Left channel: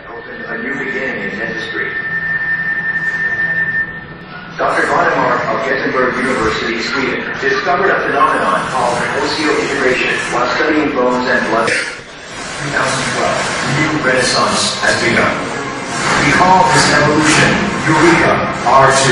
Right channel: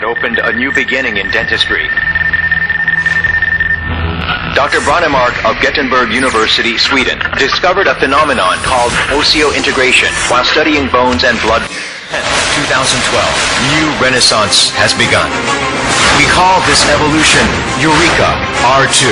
that opened a new beginning in dentistry. Dr. Brånemark of Gothenburg University, Sweden, discovered a phenomenon called osseointegration while studying bones and blood. 2012, new renaissance has begun. We call this evolution Eureka R2.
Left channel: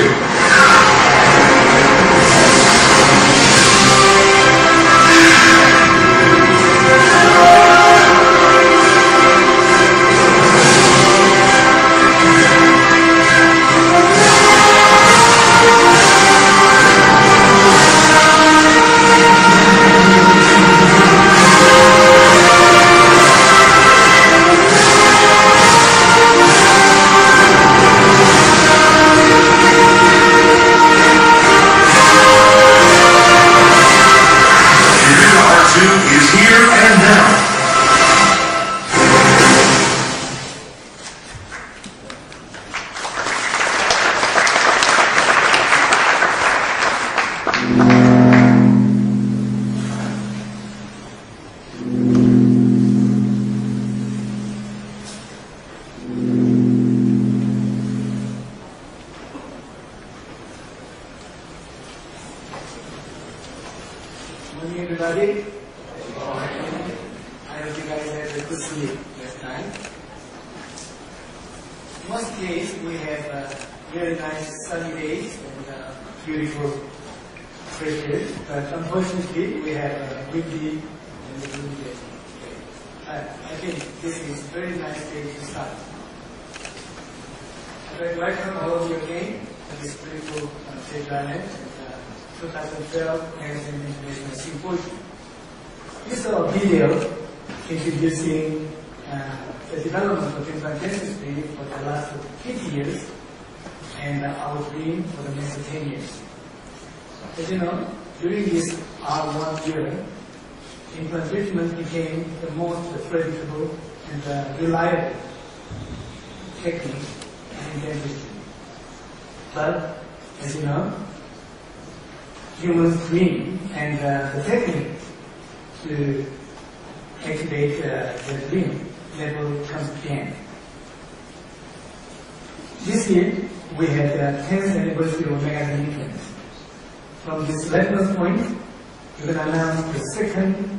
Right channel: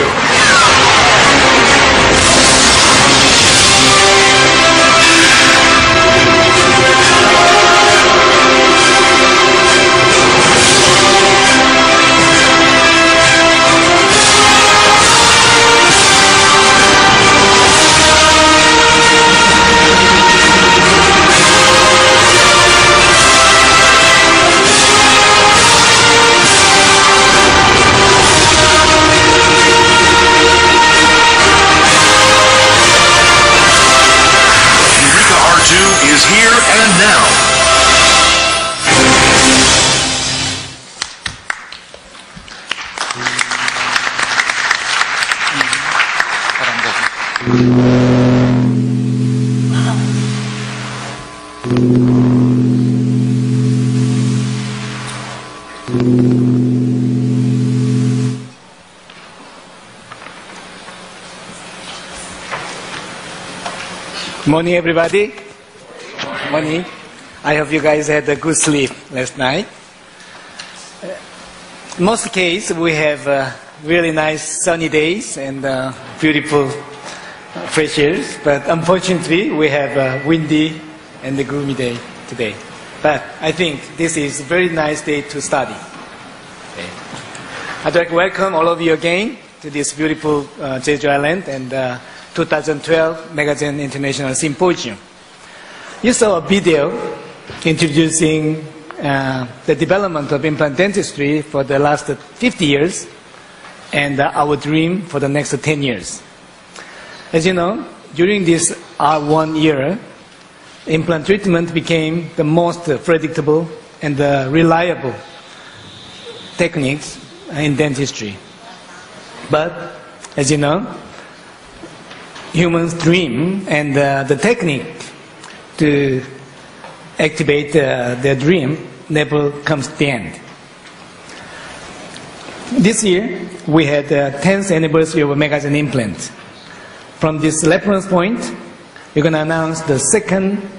Morning, everybody. Morning. I hope you guys had a good sleep last night. In most cases, we have really nice sunny days and beautiful fresh air. But unfortunately, we have a windy and a gloomy day today. But I think this is a very nice day to study. Okay. I'd like to welcome all of you again to this beautiful Jeju Island and 2012 Megagen International Symposium. You saw a video introducing the development of implant dentistry for the last 50 years and our dream for the next 10 years. As you know, during this R1 era, implant treatment became the most predictable and reliable techniques in dentistry. But, as you know, humans' dream and the technique to activate their dream never comes to the end. This year, we had the 10th anniversary of Megagen Implant. From this reference point, we're going to announce the second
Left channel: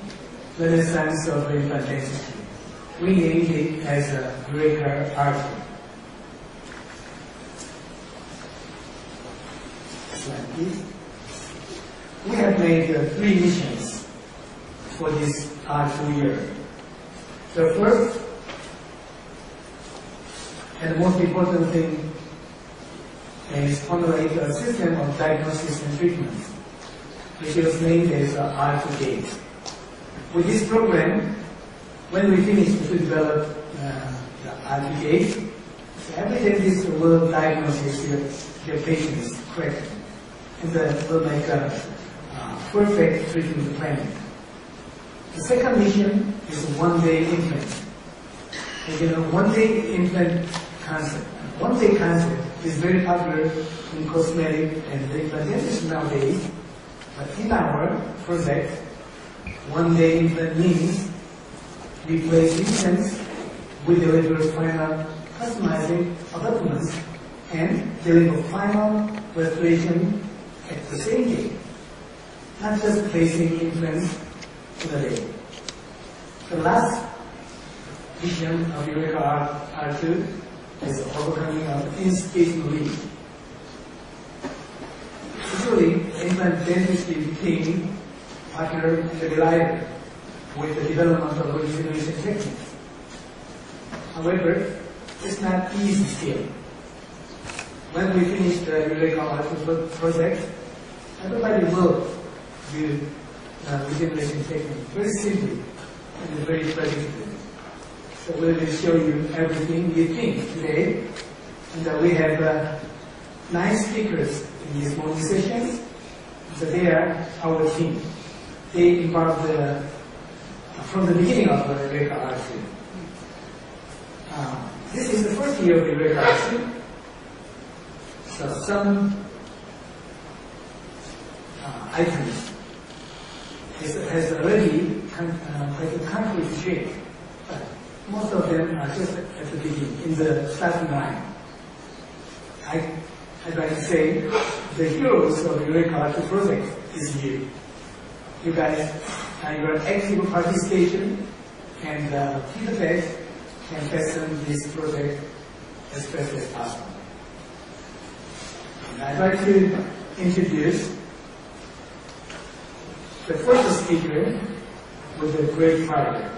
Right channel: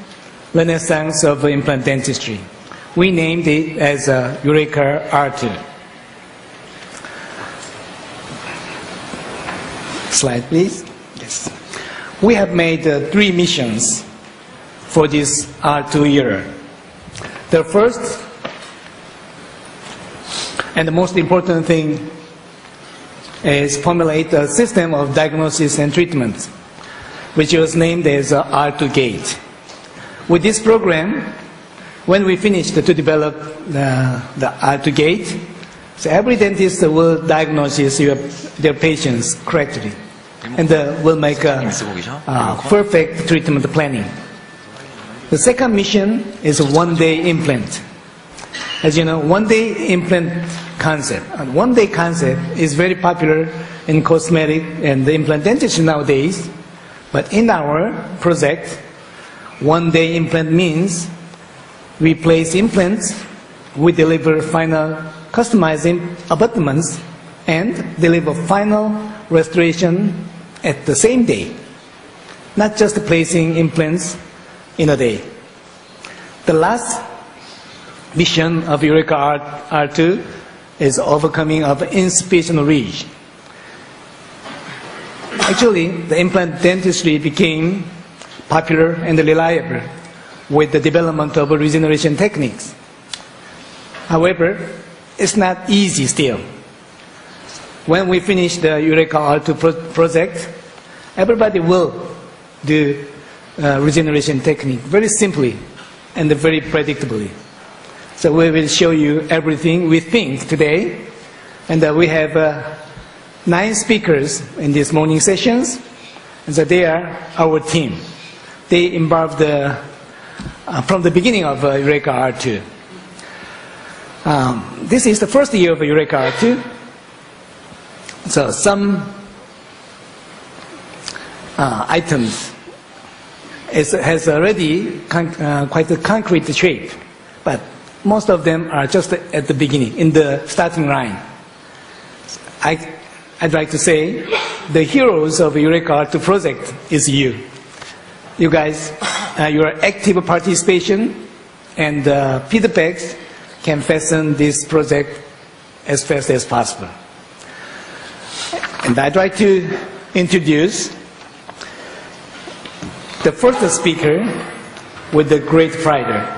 renaissance of implant dentistry. We named it as Eureka R2. Slide, please. Yes. We have made 3 missions for this R2 era. The first and the most important thing is formulate a system of diagnosis and treatment, which was named as R2 Gate. With this program, when we finished to develop the R2 Gate, so every dentist will diagnose their patients correctly and will make a perfect treatment planning. The second mission is a one-day implant. As you know, one-day implant concept. And one-day concept is very popular in cosmetic and implant dentistry nowadays. But in our project, one-day implant means we place implants, we deliver final customizing abutments, and deliver final restoration at the same day. Not just placing implants in a day. The last mission of Eureka R2 is overcoming of insufficient reach. Actually, the implant dentistry became popular and reliable with the development of regeneration techniques. However, it's not easy still. When we finish the Eureka R2 project, everybody will do regeneration technique very simply and very predictably. So we will show you everything we think today. And we have 9 speakers in these morning sessions. And so they are our team. They embarked from the beginning of Eureka R2. This is the first year of Eureka R2. So some items has already quite a concrete shape. But most of them are just at the beginning, in the starting line. I'd like to say the heroes of Eureka Art project is you. You guys, your active participation and feedbacks can fasten this project as fast as possible. And I'd like to introduce the first speaker with the great pride,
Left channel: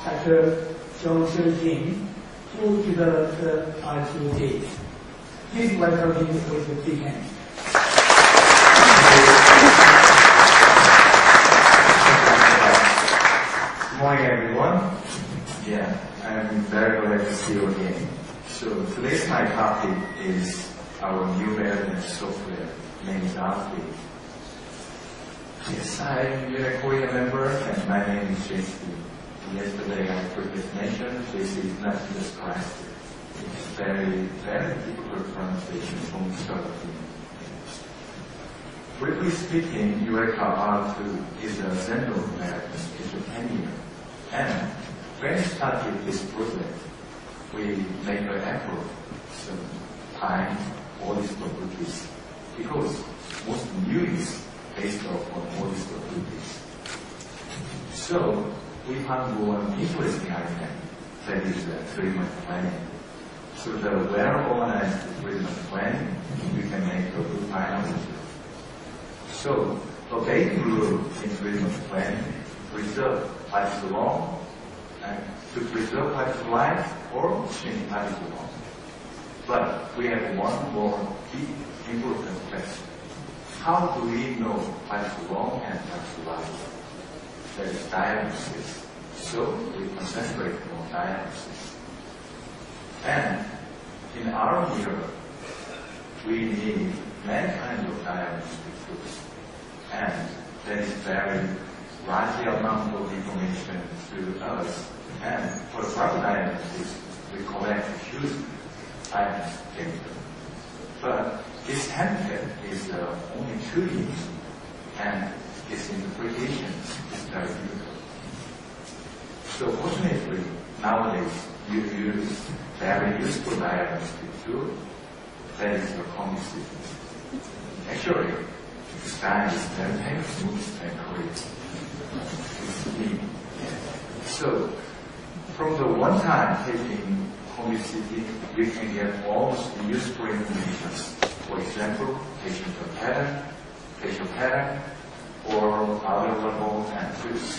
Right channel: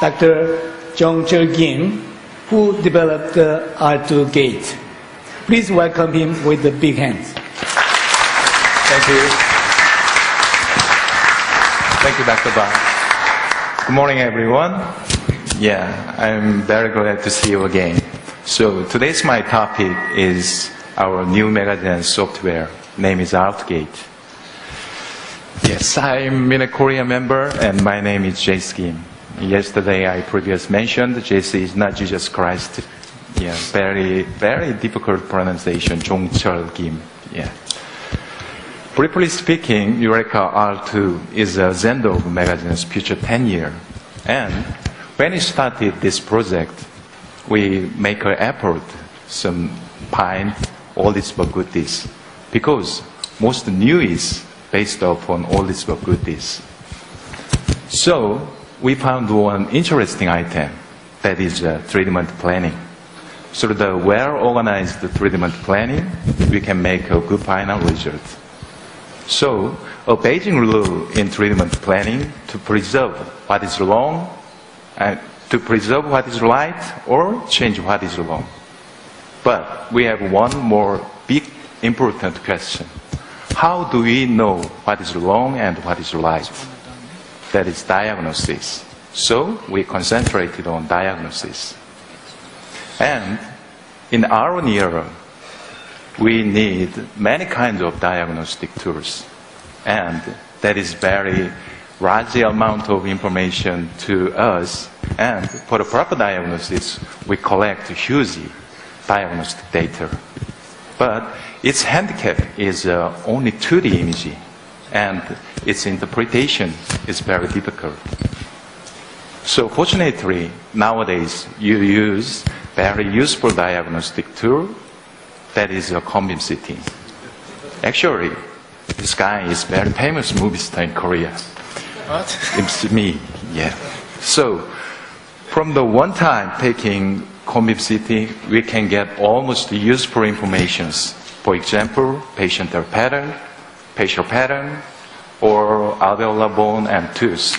Dr. Jong-Chul Kim, who developed the R2 gate. Please welcome him with a big hand. Thank you, Dr. Bach. Good morning, everyone. Yeah, I'm very glad to see you again. So today's my topic is our new Megagen software. Name is ArtGate. Yes, I'm a Korea member, and my name is Jace Kim. Yesterday, I previously mentioned Jace is not Jesus Christ. Yeah, very difficult pronunciation, Jong-Chul Kim. Yeah. Briefly speaking, Eureka R2 is a Zendo of Megagen's future 10 year. And when we started this project, we make an effort, some find all these goodies, because most new is based upon all these goodies. So we found one interesting item, that is treatment planning. Through the well-organized treatment planning, we can make a good final result. So a basic rule in treatment planning to preserve what is wrong, and to preserve what is right, or change what is wrong. But we have one more big important question. How do we know what is wrong and what is right? That is diagnosis. So we concentrated on diagnosis. And in our era, we need many kinds of diagnostic tools. And that is very large amount of information to us. And for the proper diagnosis, we collect huge diagnostic data. But its handicap is only 2D imaging, and its interpretation is very difficult. So fortunately, nowadays, you use very useful diagnostic tool, that is a cone-beam CT. Actually, this guy is very famous movie star in Korea. What? It's me, yeah. So, from the one time taking cone-beam CT, we can get almost useful informations. For example, patient pattern, facial pattern, or alveolar bone and tooth.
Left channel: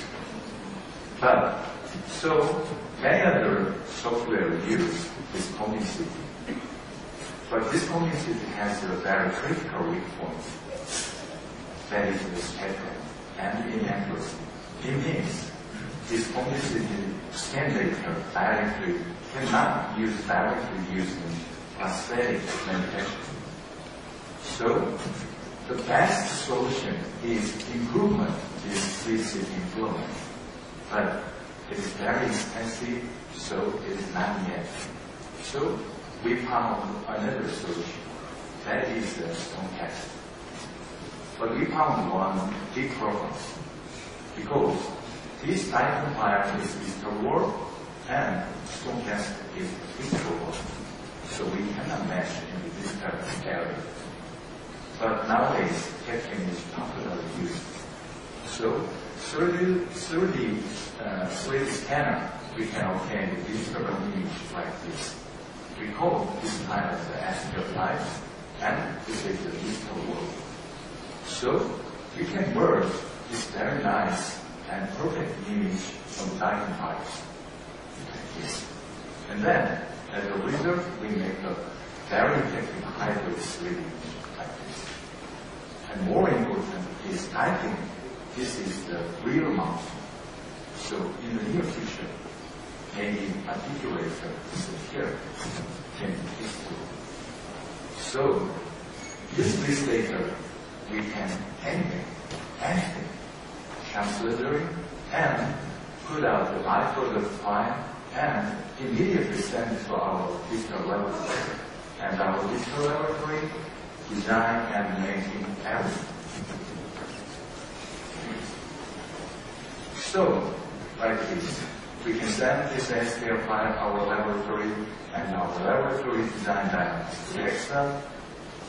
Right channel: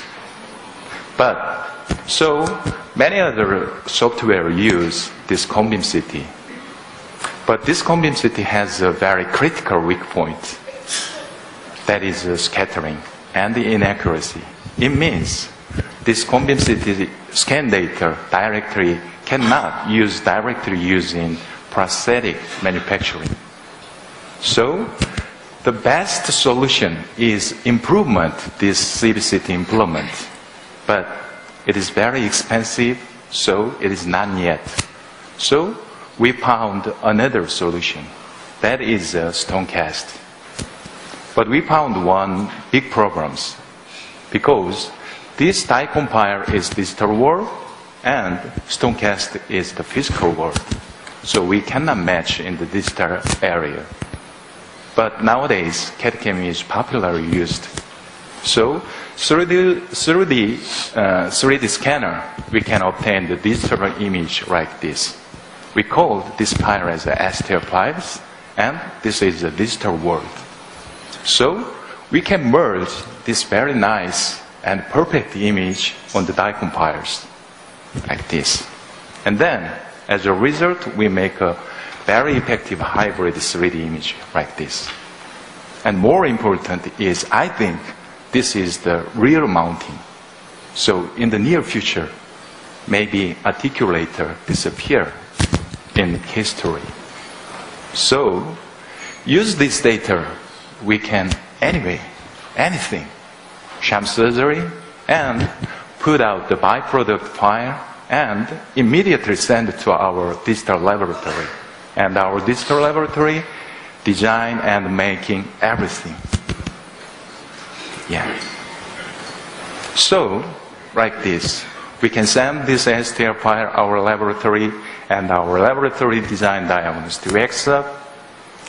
But, so many other software use this cone-beam CT. But this cone-beam CT has a very critical weak point. That is scattering and the inaccuracy. It means this cone-beam CT scan data cannot directly use in prosthetic manufacturing. So the best solution is improvement, this CBCT implement. But it is very expensive, so it is not yet. So we found another solution. That is Stonecast. But we found one big problem, because this die-compile is digital world and Stonecast is the physical world. So we cannot match in the digital area. But nowadays, CAD-CAM is popularly used. So through the 3D scanner, we can obtain the digital image like this. We call this file as the STL files, and this is the digital world. So we can merge this very nice and perfect image on the die compilers, like this. And then, as a result, we make a very effective hybrid 3D image like this. And more important is, I think, this is the real mounting. So in the near future, maybe articulator disappear in history. So use this data, we can anything, sham surgery, and put out the byproduct file and immediately send it to our digital laboratory. And our digital laboratory design and making everything. Yeah. So, like this, we can send this STL file our laboratory, and our laboratory design diagnostic workshop,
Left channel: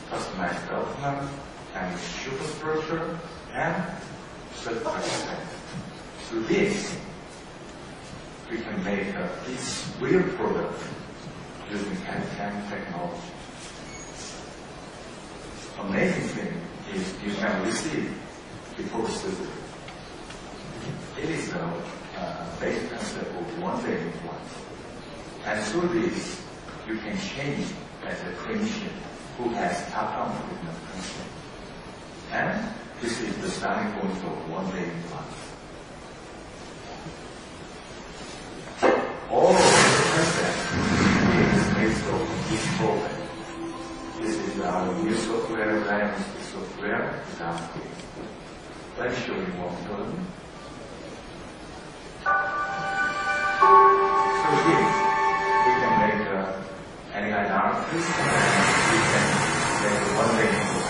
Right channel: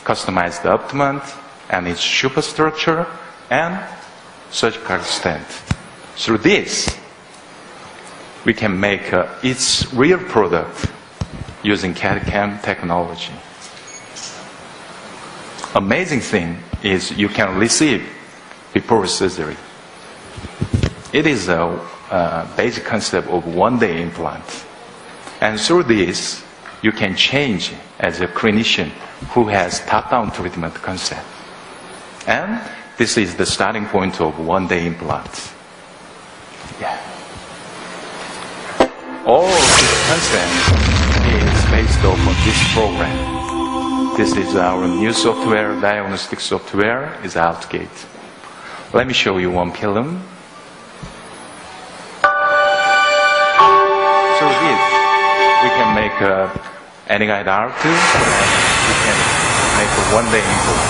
customize the abutment and its superstructure and surgical stent. Through this, we can make its real product using CAD/CAM technology. Amazing thing is you can receive before surgery. It is a basic concept of one-day implant. And through this, you can change as a clinician who has top-down treatment concept. And this is the starting point of one-day implant. Yeah. All of the concept is based on this program. This is our new software, diagnostic software, is Outgate. Let me show you one film. Through this, we can make any kind of art, and we can make a one-day implant.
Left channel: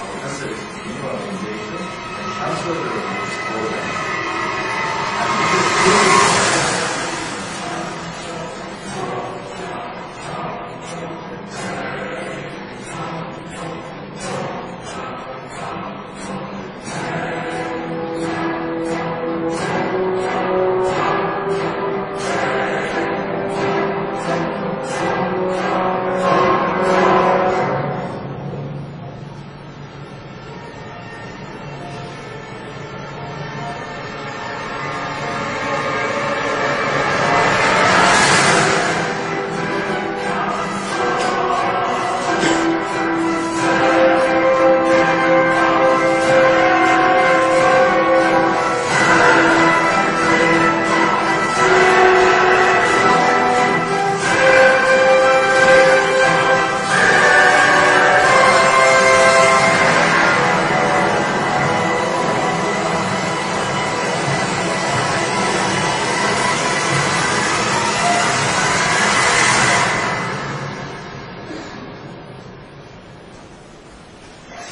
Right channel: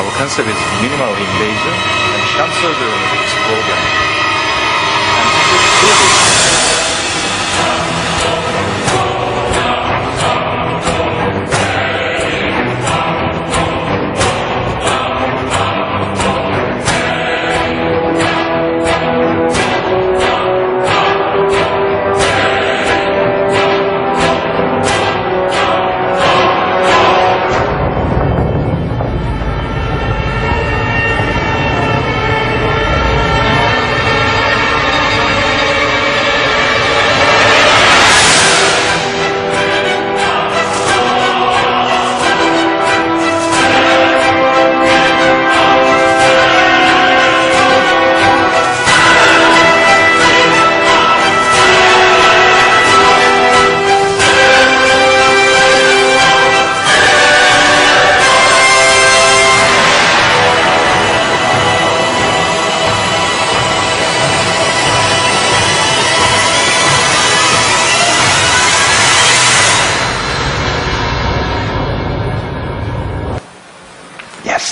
Our concept is minimally invasive and short surgery in this program. And this is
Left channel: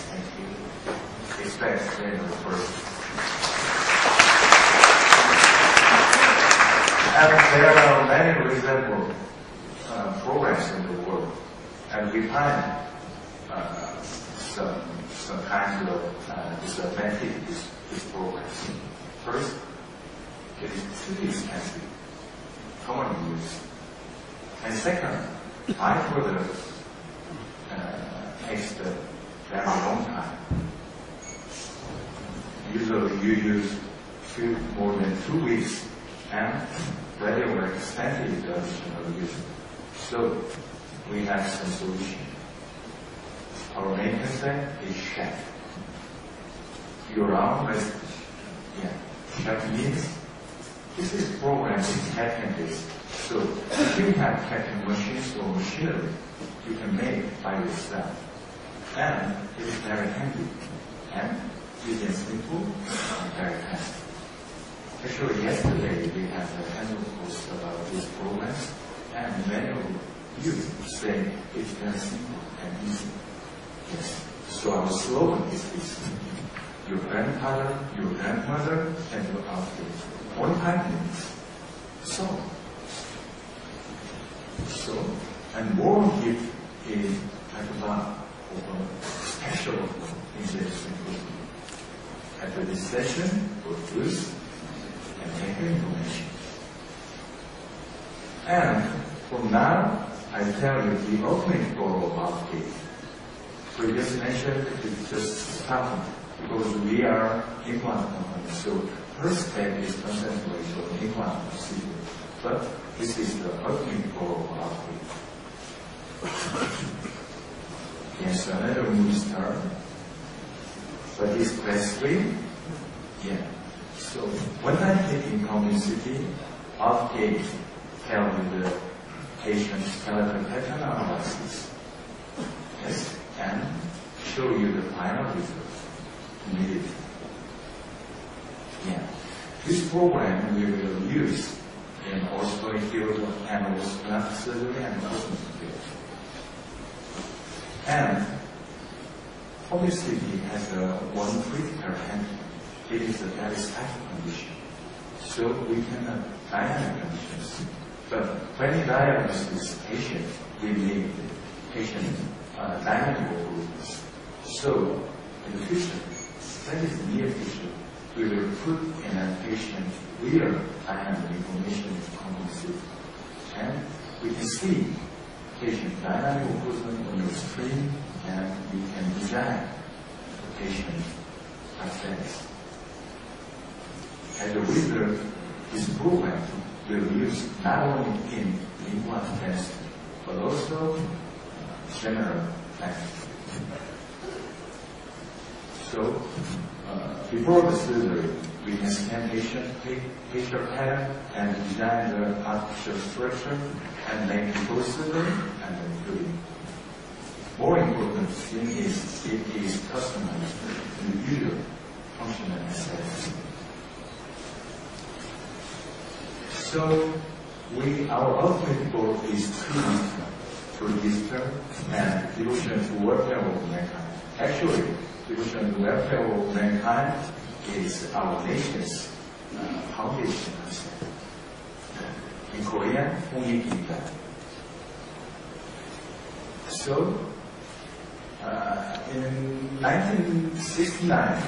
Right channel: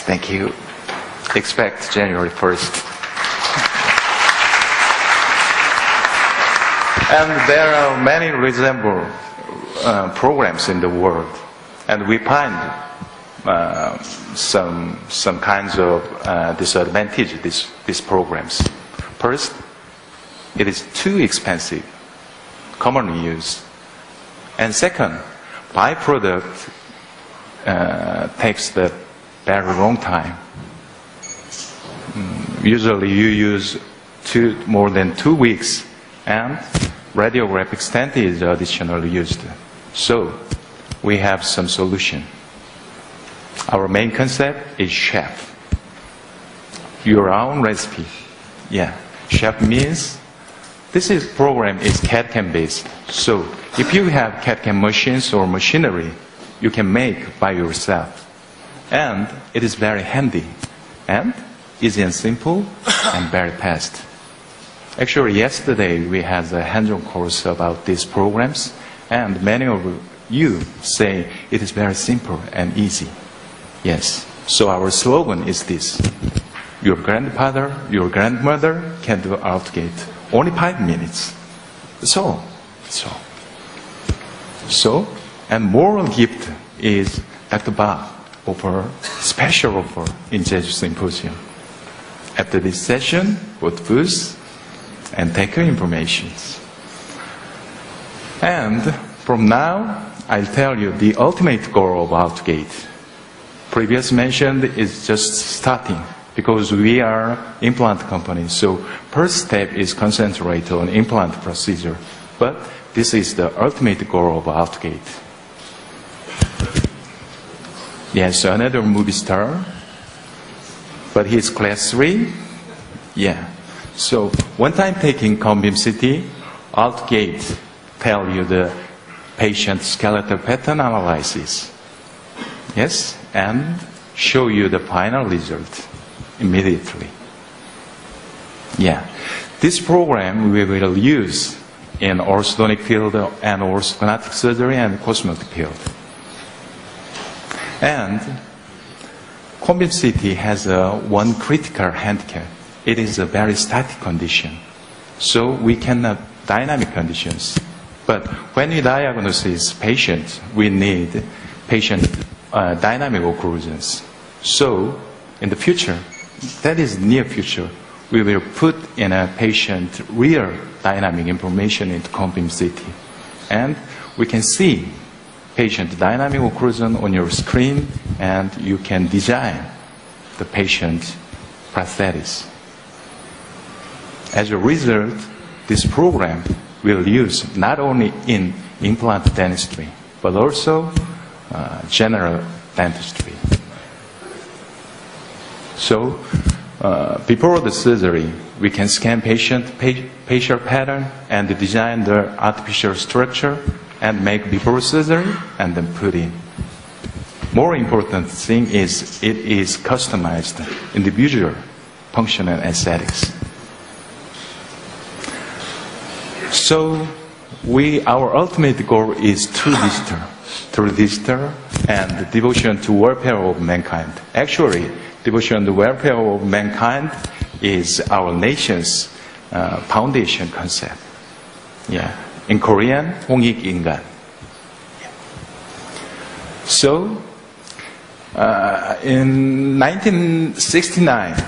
Thank you. Expect January 1st. And there are many resemble programs in the world, and we find some kinds of disadvantage these programs. First, it is too expensive, commonly used, and second, byproduct takes the very long time. Usually you use more than 2 weeks, and radiographic stent is additionally used. So we have some solution. Our main concept is chef. Your own recipe. Yeah, chef means this program is CAD/CAM based. So if you have CAD/CAM machines or machinery, you can make by yourself. And it is very handy, and easy and simple, and very fast. Actually, yesterday we had a hands-on course about these programs, and many of you say it is very simple and easy. Yes. So our slogan is this: your grandfather, your grandmother can do Outgate. Only 5 minutes. That's all. So, and moral gift is Dr. Bob offer special offer in Jeju Symposium. After this session, both booths and take your information. And from now, I'll tell you the ultimate goal of Outgate. Previous mentioned is just starting because we are implant company. So first step is concentrate on implant procedure. But this is the ultimate goal of Outgate. Yes, another movie star, but he's class 3. Yeah. So one time taking Conbeam CT, Outgate tell you the patient skeletal pattern analysis. Yes, and show you the final result immediately. Yeah. This program we will use in orthodontic field and orthodontic surgery and cosmetic field. And Conbeam CT has one critical handicap. It is a very static condition. So we cannot dynamic conditions. But when we diagnose patient, we need patient dynamic occlusions. So in the future, that is near future, we will put in a patient real dynamic information into comb CT. And we can see patient dynamic occlusion on your screen, and you can design the patient prosthetics. As a result, this program will use not only in implant dentistry, but also general dentistry. So, before the surgery, we can scan patient facial pattern and design the artificial structure and make before surgery and then put in. More important thing is it is customized individual function and aesthetics. So our ultimate goal is true digital and devotion to welfare of mankind. Actually, devotion to welfare of mankind is our nation's foundation concept. Yeah. In Korean, 홍익인간. So, in 1969,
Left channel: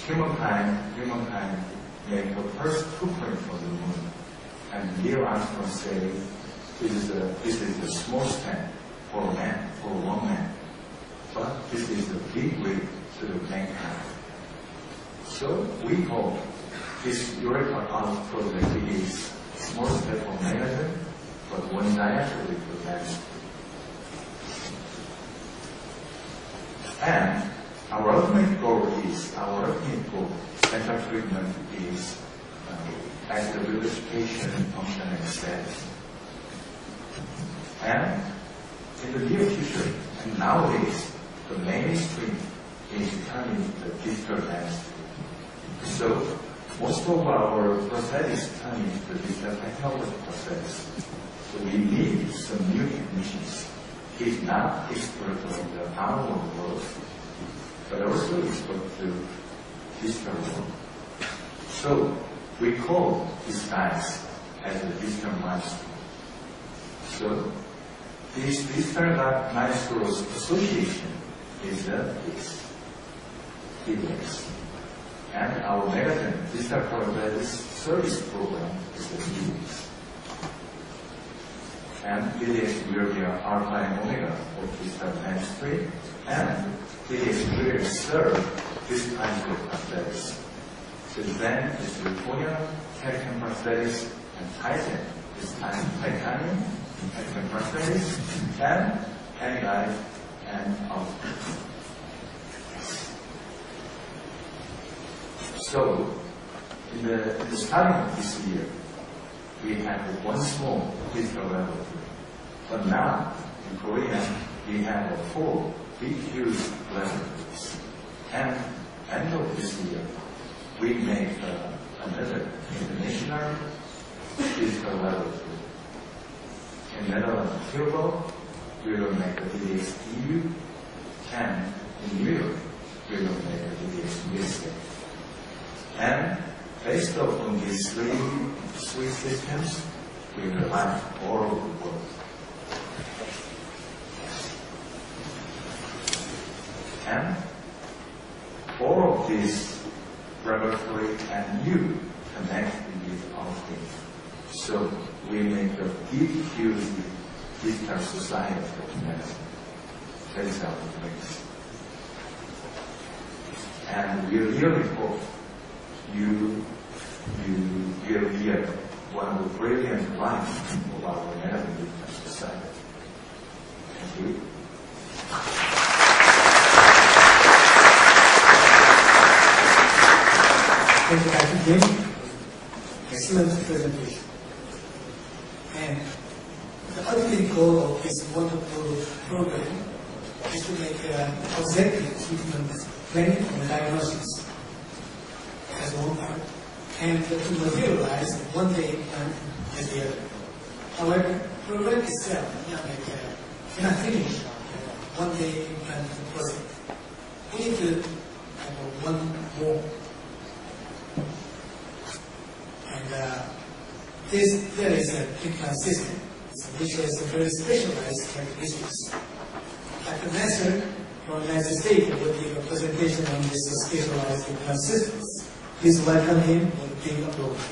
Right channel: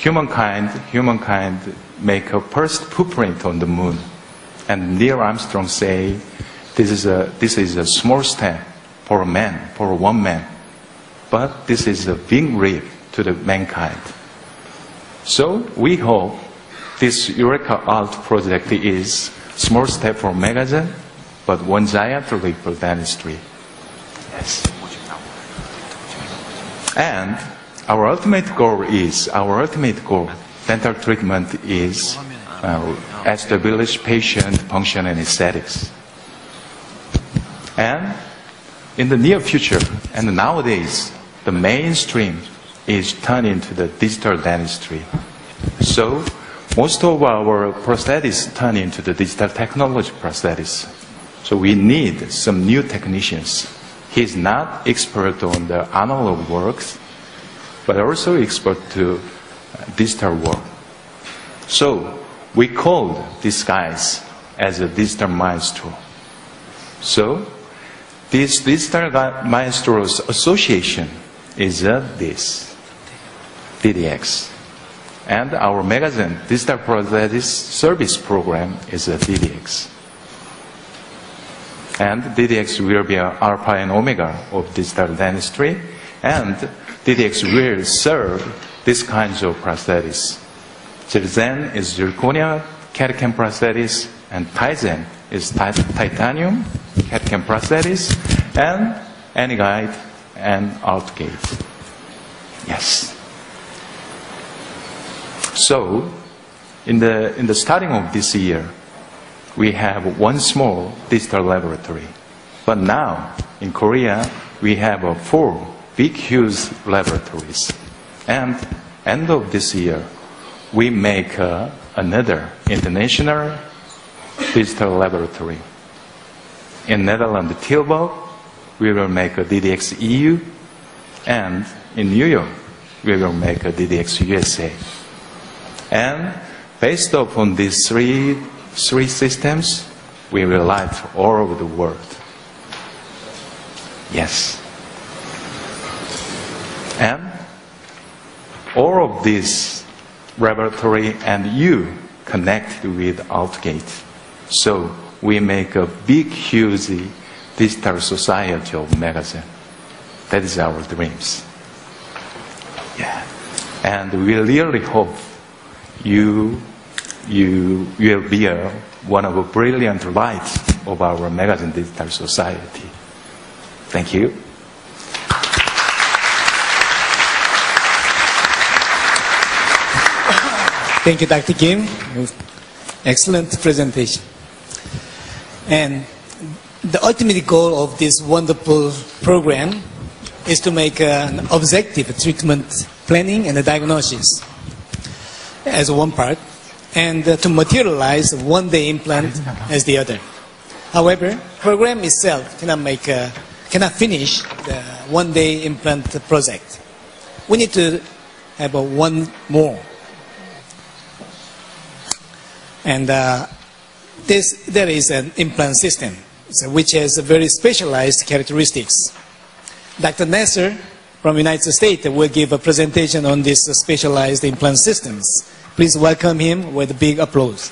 humankind make a first footprint on the moon. And Neil Armstrong say, this is a small step for a man, for one man. But this is a big leap to the mankind. So we hope this Eureka Art project is small step for Megagen, but one giant leap for dentistry. Yes. And our ultimate goal, dental treatment is establish patient function and aesthetics. And in the near future, and nowadays, the mainstream is turned into the digital dentistry. So most of our prosthetics turn into the digital technology prosthetics. So we need some new technicians. He's not expert on the analog works, but also expert to digital work. So we call these guys as a digital maestro. So this digital maestros association is this DDX. And our Megagen digital prosthetics service program is a DDX. And DDX will be an alpha and omega of digital dentistry, and DDX will serve these kinds of prosthetics. Zen is zirconia CAD/CAM prosthetics, and Tizen is titanium CAD/CAM prosthetics, and AnyGuide and Outgate. Yes. So, in the starting of this year, we have one small digital laboratory. But now, in Korea, we have 4 big, huge laboratories. And end of this year, we make another international digital laboratory. In Netherlands, Tilburg, we will make a DDX EU, and in New York, we will make a DDX USA. And based upon these three systems, we will light all over the world. Yes. And all of this laboratory and you connect with Outgate. So we make a big, huge digital society of Megagen. That is our dreams. Yeah. And we really hope you will be one of the brilliant lights of our Megagen digital society. Thank you. Thank you, Dr. Kim. Excellent presentation. And the ultimate goal of this wonderful program is to make an objective treatment planning and diagnosis as one part, and to materialize one-day implant as the other. However, program itself cannot finish the one-day implant project. We need to have one more. And there is an implant system, which has very specialized characteristics. Dr. Nasser from the United States will give a presentation on these specialized implant systems. Please welcome him with a big applause.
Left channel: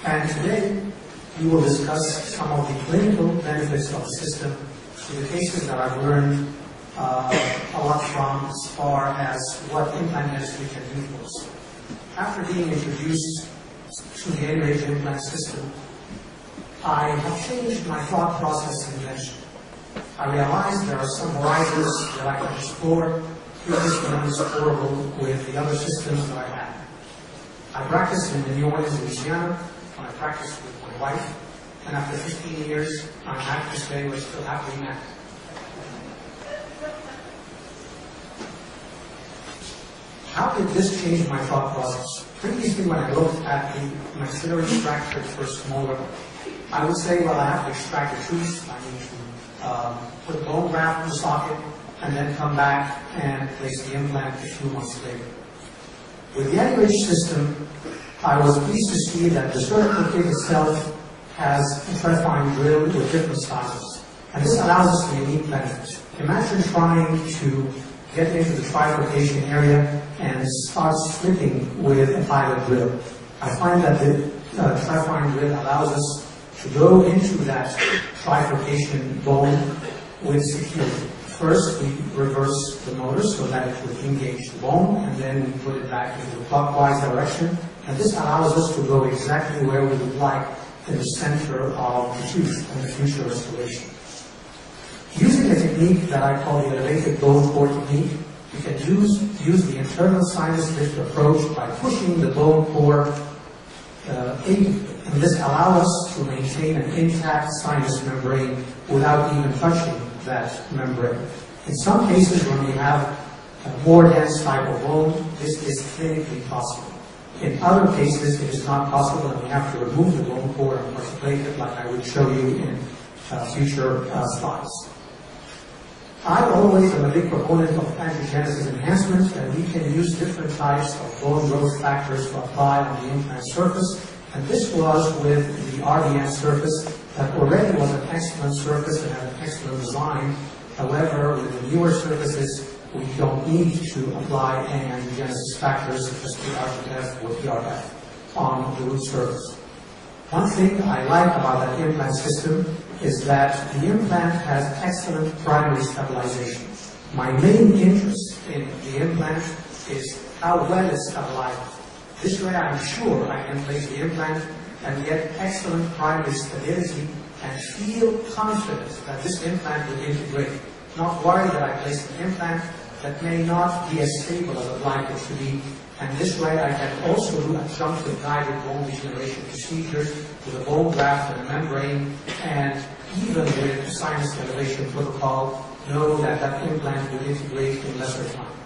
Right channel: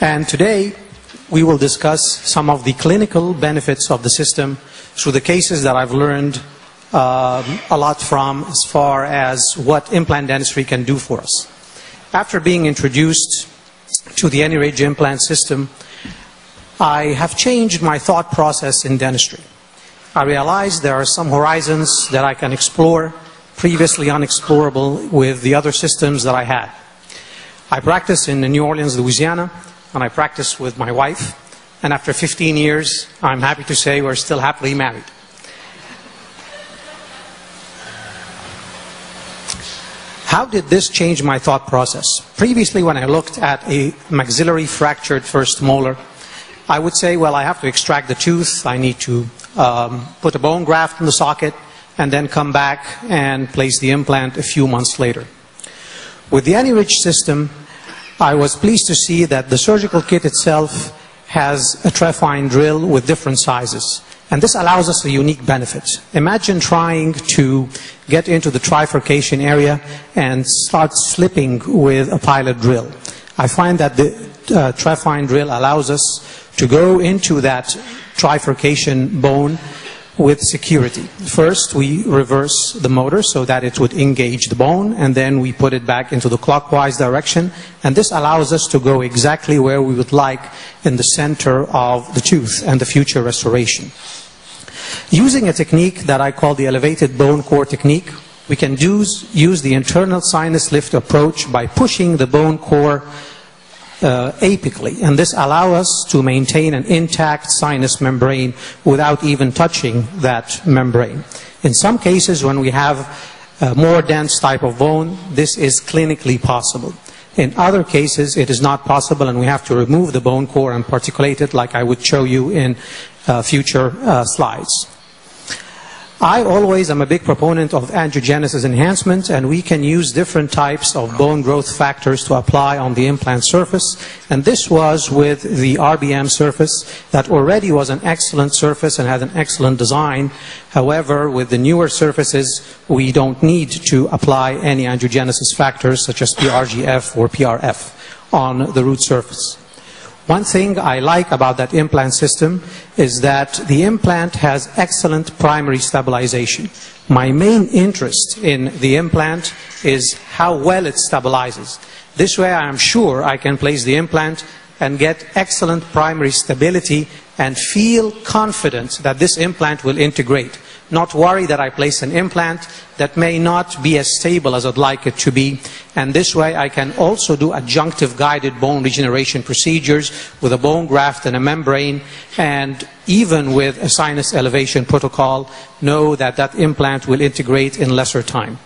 And today, we will discuss some of the clinical benefits of the system through the cases that I've learned a lot from as far as what implant dentistry can do for us. After being introduced to the AnyRidge implant system, I have changed my thought process in dentistry. I realized there are some horizons that I can explore previously unexplorable with the other systems that I had. I practiced in New Orleans, Louisiana, and I practiced with my wife, and after 15 years, I'm happy to say we're still happily married. How did this change my thought process? Previously, when I looked at a maxillary fractured first molar, I would say, well, I have to extract the tooth, I need to put a bone graft in the socket, and then come back and place the implant a few months later. With the AnyRidge system, I was pleased to see that the surgical kit itself has a trephine drill with different sizes. And this allows us a unique benefit. Imagine trying to get into the trifurcation area and start slipping with a pilot drill. I find that the trephine drill allows us to go into that trifurcation bone with security. First, we reverse the motor so that it would engage the bone, and then we put it back into the clockwise direction, and this allows us to go exactly where we would like in the center of the tooth and the future restoration. Using a technique that I call the elevated bone core technique, we can use the internal sinus lift approach by pushing the bone core apically, and this allows us to maintain an intact sinus membrane without even touching that membrane. In some cases, when we have a more dense type of bone, this is clinically possible. In other cases, it is not possible, and we have to remove the bone core and particulate it, like I would show you in future slides. I always am a big proponent of angiogenesis enhancement, and we can use different types of bone growth factors to apply on the implant surface. And this was with the RBM surface that already was an excellent surface and had an excellent design. However, with the newer surfaces, we don't need to apply any angiogenesis factors such as PRGF or PRF on the root surface. One thing I like about that implant system is that the implant has excellent primary stabilization. My main interest in the implant is how well it stabilizes. This way I am sure I can place the implant and get excellent primary stability and feel confident that this implant will integrate. Not worry that I place an implant that may not be as stable as I'd like it to be. And this way I can also do adjunctive guided bone regeneration procedures with a bone graft and a membrane, and even with a sinus elevation protocol, know that that implant will integrate in lesser time.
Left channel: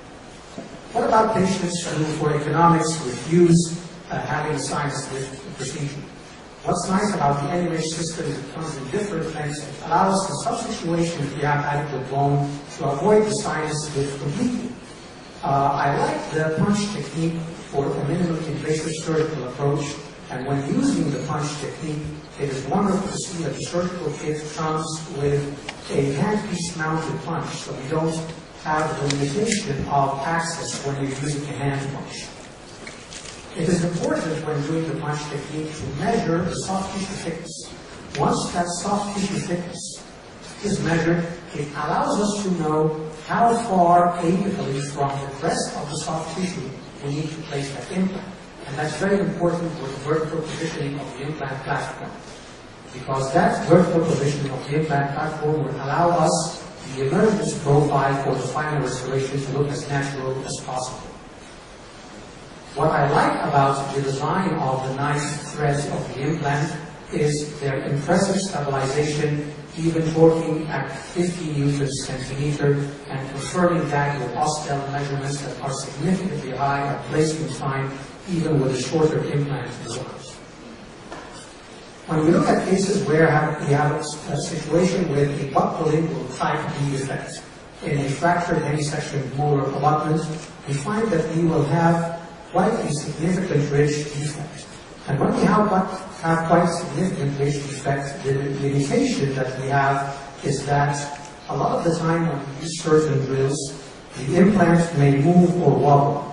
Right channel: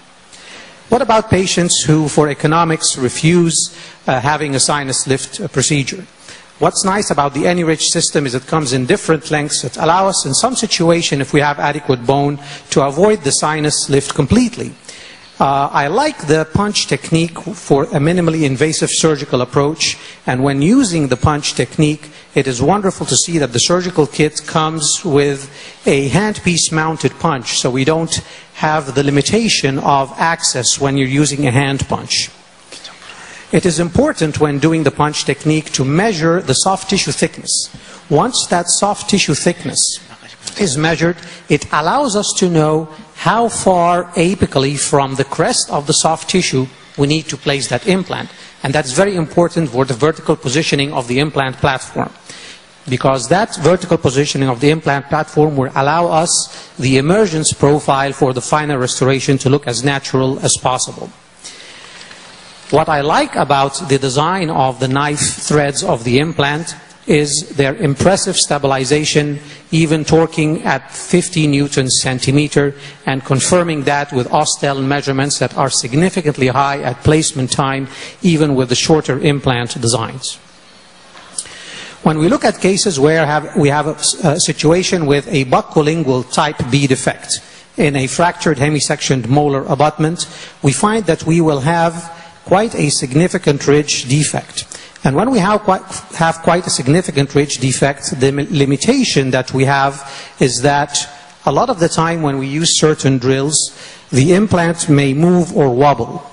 What about patients who, for economics, refuse having a sinus lift procedure? What's nice about the AnyRidge system is it comes in different lengths. It allows us in some situation, if we have adequate bone, to avoid the sinus lift completely. I like the punch technique for a minimally invasive surgical approach, and when using the punch technique, it is wonderful to see that the surgical kit comes with a handpiece mounted punch, so we don't have the limitation of access when you're using a hand punch. It is important when doing the punch technique to measure the soft tissue thickness. Once that soft tissue thickness is measured, it allows us to know how far apically from the crest of the soft tissue we need to place that implant. And that's very important for the vertical positioning of the implant platform, because that vertical positioning of the implant platform will allow us the emergence profile for the final restoration to look as natural as possible. What I like about the design of the knife threads of the implant is their impressive stabilization, even torquing at 50 newtons centimeter, and confirming that with Austell measurements that are significantly high at placement time, even with the shorter implant designs. When we look at cases where we have a situation with a buccolingual type B defect in a fractured hemisectioned molar abutment, we find that we will have quite a significant ridge defect. And when we have quite a significant ridge defect, the limitation that we have is that a lot of the time when we use certain drills, the implant may move or wobble.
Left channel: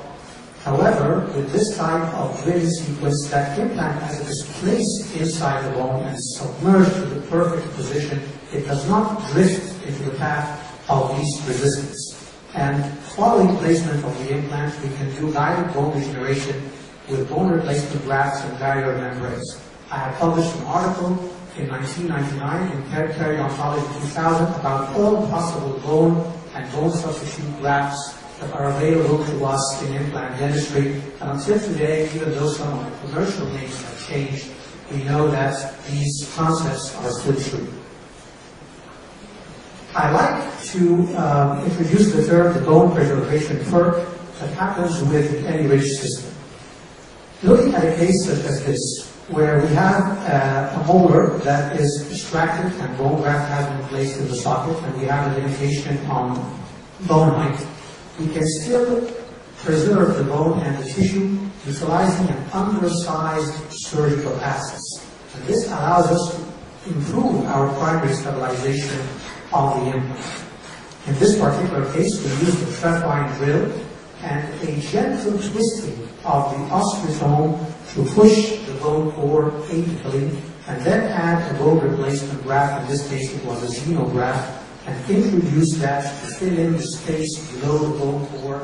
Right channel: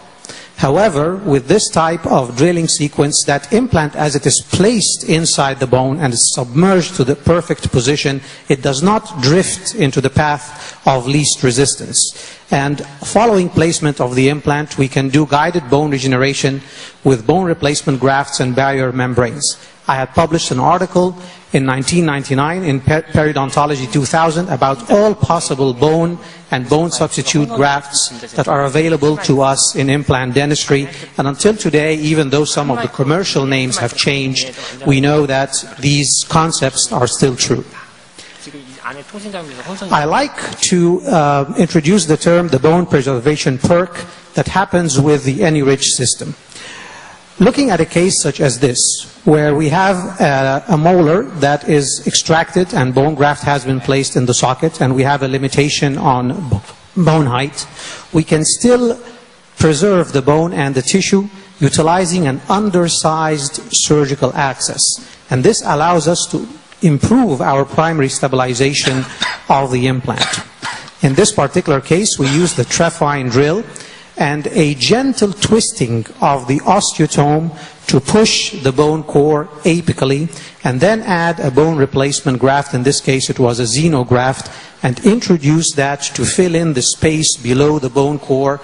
However, with this type of drilling sequence, that implant, as it is placed inside the bone and is submerged to the perfect position, it does not drift into the path of least resistance. And following placement of the implant, we can do guided bone regeneration with bone replacement grafts and barrier membranes. I had published an article in 1999 in Periodontology 2000 about all possible bone and bone substitute grafts that are available to us in implant dentistry. And until today, even though some of the commercial names have changed, we know that these concepts are still true. I like to introduce the term the bone preservation perk that happens with the AnyRidge system. Looking at a case such as this, where we have a molar that is extracted and bone graft has been placed in the socket, and we have a limitation on bone height, we can still preserve the bone and the tissue utilizing an undersized surgical access. And this allows us to improve our primary stabilization of the implant. In this particular case, we use the trephine drill and a gentle twisting of the osteotome to push the bone core apically, and then add a bone replacement graft. In this case, it was a xenograft, and introduce that to fill in the space below the bone core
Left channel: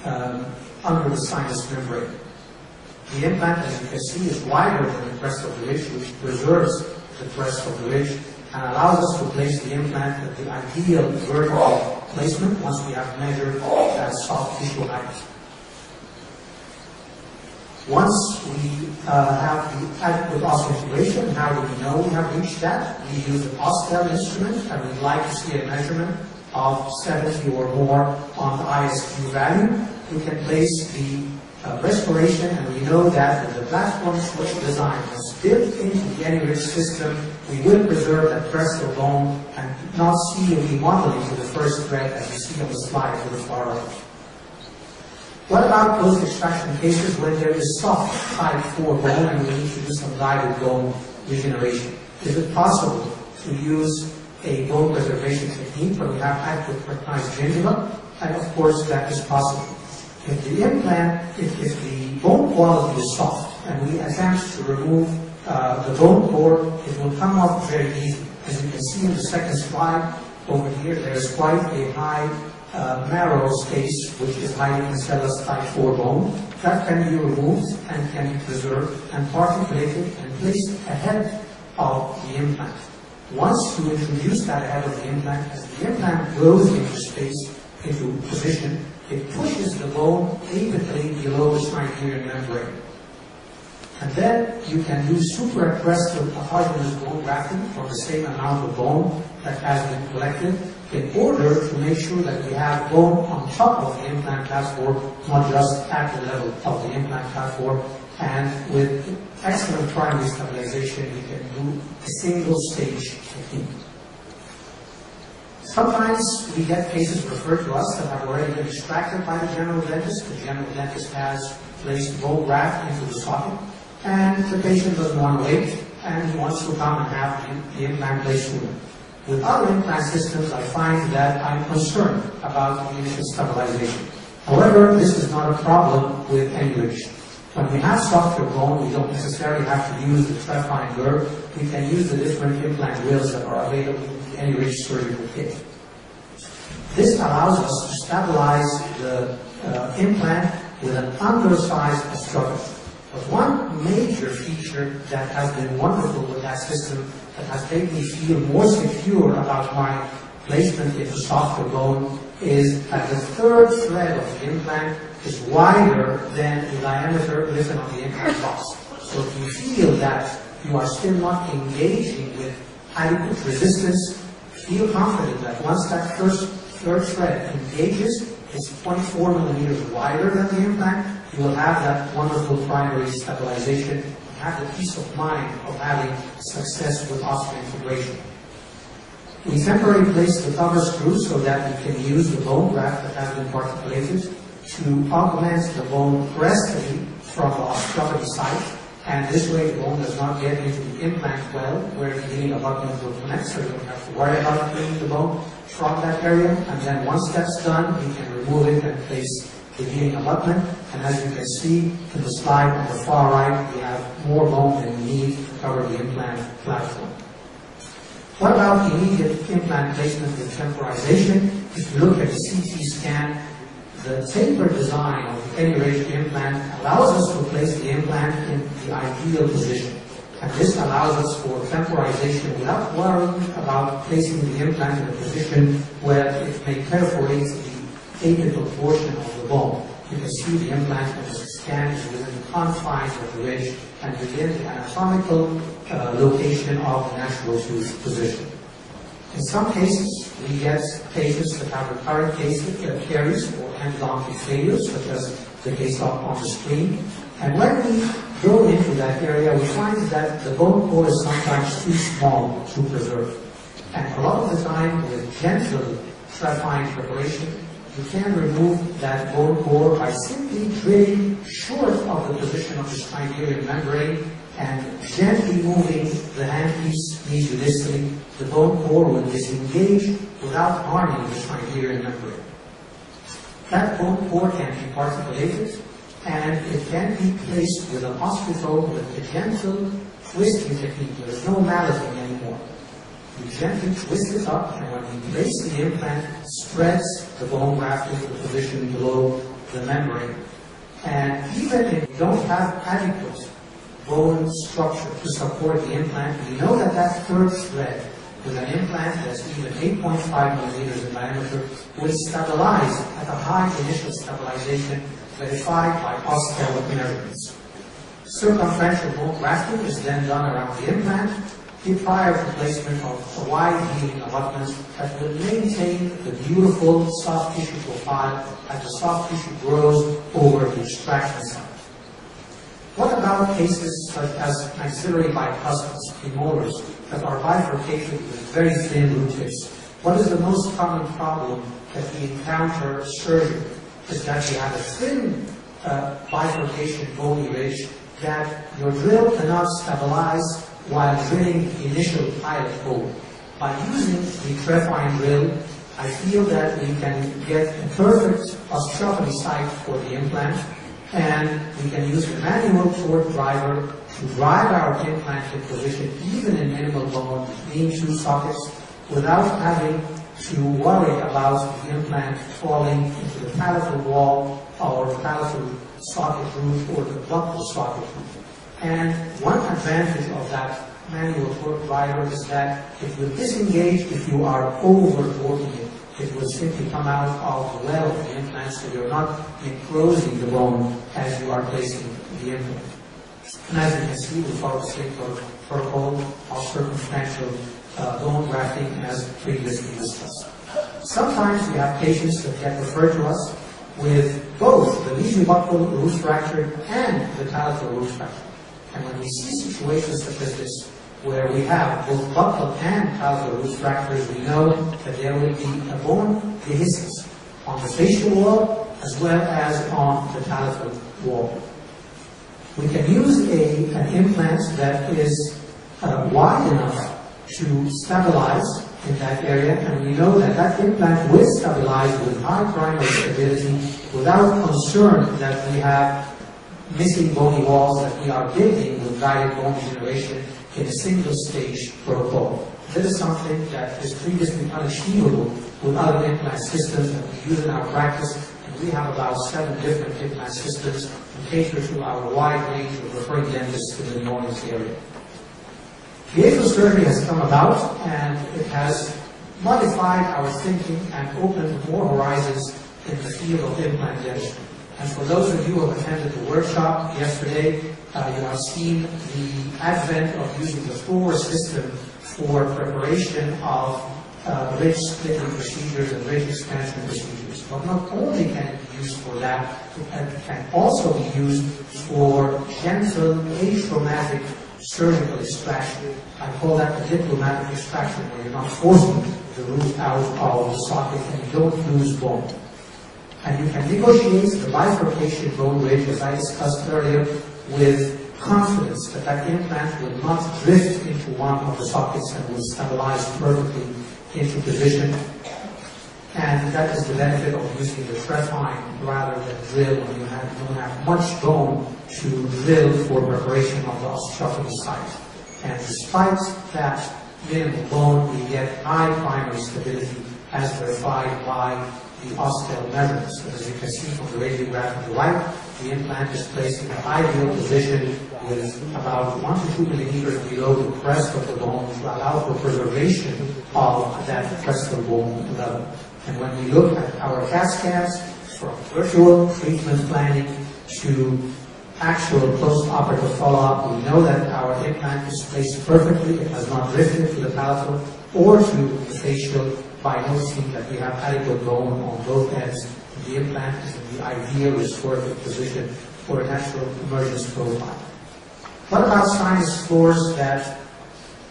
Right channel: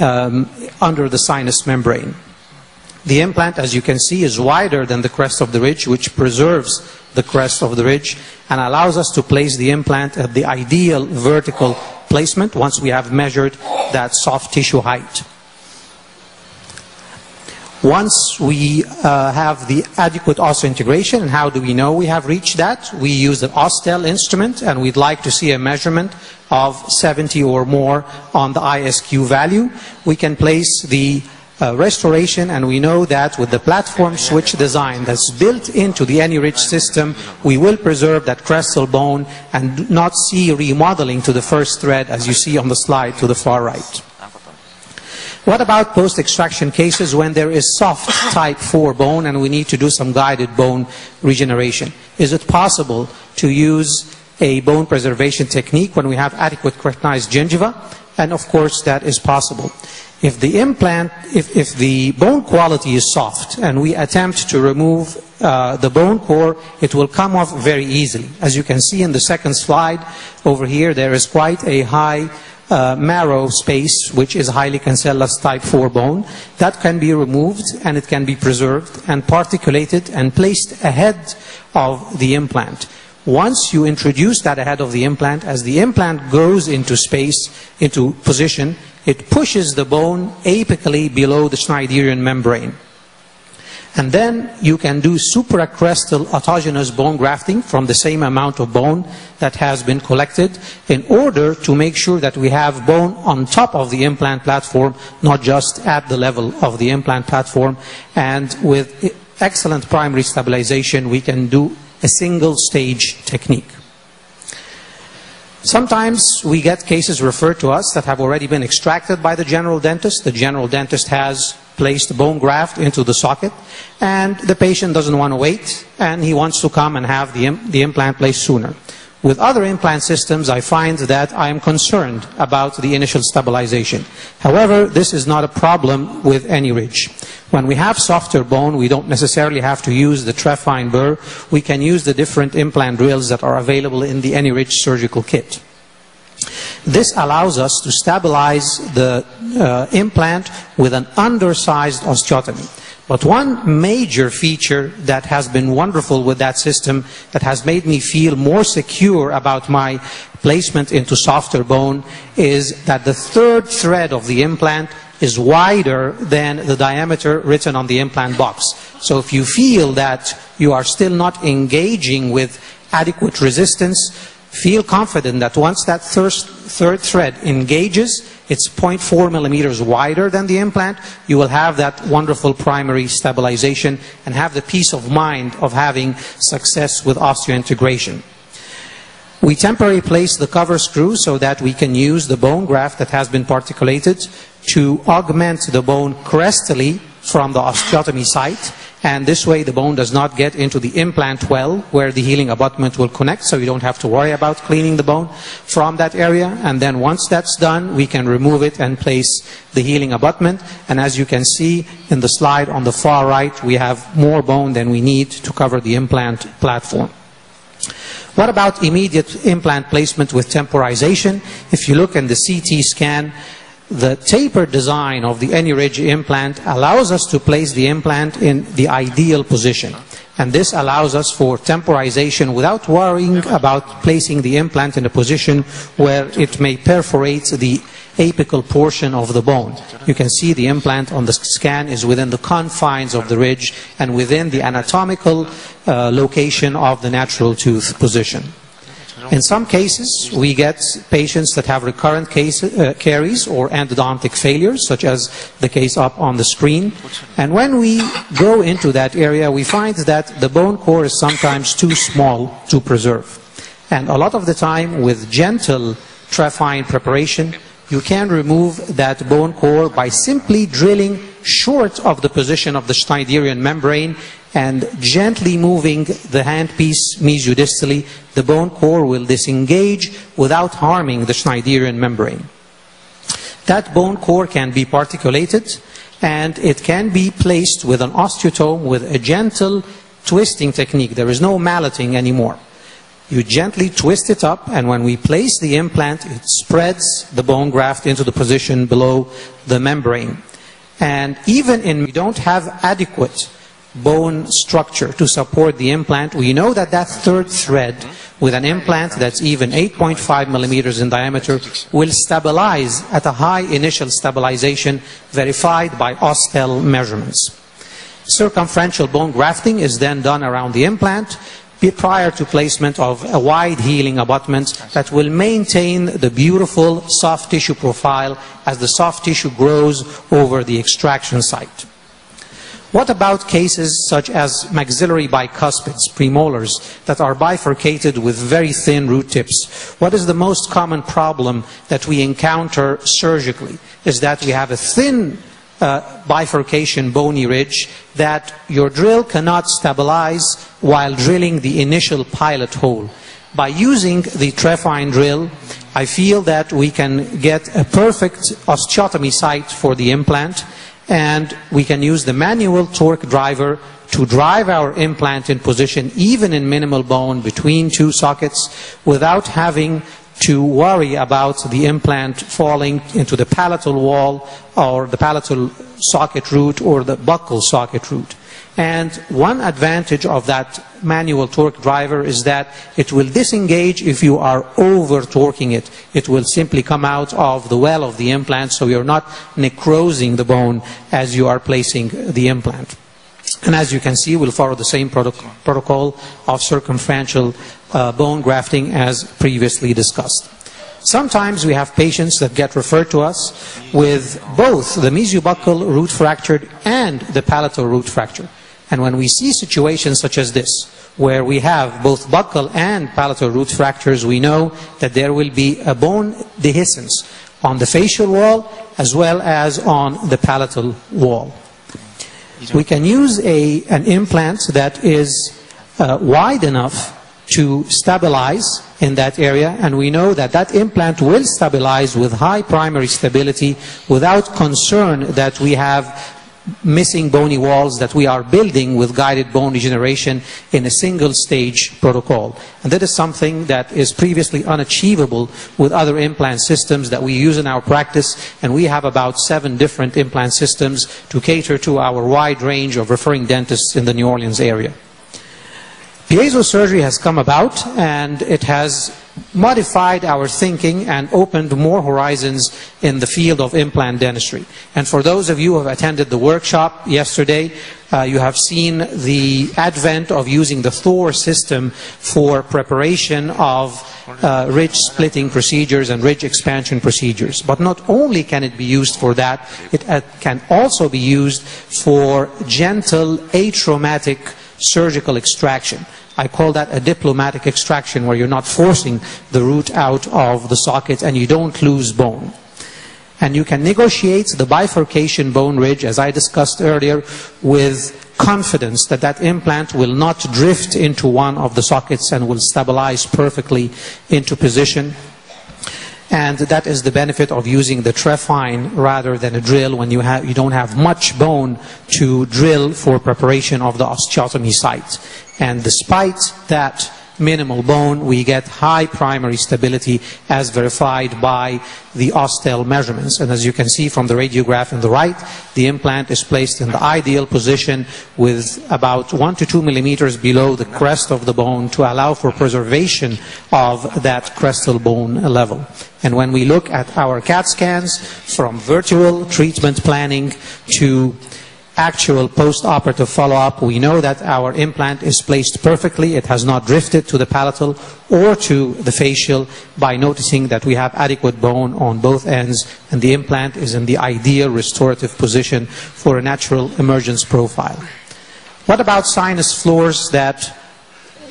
under the sinus membrane. The implant, as you can see, is wider than the crest of the ridge, which preserves the crest of the ridge and allows us to place the implant at the ideal vertical placement once we have measured that soft tissue height. Once we have the adequate osseointegration, and how do we know we have reached that? We use the Austell instrument, and we'd like to see a measurement of 70 or more on the ISQ value. We can place the restoration, and we know that with the platform switch design that's built into the AnyRidge system, we will preserve that crestal bone and not see remodeling to the first thread as you see on the slide to the far right. What about post-extraction cases when there is soft type 4 bone and we need to do some guided bone regeneration? Is it possible to use a bone preservation technique when we have adequate keratinized gingiva? And of course that is possible. If the implant, if the bone quality is soft and we attempt to remove the bone core, it will come off very easily. As you can see in the second slide over here, there is quite a high marrow space, which is highly cancellous type 4 bone. That can be removed and it can be preserved and particulated and placed ahead of the implant. Once you introduce that ahead of the implant, as the implant goes into space, into position, it pushes the bone apically below the Schneiderian membrane. And then you can do supracrestal autogenous bone grafting from the same amount of bone that has been collected in order to make sure that we have bone on top of the implant platform, not just at the level of the implant platform. And with excellent primary stabilization, we can do a single stage technique. Sometimes we get cases referred to us that have already been extracted by the general dentist. The general dentist has placed bone graft into the socket, and the patient doesn't want to wait, and he wants to come and have the implant placed sooner. With other implant systems, I find that I am concerned about the initial stabilization. However, this is not a problem with any ridge. When we have softer bone, we don't necessarily have to use the trephine burr. We can use the different implant drills that are available in the AnyRidge surgical kit. This allows us to stabilize the implant with an undersized osteotomy. But one major feature that has been wonderful with that system, that has made me feel more secure about my placement into softer bone, is that the third thread of the implant is wider than the diameter written on the implant box. So if you feel that you are still not engaging with adequate resistance, feel confident that once that third thread engages, it's 0.4 millimeters wider than the implant, you will have that wonderful primary stabilization and have the peace of mind of having success with osseointegration. We temporarily place the cover screw so that we can use the bone graft that has been particulated to augment the bone crestally from the osteotomy site, and this way the bone does not get into the implant well where the healing abutment will connect, so you don't have to worry about cleaning the bone from that area. And then once that's done, we can remove it and place the healing abutment. And as you can see in the slide on the far right, we have more bone than we need to cover the implant platform. What about immediate implant placement with temporization? If you look in the CT scan, the taper design of the AnyRidge implant allows us to place the implant in the ideal position. And this allows us for temporization without worrying about placing the implant in a position where it may perforate the apical portion of the bone. You can see the implant on the scan is within the confines of the ridge and within the anatomical location of the natural tooth position. In some cases, we get patients that have recurrent caries or endodontic failures, such as the case up on the screen. And when we go into that area, we find that the bone core is sometimes too small to preserve. And a lot of the time, with gentle trephine preparation, you can remove that bone core by simply drilling short of the position of the Schneiderian membrane and gently moving the handpiece mesiodistally. The bone core will disengage without harming the Schneiderian membrane. That bone core can be particulated, and it can be placed with an osteotome with a gentle twisting technique. There is no malleting anymore. You gently twist it up, and when we place the implant, it spreads the bone graft into the position below the membrane. And even if we don't have adequate bone structure to support the implant, we know that that third thread with an implant that's even 8.5 millimeters in diameter will stabilize at a high initial stabilization verified by Ostel measurements. Circumferential bone grafting is then done around the implant prior to placement of a wide healing abutment that will maintain the beautiful soft tissue profile as the soft tissue grows over the extraction site. What about cases such as maxillary bicuspids, premolars, that are bifurcated with very thin root tips? What is the most common problem that we encounter surgically? Is that you have a thin bifurcation bony ridge that your drill cannot stabilize while drilling the initial pilot hole. By using the trephine drill, I feel that we can get a perfect osteotomy site for the implant, and we can use the manual torque driver to drive our implant in position even in minimal bone between two sockets without having to worry about the implant falling into the palatal wall or the palatal socket root or the buccal socket root. And one advantage of that manual torque driver is that it will disengage if you are over torquing it. It will simply come out of the well of the implant, so you're not necrosing the bone as you are placing the implant. And as you can see, we'll follow the same protocol of circumferential bone grafting as previously discussed. Sometimes we have patients that get referred to us with both the mesiobuccal root fracture and the palatal root fracture. And when we see situations such as this, where we have both buccal and palatal root fractures, we know that there will be a bone dehiscence on the facial wall as well as on the palatal wall. We can use an implant that is wide enough to stabilize in that area, and we know that that implant will stabilize with high primary stability without concern that we have missing bony walls that we are building with guided bone regeneration in a single stage protocol. And that is something that is previously unachievable with other implant systems that we use in our practice, and we have about 7 different implant systems to cater to our wide range of referring dentists in the New Orleans area. Piezo surgery has come about, and it has modified our thinking and opened more horizons in the field of implant dentistry. And for those of you who have attended the workshop yesterday, you have seen the advent of using the Thor system for preparation of ridge splitting procedures and ridge expansion procedures. But not only can it be used for that, it can also be used for gentle atraumatic surgical extraction. I call that a diplomatic extraction, where you're not forcing the root out of the socket and you don't lose bone. And you can negotiate the bifurcation bone ridge, as I discussed earlier, with confidence that that implant will not drift into one of the sockets and will stabilize perfectly into position. And that is the benefit of using the trephine rather than a drill, when you don't have much bone to drill for preparation of the osteotomy site. And despite that minimal bone, we get high primary stability as verified by the Ostel measurements. And as you can see from the radiograph on the right, the implant is placed in the ideal position with about 1 to 2 millimeters below the crest of the bone to allow for preservation of that crestal bone level. And when we look at our CAT scans, from virtual treatment planning to actual post-operative follow-up, we know that our implant is placed perfectly. It has not drifted to the palatal or to the facial, by noticing that we have adequate bone on both ends, and the implant is in the ideal restorative position for a natural emergence profile. What about sinus floors that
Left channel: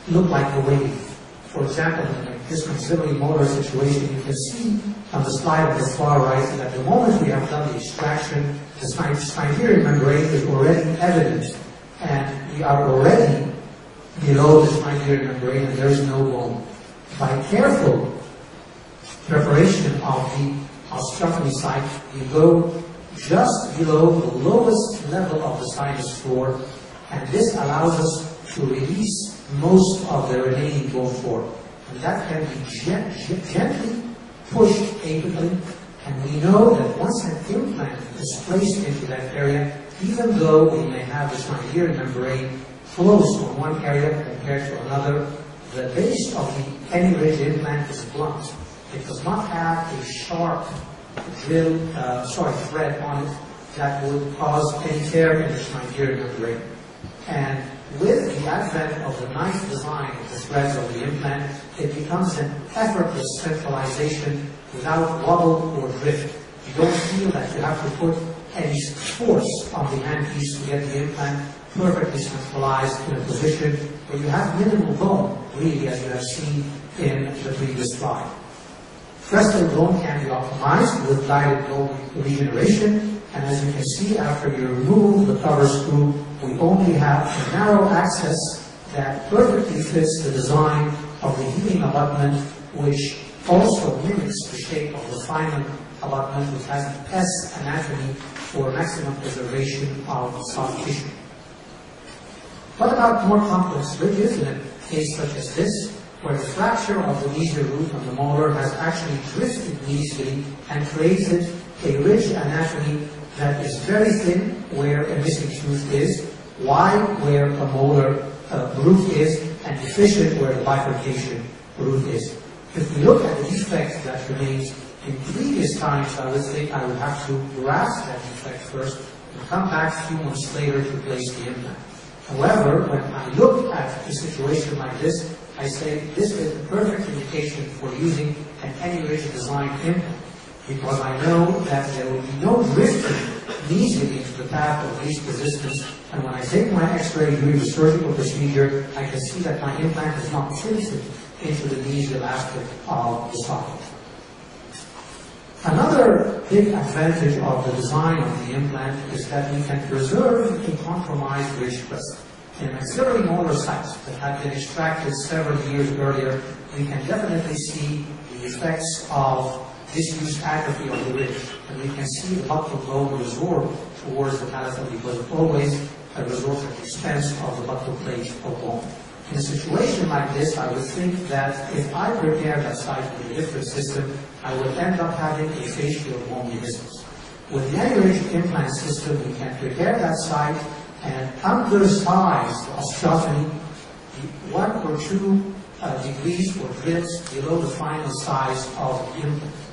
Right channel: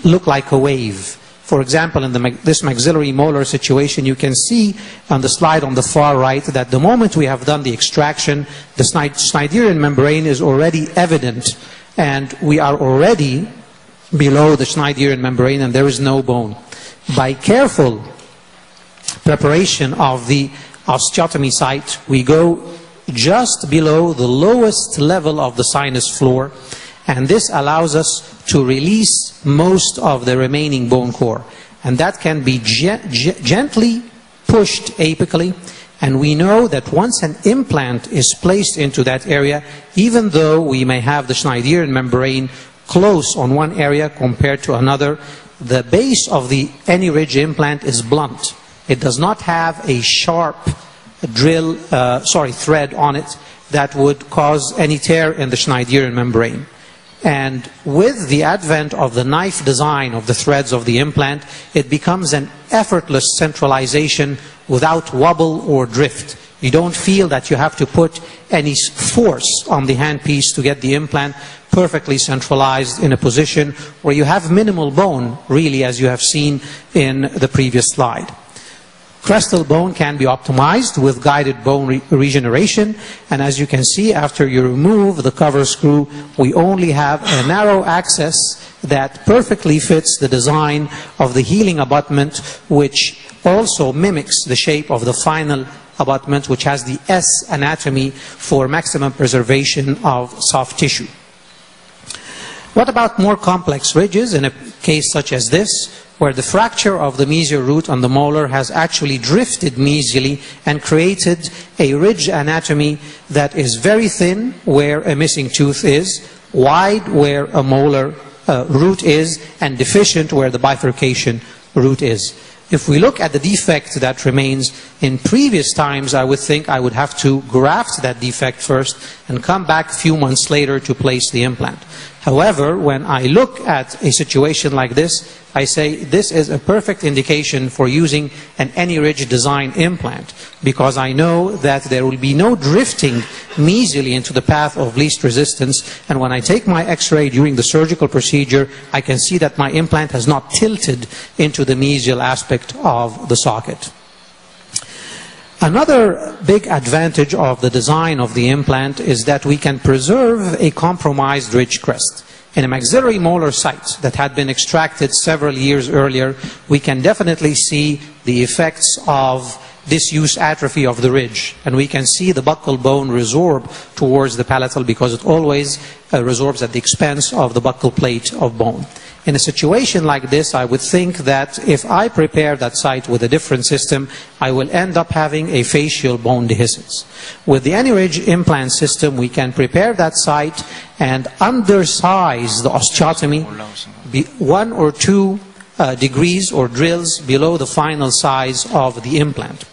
look like a wave? For example, in this maxillary molar situation, you can see on the slide on the far right that the moment we have done the extraction, the Schneiderian membrane is already evident, and we are already below the Schneiderian membrane and there is no bone. By careful preparation of the osteotomy site, we go just below the lowest level of the sinus floor, and this allows us to release most of the remaining bone core. And that can be gently pushed apically. And we know that once an implant is placed into that area, even though we may have the Schneiderian membrane close on one area compared to another, the base of any ridge implant is blunt. It does not have a sharp thread on it that would cause any tear in the Schneiderian membrane. And with the advent of the knife design of the threads of the implant, it becomes an effortless centralization without wobble or drift. You don't feel that you have to put any force on the handpiece to get the implant perfectly centralized in a position where you have minimal bone, really, as you have seen in the previous slide. Crestal bone can be optimized with guided bone regeneration, and as you can see, after you remove the cover screw, we only have a narrow access that perfectly fits the design of the healing abutment, which also mimics the shape of the final abutment, which has the S anatomy for maximum preservation of soft tissue. What about more complex ridges in a case such as this, where the fracture of the mesial root on the molar has actually drifted mesially and created a ridge anatomy that is very thin where a missing tooth is, wide where a molar root is, and deficient where the bifurcation root is? If we look at the defect that remains, in previous times I would think I would have to graft that defect first and come back a few months later to place the implant. However, when I look at a situation like this, I say this is a perfect indication for using an any-ridge design implant, because I know that there will be no drifting mesially into the path of least resistance, and when I take my x-ray during the surgical procedure, I can see that my implant has not tilted into the mesial aspect of the socket. Another big advantage of the design of the implant is that we can preserve a compromised ridge crest. In a maxillary molar site that had been extracted several years earlier, we can definitely see the effects of disuse atrophy of the ridge, and we can see the buccal bone resorb towards the palatal because it always resorbs at the expense of the buccal plate of bone. In a situation like this, I would think that if I prepare that site with a different system, I will end up having a facial bone dehiscence. With the any-ridge implant system, we can prepare that site and undersize the osteotomy 1 or 2 degrees or drills below the final size of the implant.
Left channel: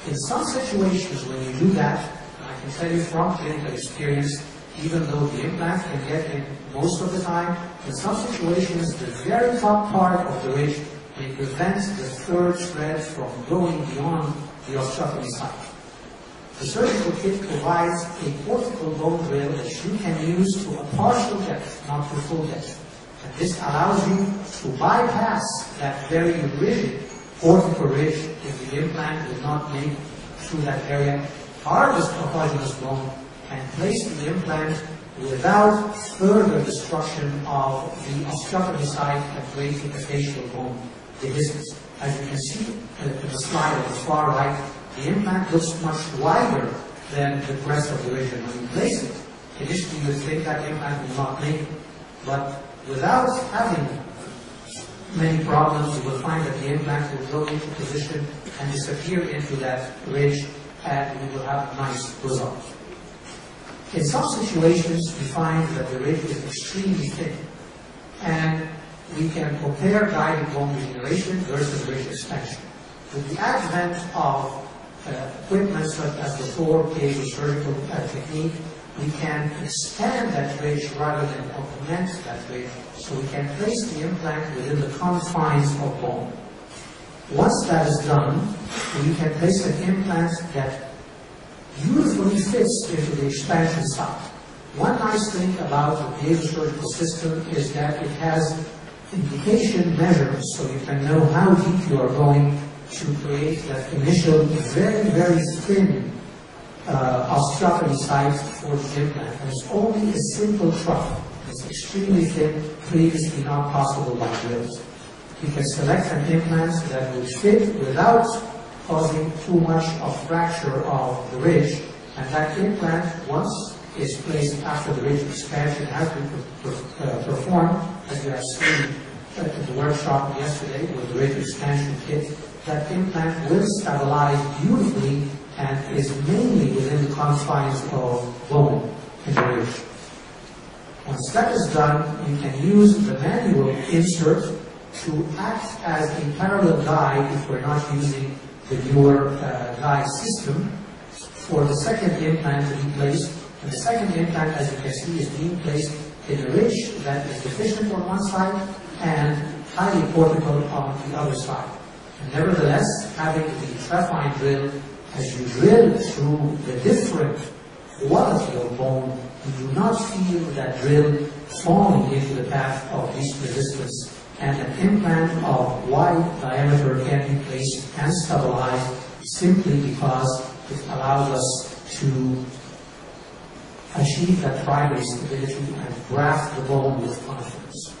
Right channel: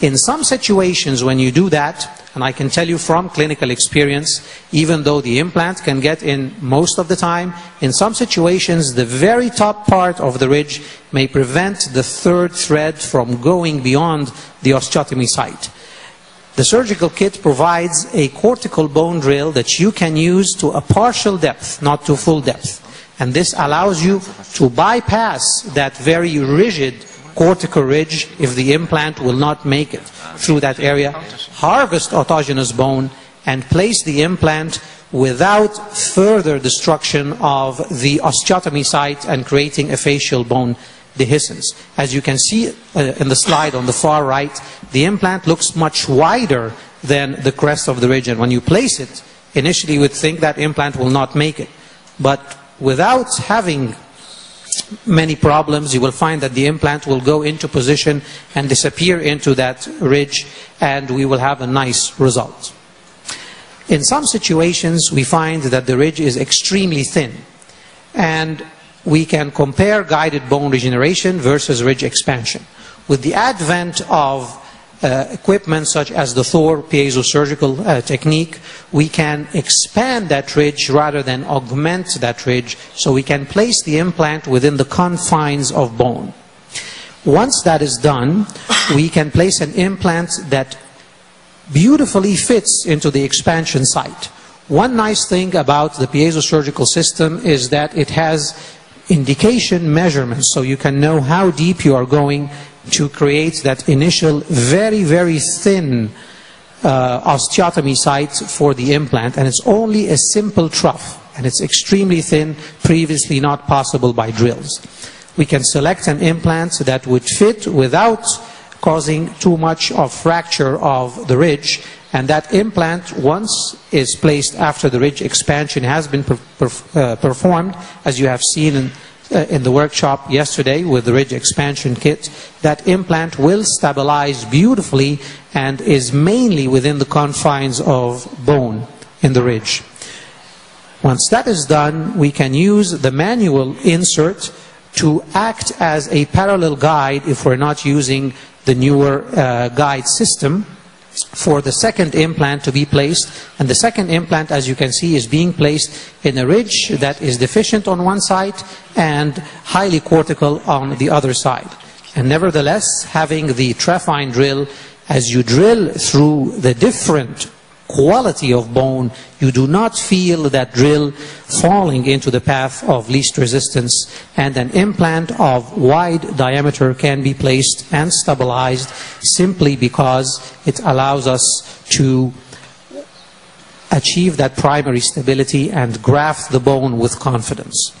In some situations when you do that, and I can tell you from clinical experience, even though the implant can get in most of the time, in some situations the very top part of the ridge may prevent the third thread from going beyond the osteotomy site. The surgical kit provides a cortical bone drill that you can use to a partial depth, not to full depth. And this allows you to bypass that very rigid cortical ridge if the implant will not make it through that area, harvest autogenous bone, and place the implant without further destruction of the osteotomy site and creating a facial bone dehiscence. As you can see in the slide on the far right, the implant looks much wider than the crest of the ridge, and when you place it, initially you would think that implant will not make it. But without having many problems, you will find that the implant will go into position and disappear into that ridge, and we will have a nice result. In some situations, we find that the ridge is extremely thin, and we can compare guided bone regeneration versus ridge expansion. With the advent of equipment such as the Thor piezosurgical technique, we can expand that ridge rather than augment that ridge, so we can place the implant within the confines of bone. Once that is done, we can place an implant that beautifully fits into the expansion site. One nice thing about the piezosurgical system is that it has indication measurements, so you can know how deep you are going to create that initial very, very thin osteotomy site for the implant. And it's only a simple trough, and it's extremely thin, previously not possible by drills. We can select an implant that would fit without causing too much of fracture of the ridge, and that implant, once is placed after the ridge expansion has been performed, as you have seen in the workshop yesterday with the ridge expansion kit, that implant will stabilize beautifully and is mainly within the confines of bone in the ridge. Once that is done, we can use the manual insert to act as a parallel guide if we're not using the newer guide system for the second implant to be placed. And the second implant, as you can see, is being placed in a ridge that is deficient on one side and highly cortical on the other side. And nevertheless, having the trephine drill, as you drill through the different quality of bone, you do not feel that drill falling into the path of least resistance, and an implant of wide diameter can be placed and stabilized simply because it allows us to achieve that primary stability and graft the bone with confidence.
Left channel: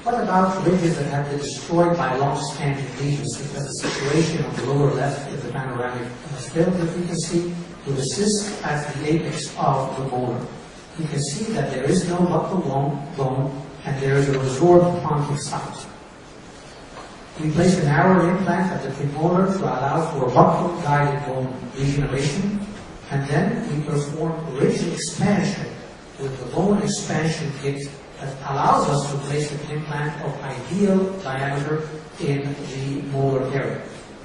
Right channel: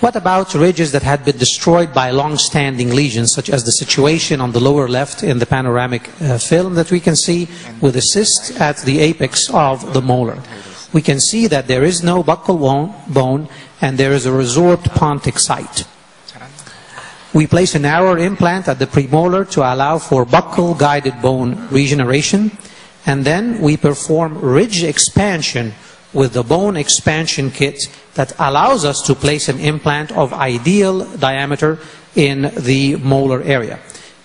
What about ridges that had been destroyed by long-standing lesions, such as the situation on the lower left in the panoramic film that we can see with a cyst at the apex of the molar? We can see that there is no buccal bone and there is a resorbed pontic site. We place a narrower implant at the premolar to allow for buccal guided bone regeneration, and then we perform ridge expansion with the bone expansion kit that allows us to place an implant of ideal diameter in the molar area.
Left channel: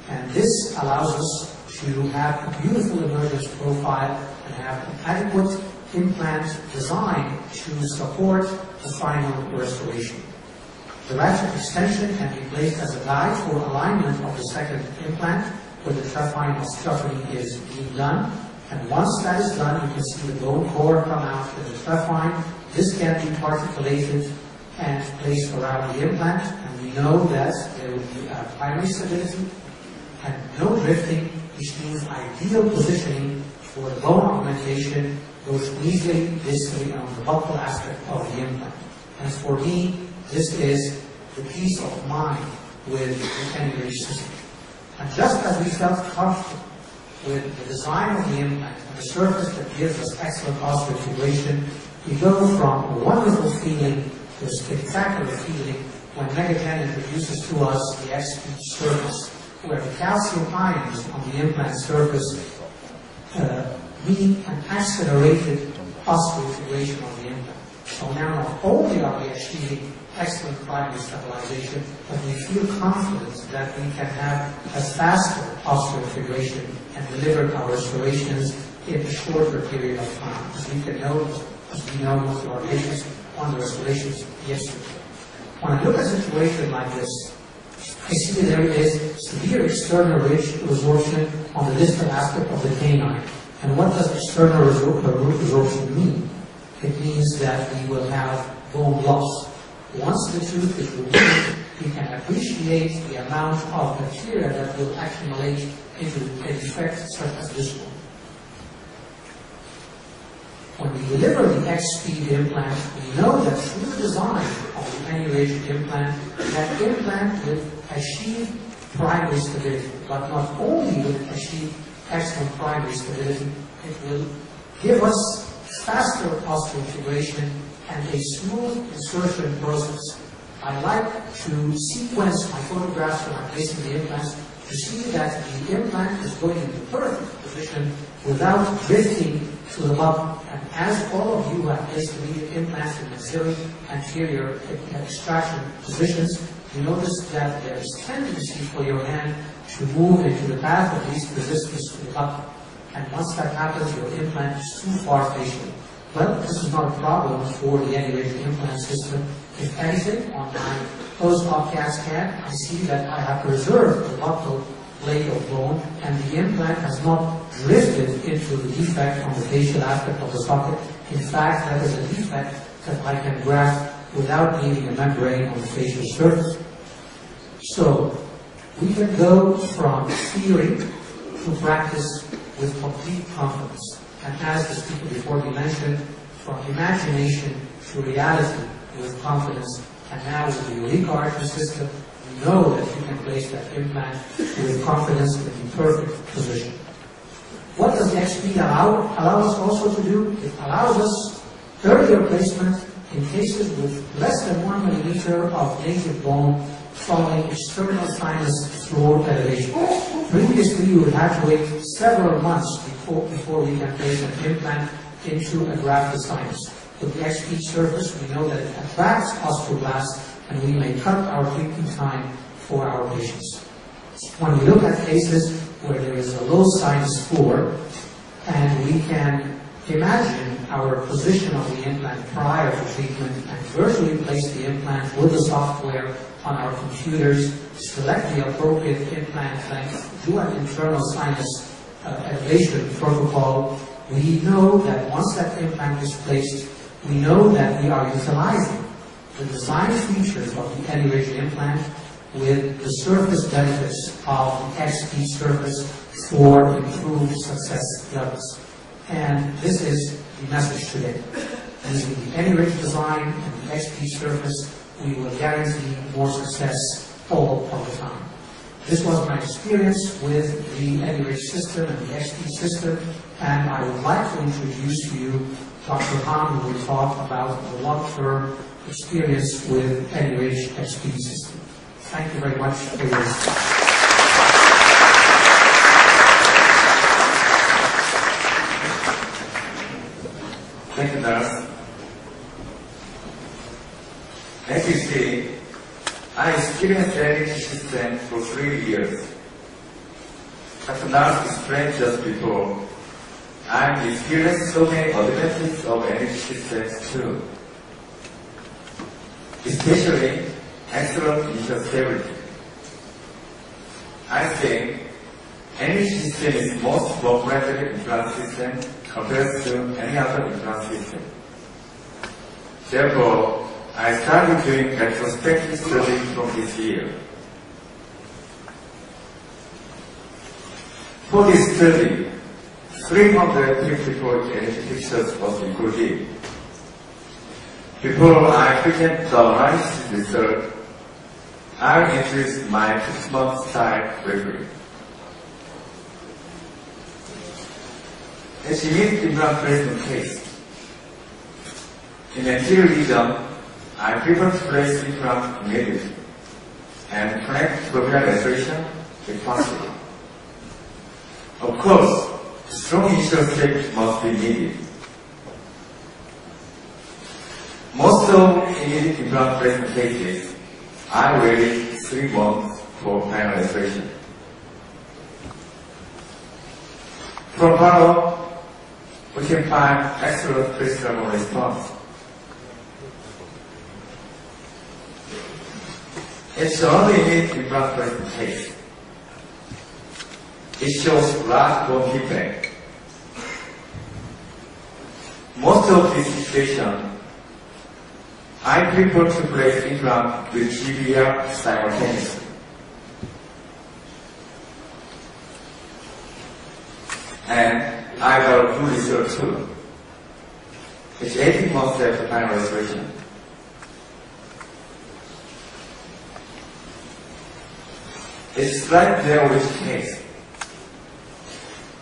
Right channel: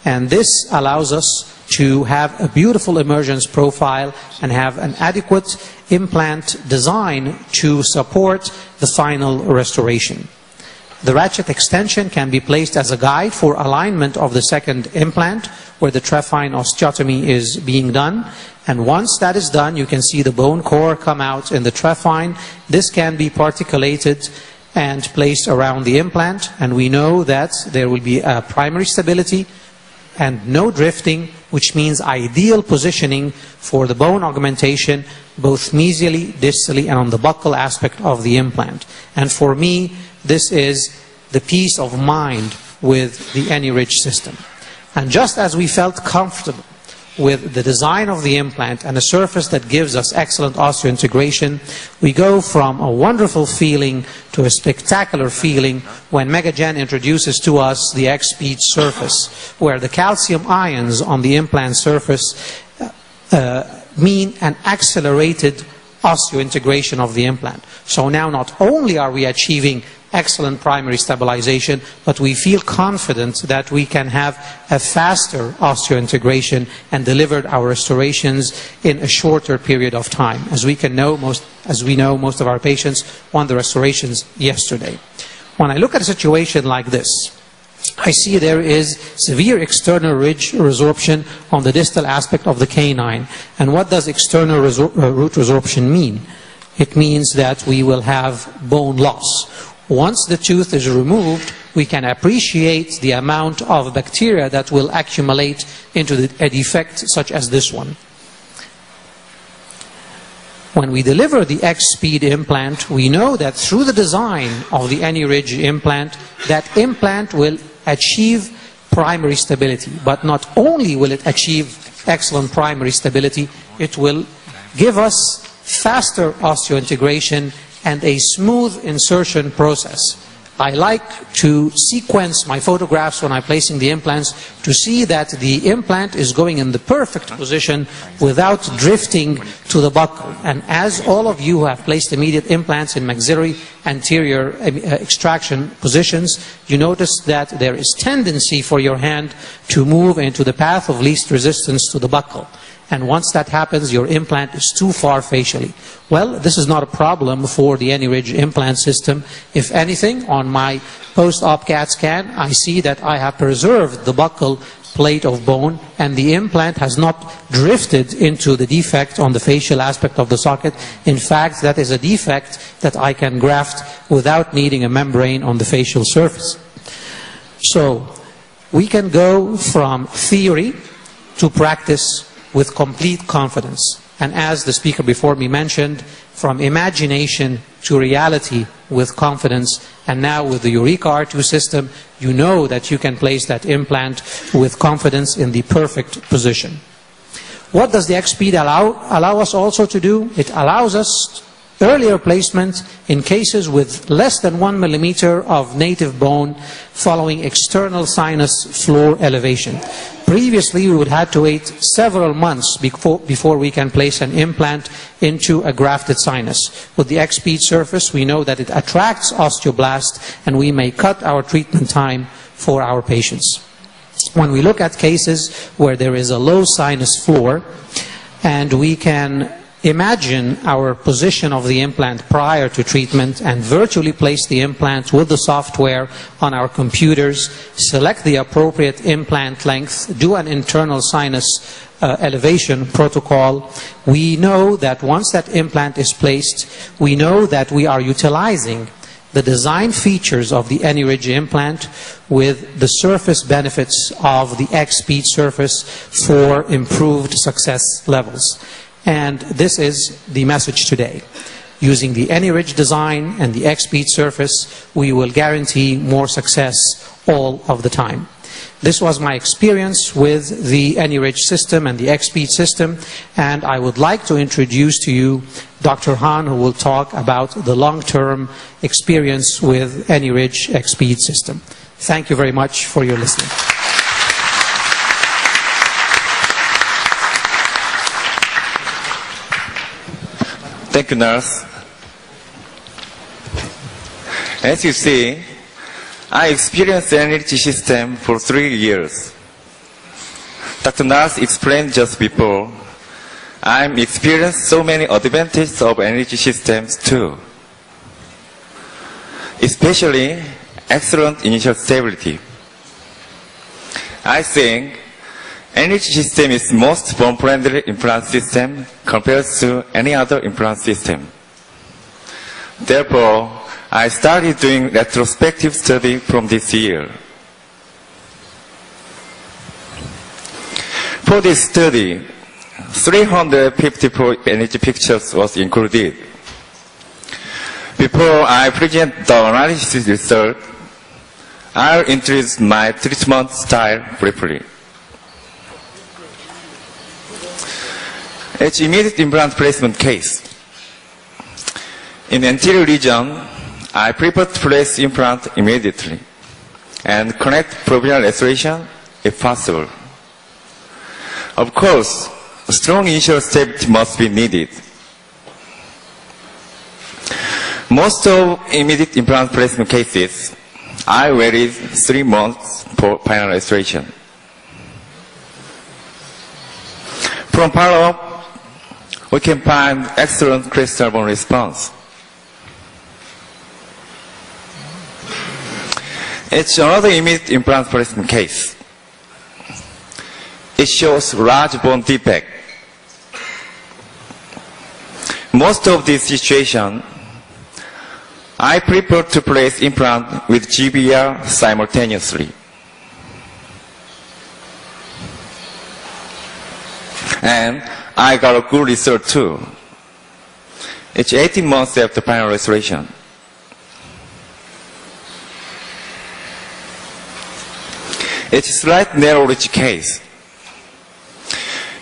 And this allows us to have a beautiful emergence profile and have an adequate implant design to support the final restoration. The ratchet extension can be placed as a guide for alignment of the second implant where the trephine osteotomy is being done. And once that is done, you can see the bone core come out in the trephine. This can be particulated and placed around the implant. And we know that there will be a primary stability and no drifting, which means ideal positioning for the bone augmentation, both mesially, distally, and on the buccal aspect of the implant. And for me, this is the peace of mind with the AnyRidge system. And just as we felt comfortable with the design of the implant and a surface that gives us excellent osseointegration, we go from a wonderful feeling to a spectacular feeling when Megagen introduces to us the X-Speed surface, where the calcium ions on the implant surface mean an accelerated osseointegration of the implant. So now not only are we achieving excellent primary stabilization, but we feel confident that we can have a faster osseointegration and deliver our restorations in a shorter period of time. As we know, most of our patients want the restorations yesterday. When I look at a situation like this, I see there is severe external ridge resorption on the distal aspect of the canine. And what does external root resorption mean? It means that we will have bone loss. Once the tooth is removed, we can appreciate the amount of bacteria that will accumulate into a defect such as this one. When we deliver the X-Speed implant, we know that through the design of the AnyRidge implant, that implant will achieve primary stability. But not only will it achieve excellent primary stability, it will give us faster osseointegration and a smooth insertion process. I like to sequence my photographs when I'm placing the implants to see that the implant is going in the perfect position without drifting to the buccal. And as all of you who have placed immediate implants in maxillary anterior extraction positions, you notice that there is tendency for your hand to move into the path of least resistance to the buccal. And once that happens, your implant is too far facially. Well, this is not a problem for the AnyRidge implant system. If anything, on my post-op CAT scan, I see that I have preserved the buccal plate of bone and the implant has not drifted into the defect on the facial aspect of the socket. In fact, that is a defect that I can graft without needing a membrane on the facial surface. So, we can go from theory to practice with complete confidence. And as the speaker before me mentioned, from imagination to reality with confidence. And now with the Eureka R2 system, you know that you can place that implant with confidence in the perfect position. What does the X-Speed allow us also to do? It allows us earlier placement in cases with less than 1 millimeter of native bone following external sinus floor elevation. Previously, we would have to wait several months before we can place an implant into a grafted sinus. With the X-Speed surface, we know that it attracts osteoblast and we may cut our treatment time for our patients. When we look at cases where there is a low sinus floor and we can imagine our position of the implant prior to treatment and virtually place the implant with the software on our computers, select the appropriate implant length, do an internal sinus elevation protocol. We know that once that implant is placed, we know that we are utilizing the design features of the AnyRidge implant with the surface benefits of the X-Speed surface for improved success levels. And this is the message today. Using the AnyRidge design and the X-Speed surface, we will guarantee more success all of the time. This was my experience with the AnyRidge system and the X-Speed system, and I would like to introduce to you Dr. Han, who will talk about the long-term experience with AnyRidge X-Speed system. Thank you very much for your listening. Thank you, nurse. As you see, I experienced the AnyRidge system for 3 years. Dr. Nurse explained just before I'm experienced so many advantages of energy systems too. Especially excellent initial stability. I think energy system is most bone-friendly implant system compared to any other implant system. Therefore, I started doing retrospective study from this year. For this study, 354 energy pictures was included. Before I present the analysis result, I'll introduce my treatment style briefly. It's immediate implant placement case. In the anterior region, I prefer to place implant immediately and connect provisional restoration if possible. Of course, strong initial stability must be needed. Most of immediate implant placement cases, I waited 3 months for final restoration. From follow-up, we can find excellent crystal bone response. It's another immediate implant placement case. It shows large bone defect. Most of this situation, I prefer to place implant with GBR simultaneously. And I got a good result too. It's 18 months after final restoration. It's a slight narrow ridge case.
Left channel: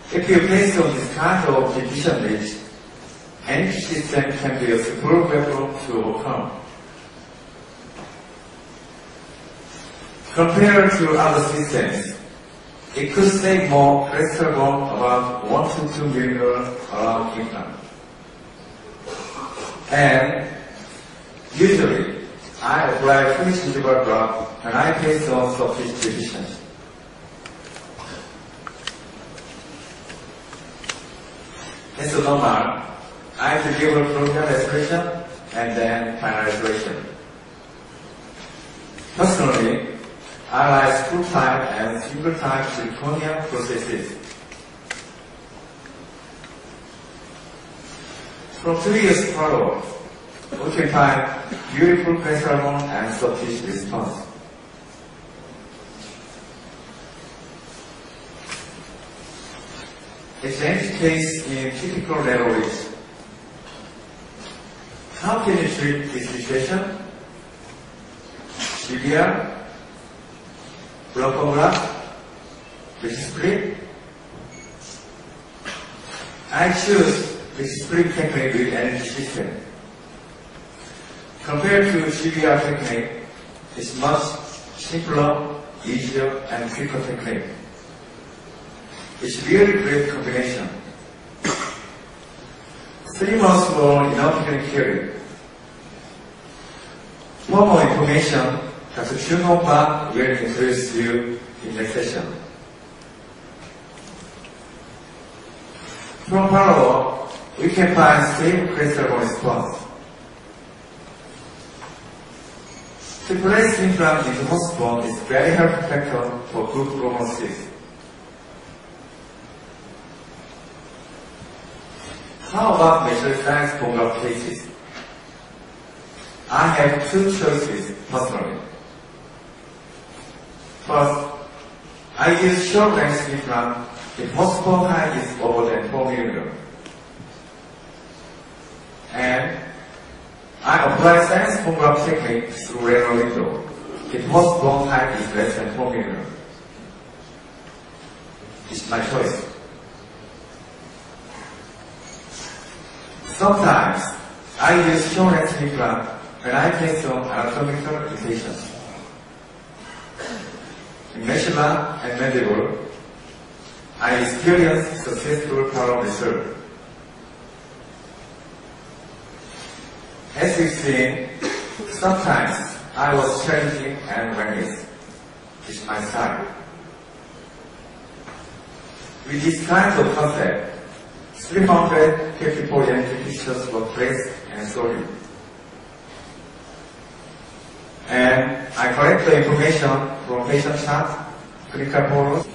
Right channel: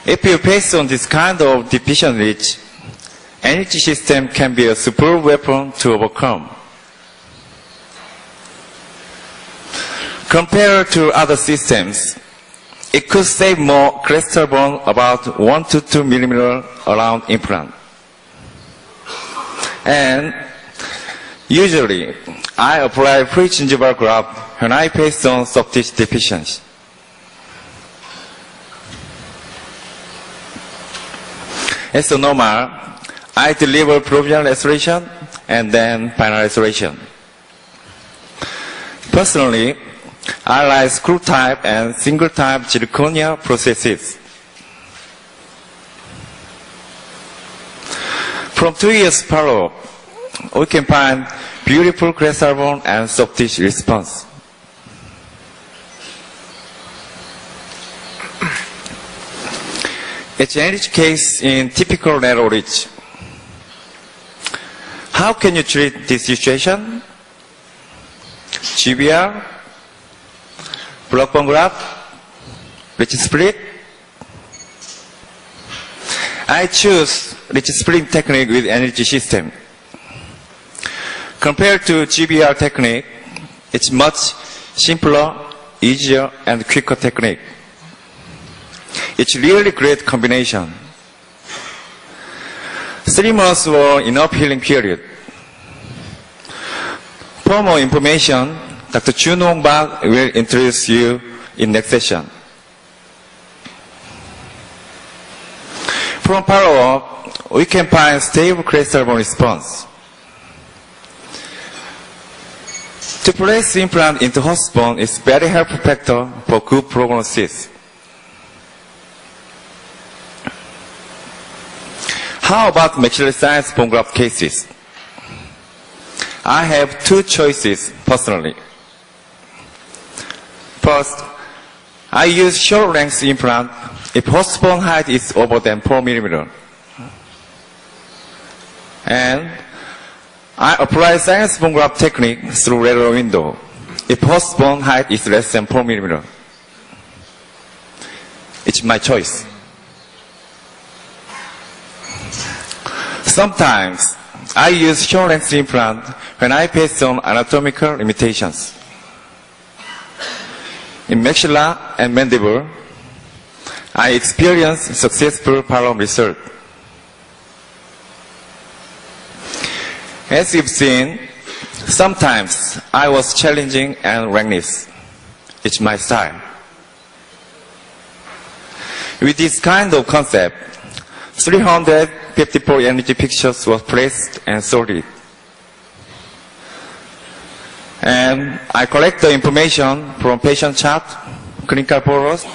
If you pass on this kind of deficient ridge, energy system can be a super weapon to overcome. Compared to other systems, it could save more crystal bone, about 1 to 2 millimeters around implant. And usually, I apply pre-gingival graft when I pass on soft tissue deficiency. As normal, I deliver provisional restoration and then final restoration. Personally, I like screw type and single type zirconia processes. From 2 years follow, we can find beautiful crystal bone and soft tissue response. It's an energy case in typical narrow ridge. How can you treat this situation? GBR, block bone graft, ridge split. I choose ridge split technique with energy system. Compared to GBR technique, it's much simpler, easier, and quicker technique. It's really great combination. 3 months were enough healing period. For more information, Dr. Jun Hong-Ban will introduce you in next session. From follow-up, we can find stable crystal bone response. To place implant into host bone is very helpful factor for good prognosis. How about maxillary sinus bone graft cases? I have 2 choices personally. First, I use short length implant if host bone height is over than 4 millimeters. And I apply sinus bone graft technique through lateral window if host bone height is less than 4 millimeters. It's my choice. Sometimes I use short length implant when I face on anatomical limitations. In maxilla and mandible, I experience successful follow-up result. As you've seen, sometimes I was challenging and reckless. It's my style. With this kind of concept, 354 energy pictures were placed and sorted. And I collect the information from patient chart, clinical photos.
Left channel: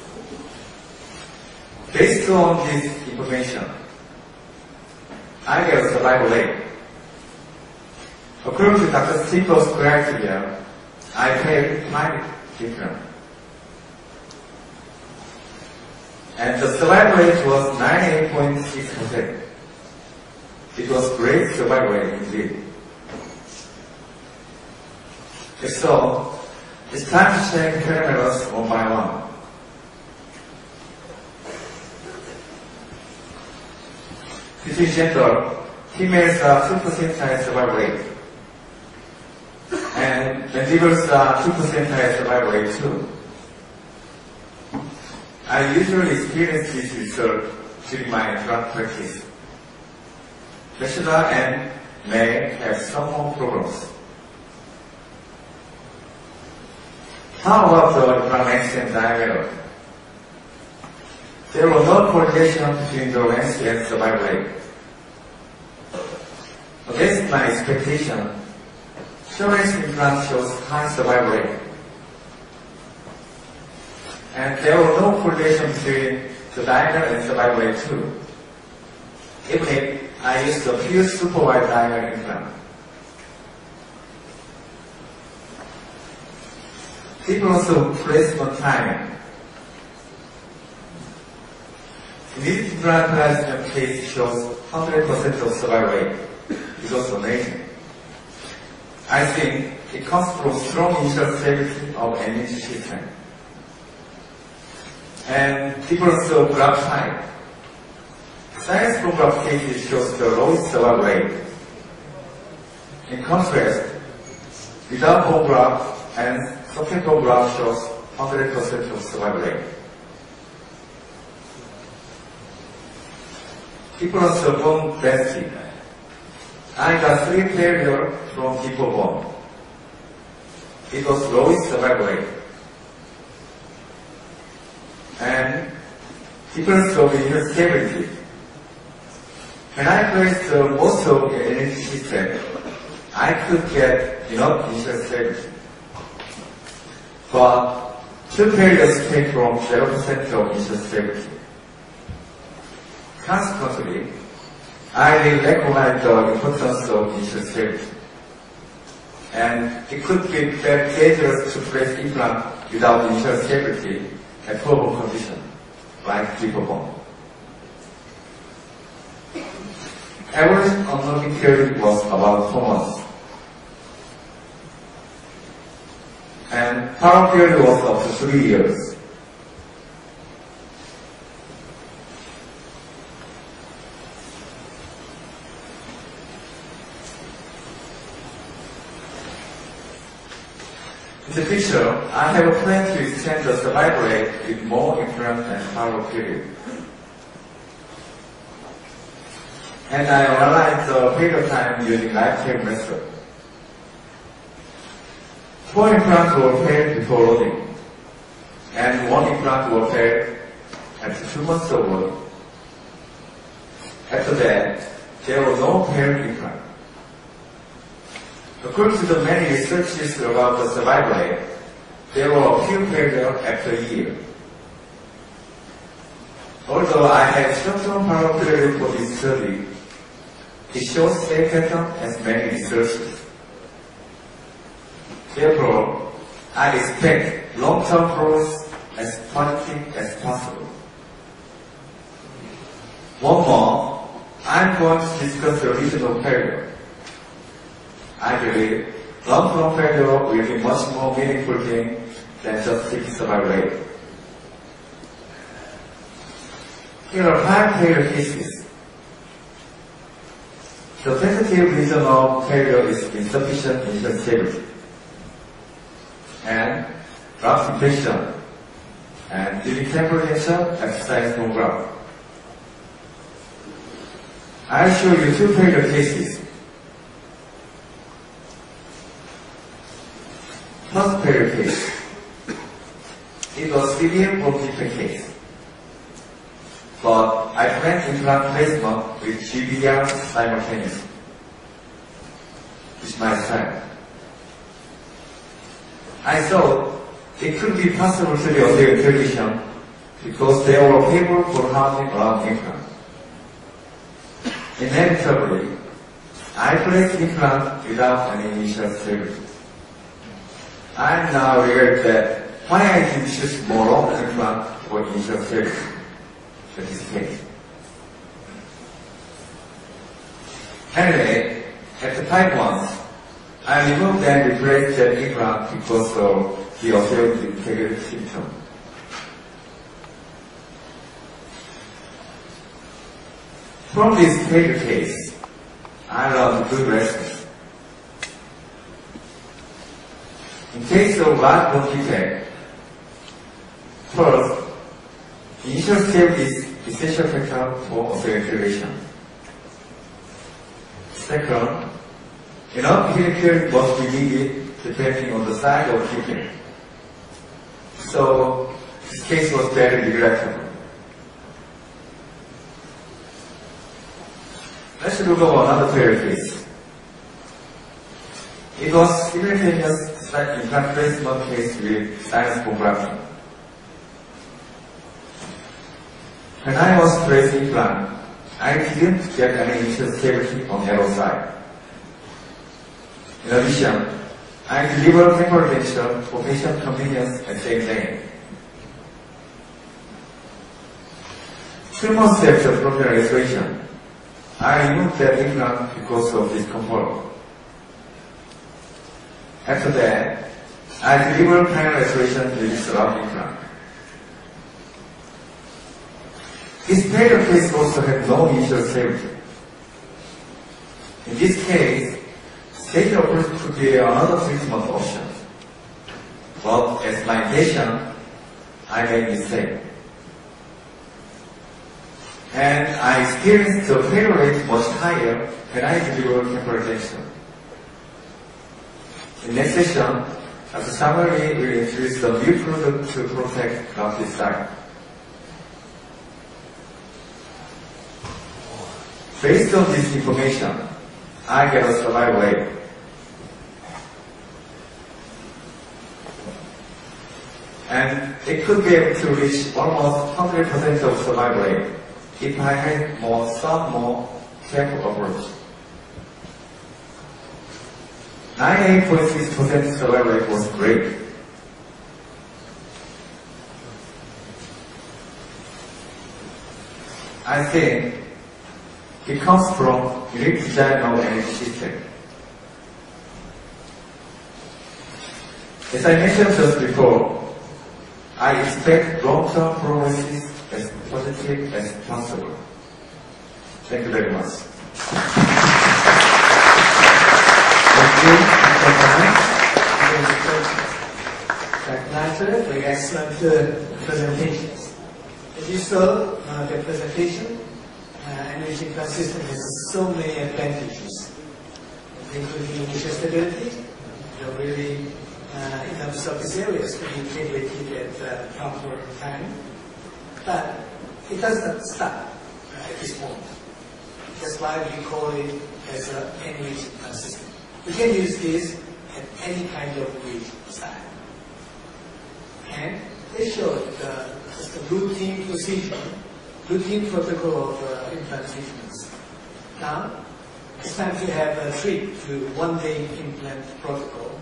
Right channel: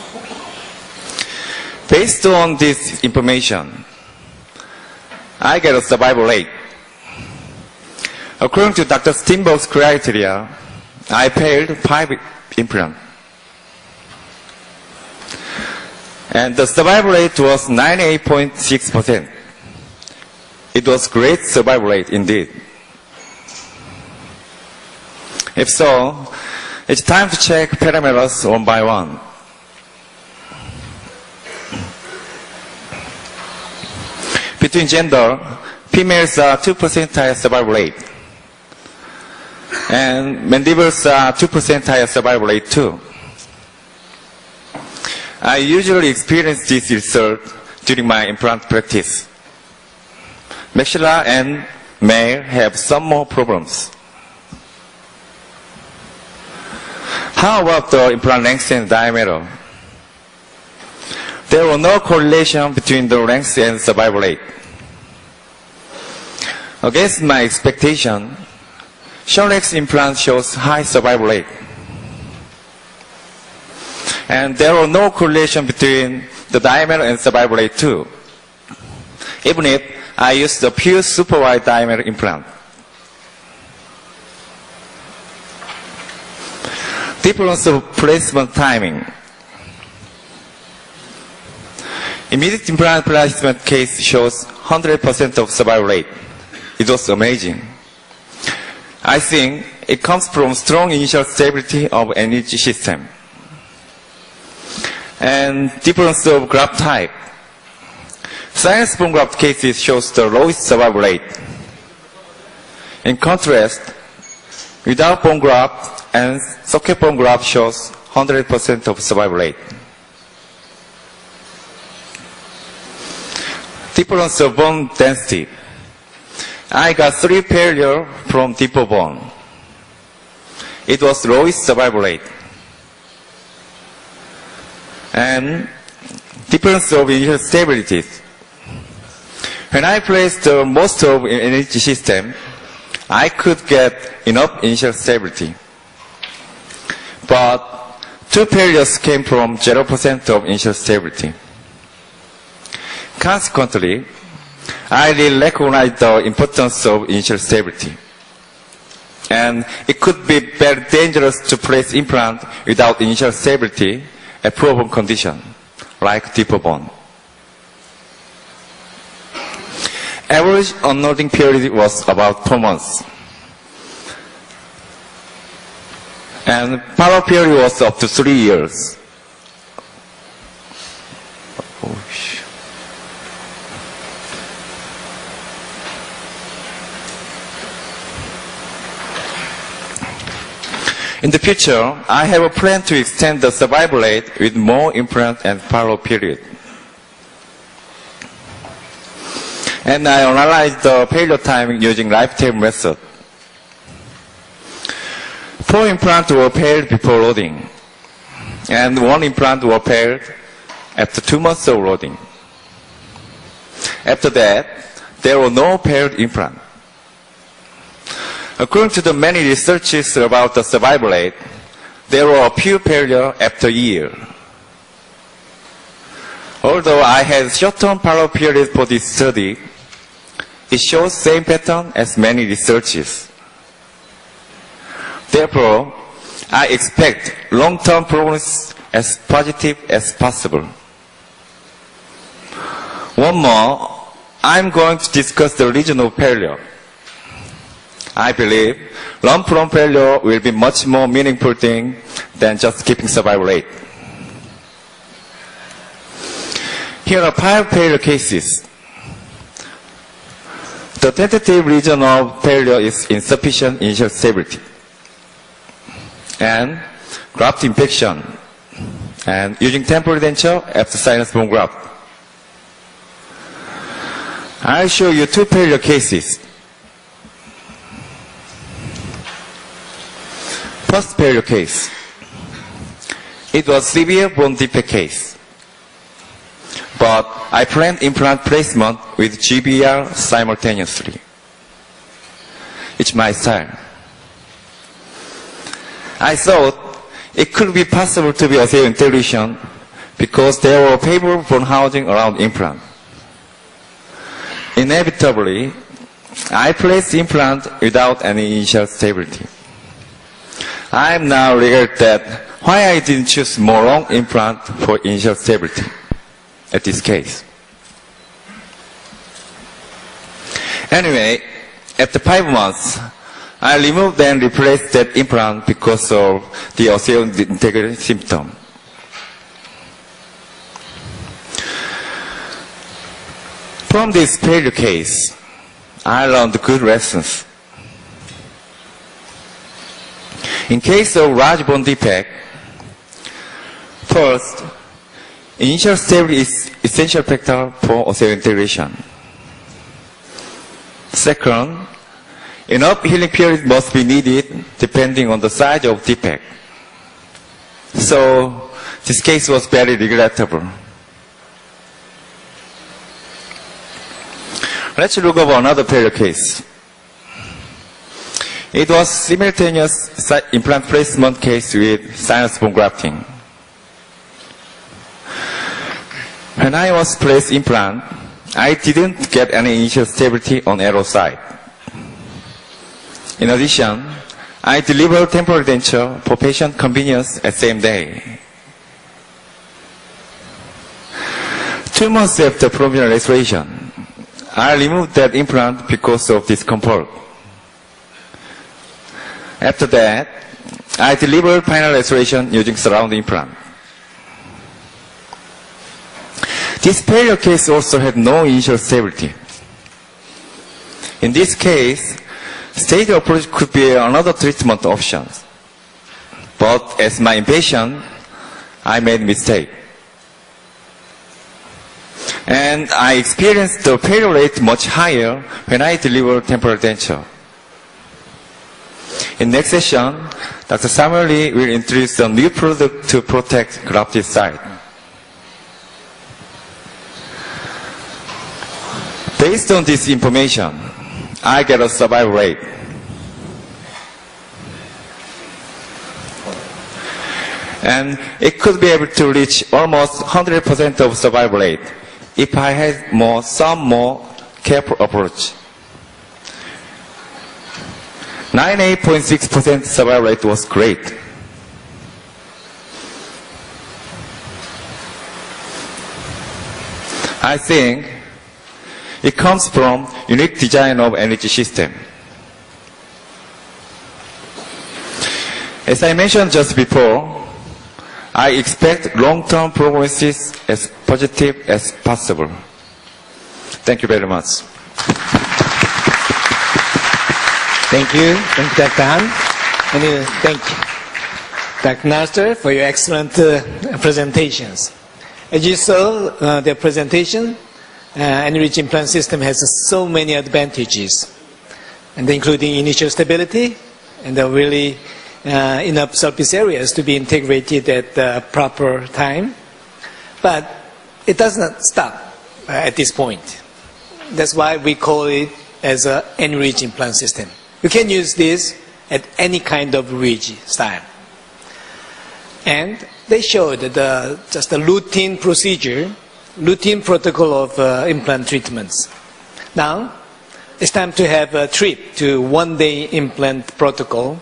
Based on this information, I get a survival rate. According to Dr. Steinberg's criteria, I failed 5 implants. And the survival rate was 98.6%. It was great survival rate indeed. If so, it's time to check parameters one by one. Between gender, females are 2% higher survival rate. And mandibles are 2% higher survival rate too. I usually experience this result during my implant practice. Maxilla and male have some more problems. How about the implant length and diameter? There was no correlation between the length and survival rate. Against my expectation, short-length implant shows high survival rate. And there was no correlation between the diameter and survival rate too, even if I used the pure super wide diameter implant. Difference of placement timing. Immediate implant placement case shows 100% of survival rate. It was amazing. I think it comes from strong initial stability of energy system and difference of graft type. Sinus bone graft cases shows the lowest survival rate. In contrast, without bone graft and socket bone graft shows 100% of survival rate. Difference of bone density. I got 3 failure from deeper bone. It was lowest survival rate. And difference of initial stability. When I placed most of energy system, I could get enough initial stability. But 2 failures came from 0% of initial stability. Consequently, I did recognize the importance of initial stability. And it could be very dangerous to place implant without initial stability at poor bone condition, like deeper bone. Average unloading period was about 2 months. And follow-up period was up to 3 years. In the future, I have a plan to extend the survival rate with more implant and follow-up period. And I analyzed the failure time using lifetime method. 4 implants were failed before loading, and 1 implant was failed after 2 months of loading. After that, there were no failed implants. According to the many researches about the survival rate, there were a few failures after a year. Although I had short-term follow-up period for this study, it shows same pattern as many researches. Therefore, I expect long-term prognosis as positive as possible. One more, I'm going to discuss the region of failure. I believe long-term failure will be much more meaningful thing than just keeping survival rate. Here are 5 failure cases. The tentative reason of failure is insufficient initial stability and graft infection and using temporary denture after sinus bone graft. I'll show you 2 failure cases. First failure case. It was severe bone defect case. but I planned implant placement with GBR simultaneously. It's my style. I thought it could be possible to be osseo integration because there were favorable bone housing around implant. Inevitably, I placed implant without any initial stability. I now regret that why I didn't choose more long implant for initial stability at this case. Anyway, after 5 months, I removed and replaced that implant because of the osseo integrity symptom. From this failure case, I learned good lessons. In case of large bone defect, first, initial stability is essential factor for osseo integration. Second, enough healing period must be needed depending on the size of defect. So, this case was very regrettable. Let's look over another failure case. It was simultaneous implant placement case with sinus bone grafting. When I was placed implant, I didn't get any initial stability on arrow side. In addition, I delivered temporary denture for patient convenience at same day. 2 months after provisional restoration, I removed that implant because of discomfort. After that, I delivered final restoration using surround implant. This failure case also had no initial stability. In this case, stage approach could be another treatment option. But as my patient, I made mistake. And I experienced the failure rate much higher when I delivered temporal denture. In next session, Dr. Samuel Lee will introduce a new product to protect grafted side. Based on this information, I get a survival rate. And it could be able to reach almost 100% of survival rate if I had some more careful approach. 98.6% survival rate was great. I think it comes from unique design of energy system. As I mentioned just before, I expect long-term prognosis as positive as possible. Thank you very much. Thank you, Dr. Han. And thank you, Dr. Nasser, for your excellent presentations. As you saw, the presentation, enriched implant system has so many advantages, and including initial stability and really enough surface areas to be integrated at the proper time. But it does not stop at this point. That's why we call it as an enriched implant system. You can use this at any kind of ridge style. And they showed just a routine procedure, routine protocol of implant treatments. Now, it's time to have a trip to one-day implant protocol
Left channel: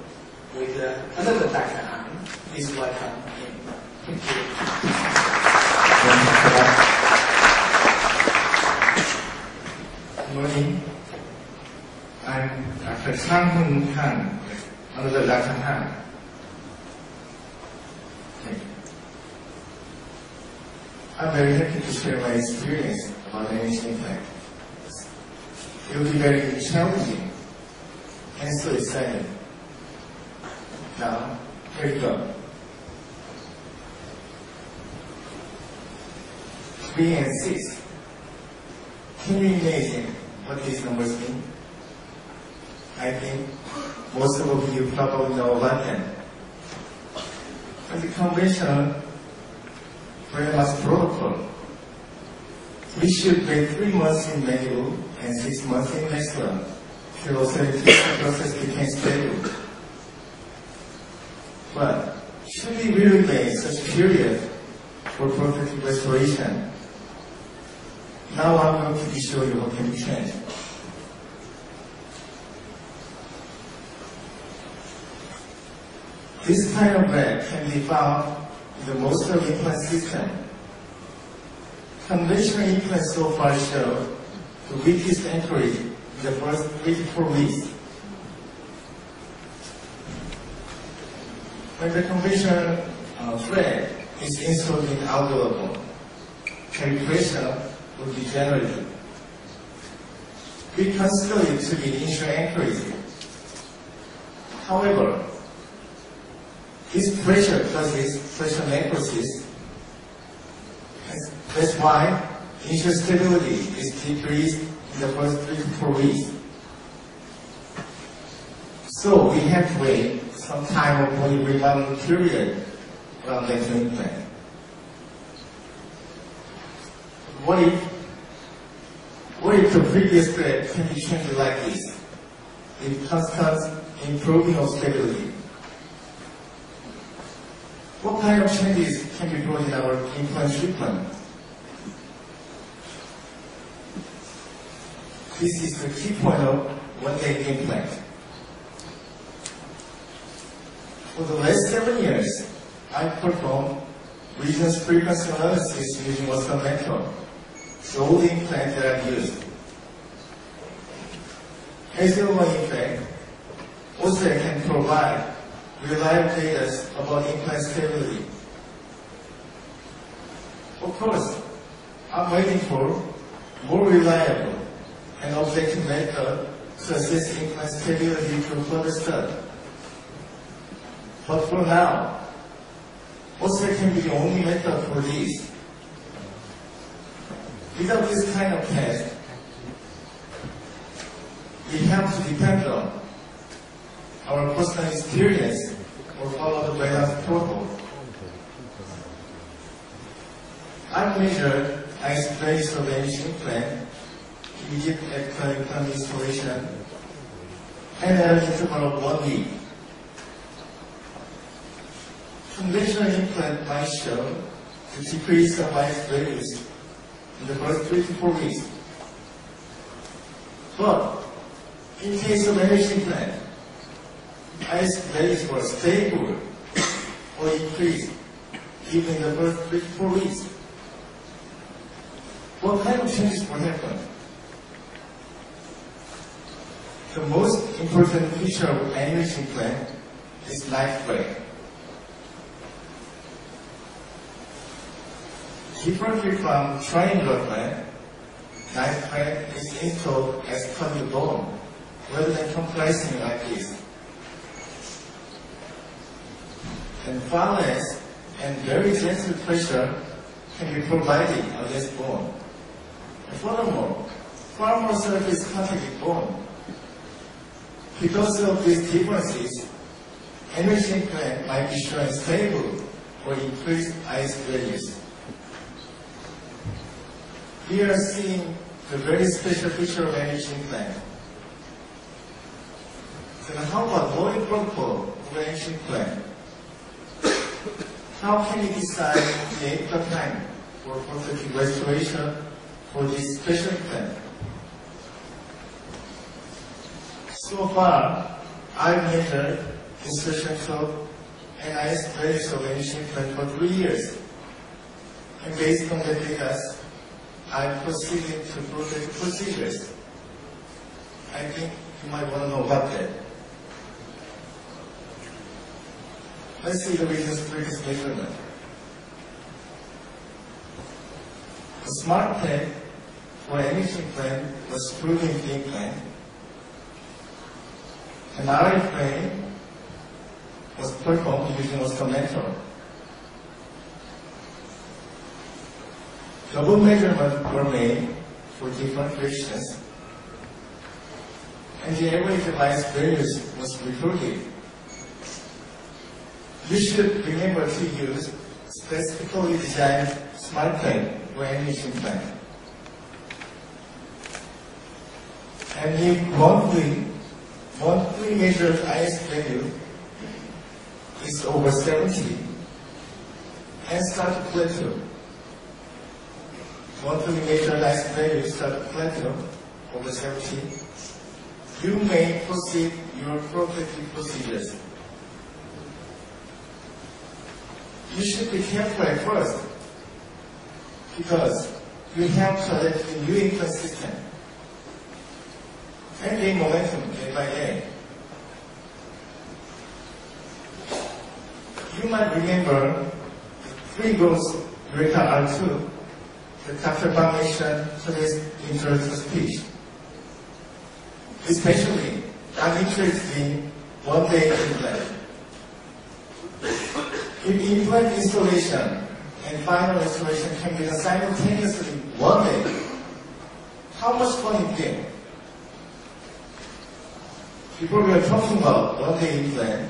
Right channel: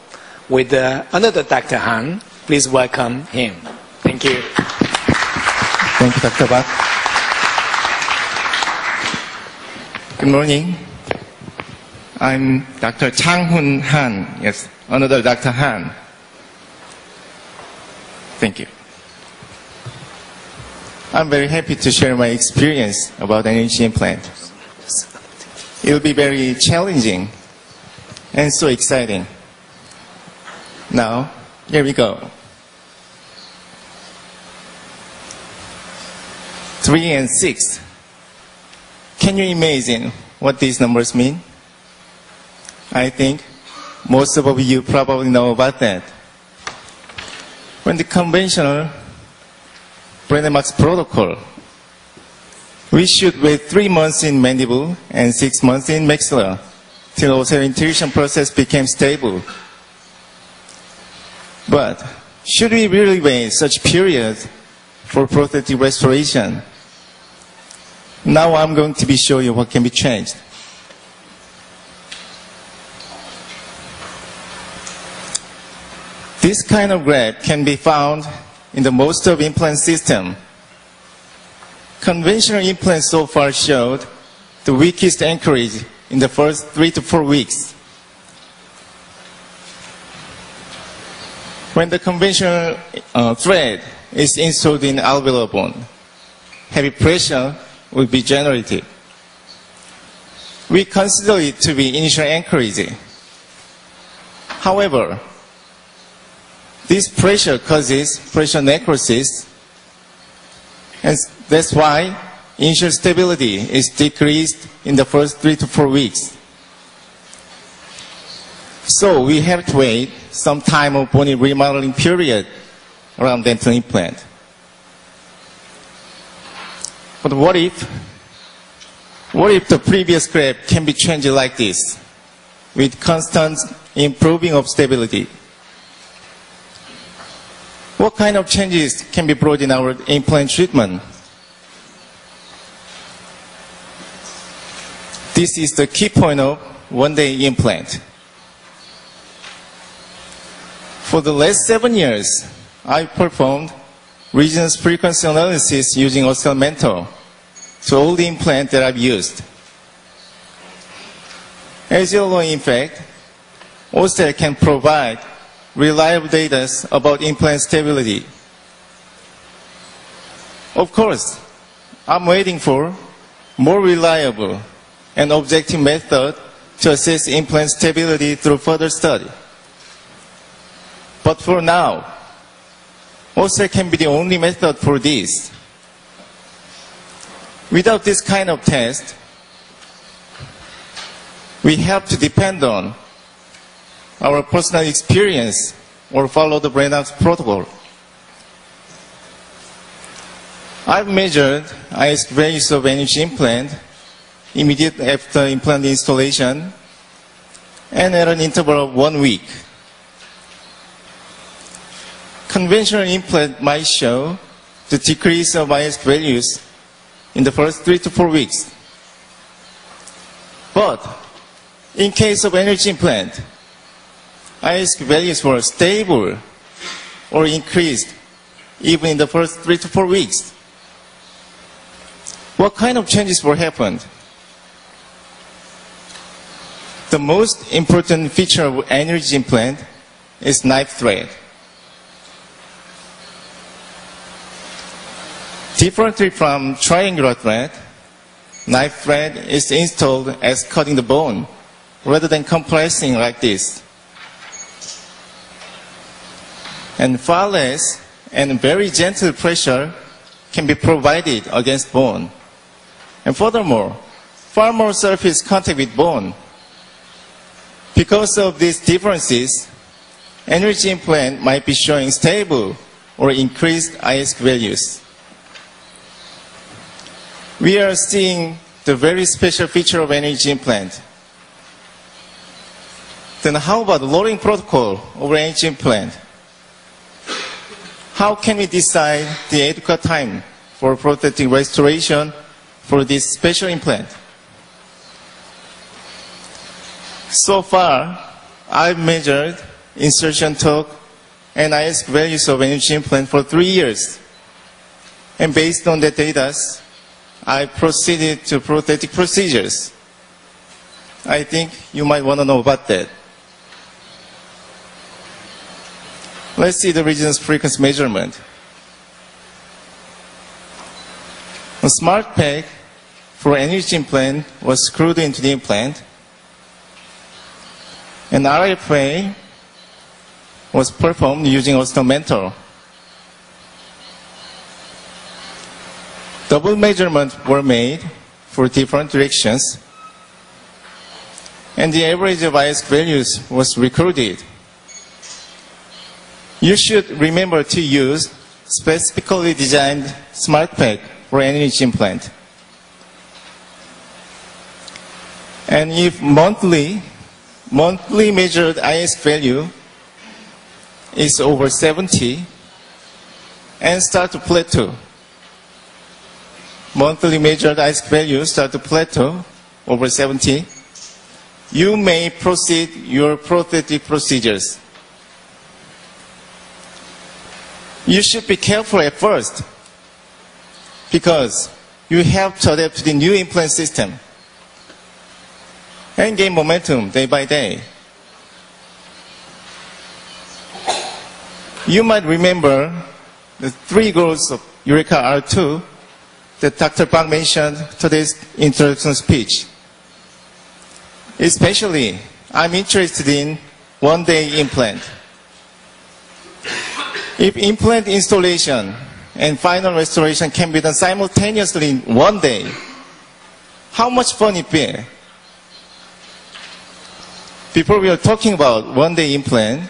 with another Dr. Han. Please welcome him. Thank you. Thank you, Dr. Bat. Good morning. I'm Dr. Chang-Hun Han. Yes, another Dr. Han. Thank you. I'm very happy to share my experience about NHC implant. It will be very challenging and so exciting. Now, here we go. 3 and 6. Can you imagine what these numbers mean? I think most of you probably know about that. When the conventional Brenner-Max protocol We should wait 3 months in mandible and 6 months in maxilla till osseointegration process became stable. But should we really wait such period for prosthetic restoration? Now I'm going to be showing you what can be changed. This kind of graph can be found in the most of implant system. Conventional implants so far showed the weakest anchorage in the first 3 to 4 weeks. When the conventional thread is installed in alveolar bone, heavy pressure will be generated. We consider it to be initial anchorage. However, this pressure causes pressure necrosis, and that's why initial stability is decreased in the first 3 to 4 weeks. So we have to wait some time of bony remodeling period around dental implant. But what if the previous graph can be changed like this, with constant improving of stability? What kind of changes can be brought in our implant treatment? This is the key point of one-day implant. For the last 7 years, I performed resonance frequency analysis using oscillatometer to all the implants that I've used. As you know, in fact, OSTEL can provide reliable data about implant stability. Of course, I'm waiting for more reliable and objective method to assess implant stability through further study. But for now, OSTEL can be the only method for this. Without this kind of test, we have to depend on our personal experience or follow the Brennan's protocol. I've measured IS values of energy implant immediately after implant installation and at an interval of 1 week. Conventional implant might show the decrease of IS values in the first 3 to 4 weeks. But in case of energy implant, IS values were stable or increased even in the first 3 to 4 weeks. What kind of changes were happened? The most important feature of energy implant is knife thread. Differently from triangular thread, knife thread is installed as cutting the bone rather than compressing like this. And far less and very gentle pressure can be provided against bone. And furthermore, far more surface contact with bone. Because of these differences, energy implant might be showing stable or increased IS values. We are seeing the very special feature of energy implant. Then how about loading protocol over energy implant? How can we decide the adequate time for prosthetic restoration for this special implant? So far, I've measured insertion torque and IS values of energy implant for 3 years. And based on the data, I proceeded to prosthetic procedures. I think you might want to know about that. Let's see the resonance frequency measurement. A smart peg for energy implant was screwed into the implant. An RFA was performed using oscillatometer. Double measurements were made for different directions, and the average of IS values was recorded. You should remember to use specifically designed smart peg for energy implant. And if monthly measured IS value is over 70 and start to plateau, monthly measured IS value start to plateau over 70, you may proceed your prosthetic procedures. You should be careful at first because you have to adapt to the new implant system and gain momentum day by day. You might remember the 3 goals of Eureka R2 that Dr. Bach mentioned today's introduction speech. Especially, I'm interested in one-day implant. If implant installation and final restoration can be done simultaneously in one day, how much fun it be? Before we are talking about one-day implant,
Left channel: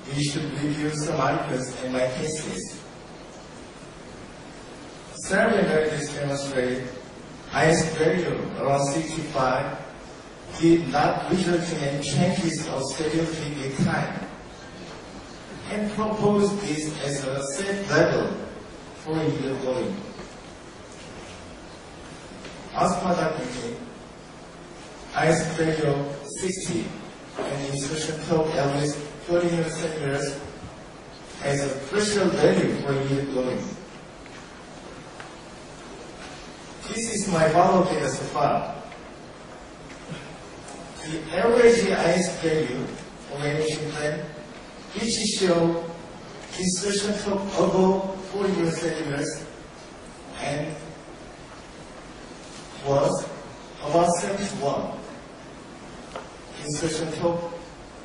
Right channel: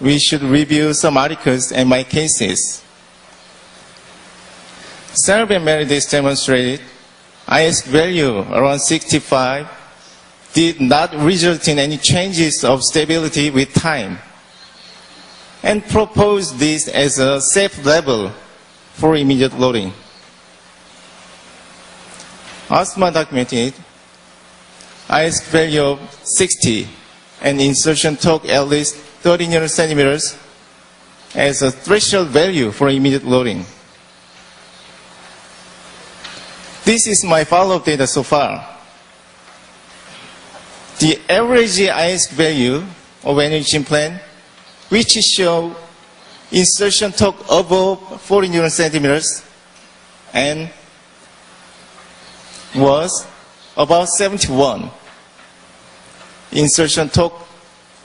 we should review some articles and my cases. Sarah and Meredith demonstrated IS value around 65 did not result in any changes of stability with time, and proposed this as a safe level for immediate loading. Asma documented IS value of 60 and insertion torque at least 30 centimeters as a threshold value for immediate loading. This is my follow-up data so far. The average IS value of NH implant, which show insertion torque above 40 centimeters and was about 71. Insertion torque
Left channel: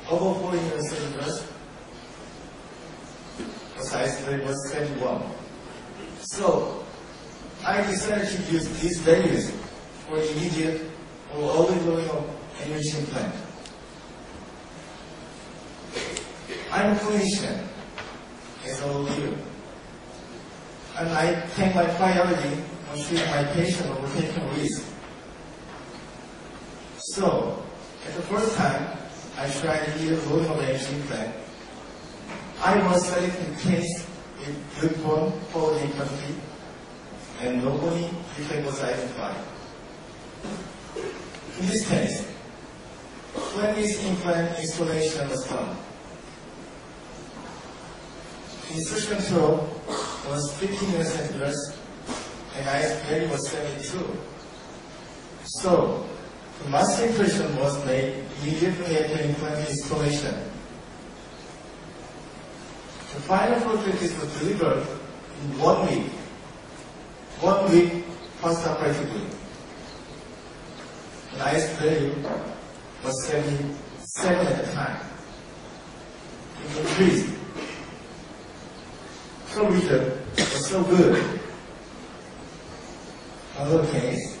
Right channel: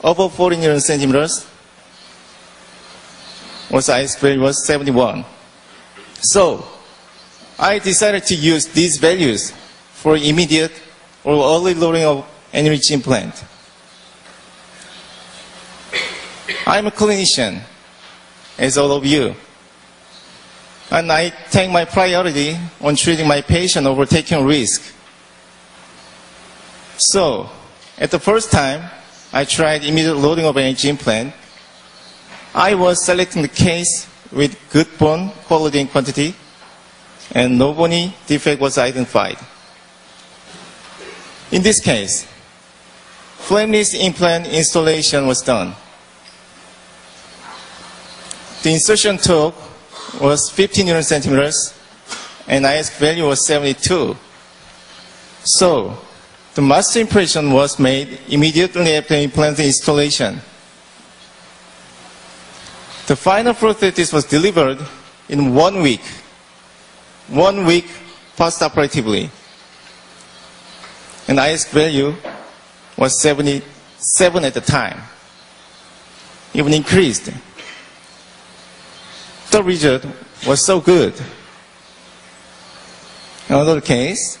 above 40 centimeters was IS value was 71. So I decided to use these values for immediate or early loading of NH implant. I'm a clinician, as all of you, and I take my priority on treating my patient over taking risk. So, at the first time I tried immediate loading of NH implant, I was selecting the case with good bone quality and quantity, and no bony defect was identified. In this case, flameless implant installation was done. The insertion torque was 15 centimeters and IS value was 72. So, the master impression was made immediately after implant installation. The final prosthesis was delivered in 1 week. 1 week post-operatively. And IS value was 77 at the time, even increased. The result was so good. Another case,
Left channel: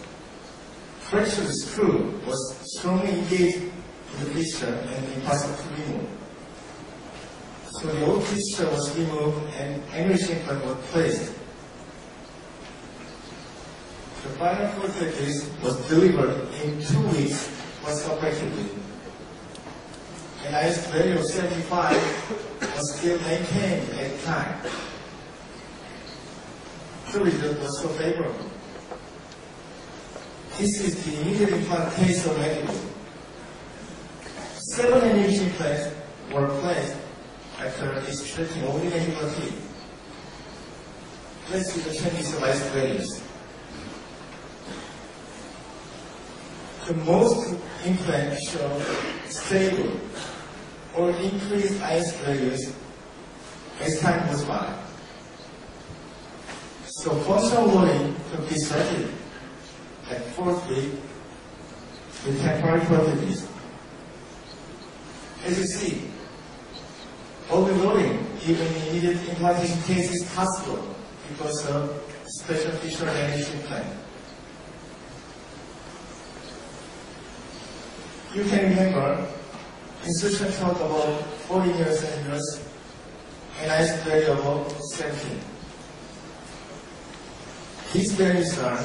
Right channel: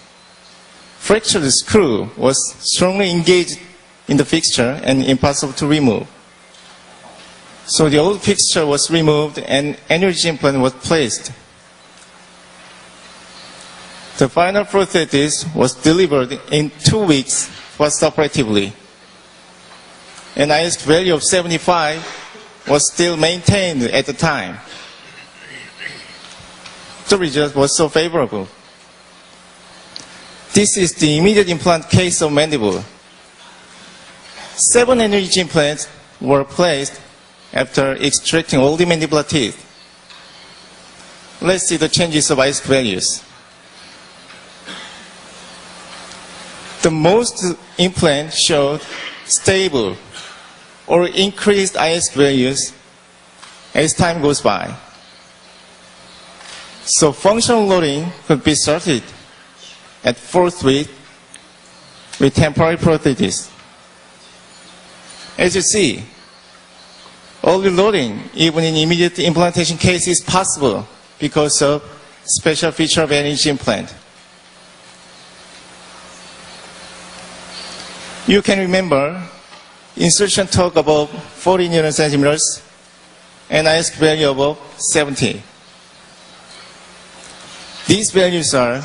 fractured screw was strongly engaged in the fixture and impossible to remove. So the old fixture was removed and NH implant was placed. The final prosthesis was delivered in 2 weeks post-operatively. An IS value of 75 was still maintained at the time. The result was so favorable. This is the immediate implant case of mandible. 7 NH implants were placed after extracting all the mandibular teeth. Let's see the changes of IS values. The most implants showed stable or increased IS values as time goes by. So functional loading could be started at 4th week with temporary prosthesis. As you see, early loading, even in immediate implantation case, is possible because of special feature of NH implant. You can remember insertion torque above 40 centimeters and IS value above 70. These values are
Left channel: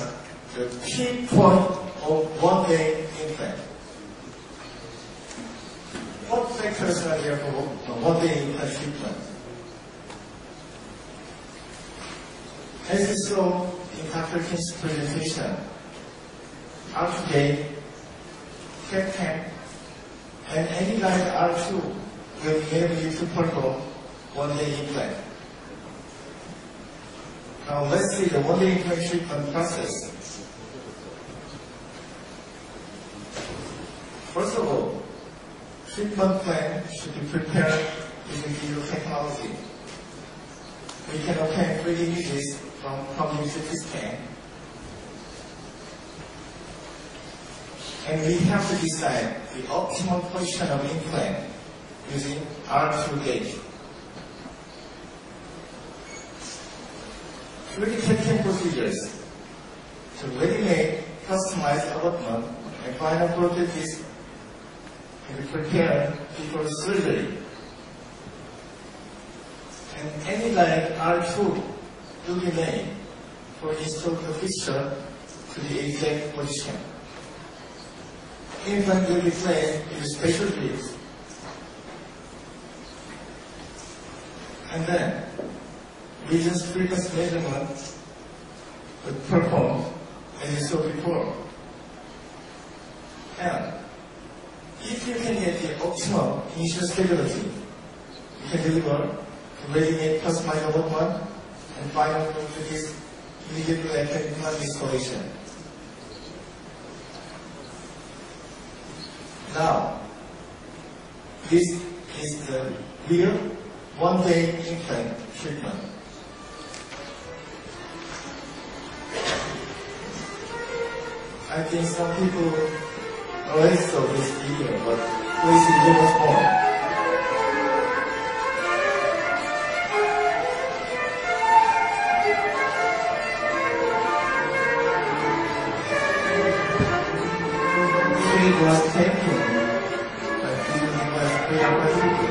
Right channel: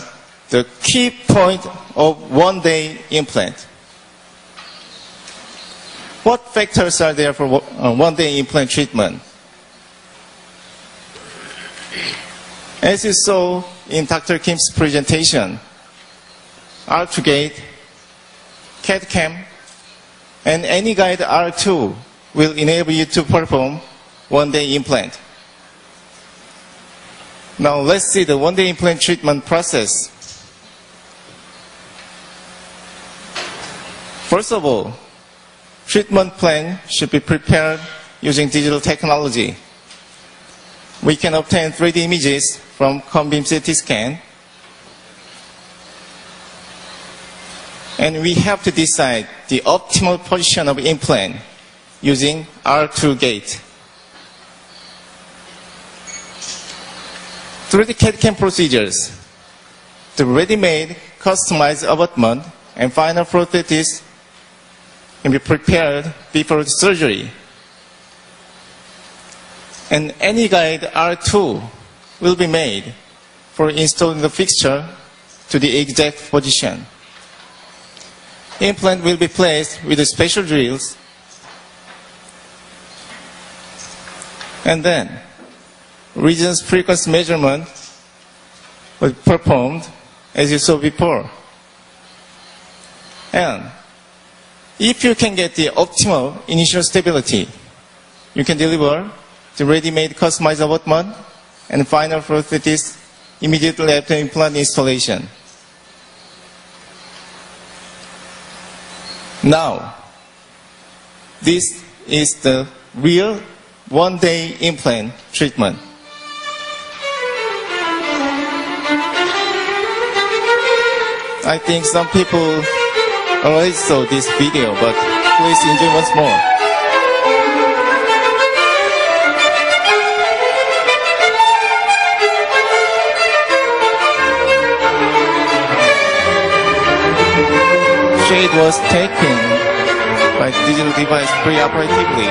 the key point of one-day implant. What factors are there for one-day implant treatment? As you saw in Dr. Kim's presentation, R2Gate, CAD-CAM, and AnyGuide R2 will enable you to perform one-day implant. Now let's see the one-day implant treatment process. First of all, treatment plan should be prepared using digital technology. We can obtain 3D images from cone-beam CT scan, and we have to decide the optimal position of implant using R2 gate. Through the CAD-CAM procedures, the ready-made customized abutment and final prosthesis can be prepared before surgery. And AnyGuide R2 will be made for installing the fixture to the exact position. Implant will be placed with the special drills, and then regions frequency measurement was performed as you saw before. And if you can get the optimal initial stability, you can deliver the ready-made customized abutment and final prosthesis immediately after implant installation. Now, this is the real one-day implant treatment. I think some people already saw this video, but please enjoy once more. Shade was taken by digital device preoperatively.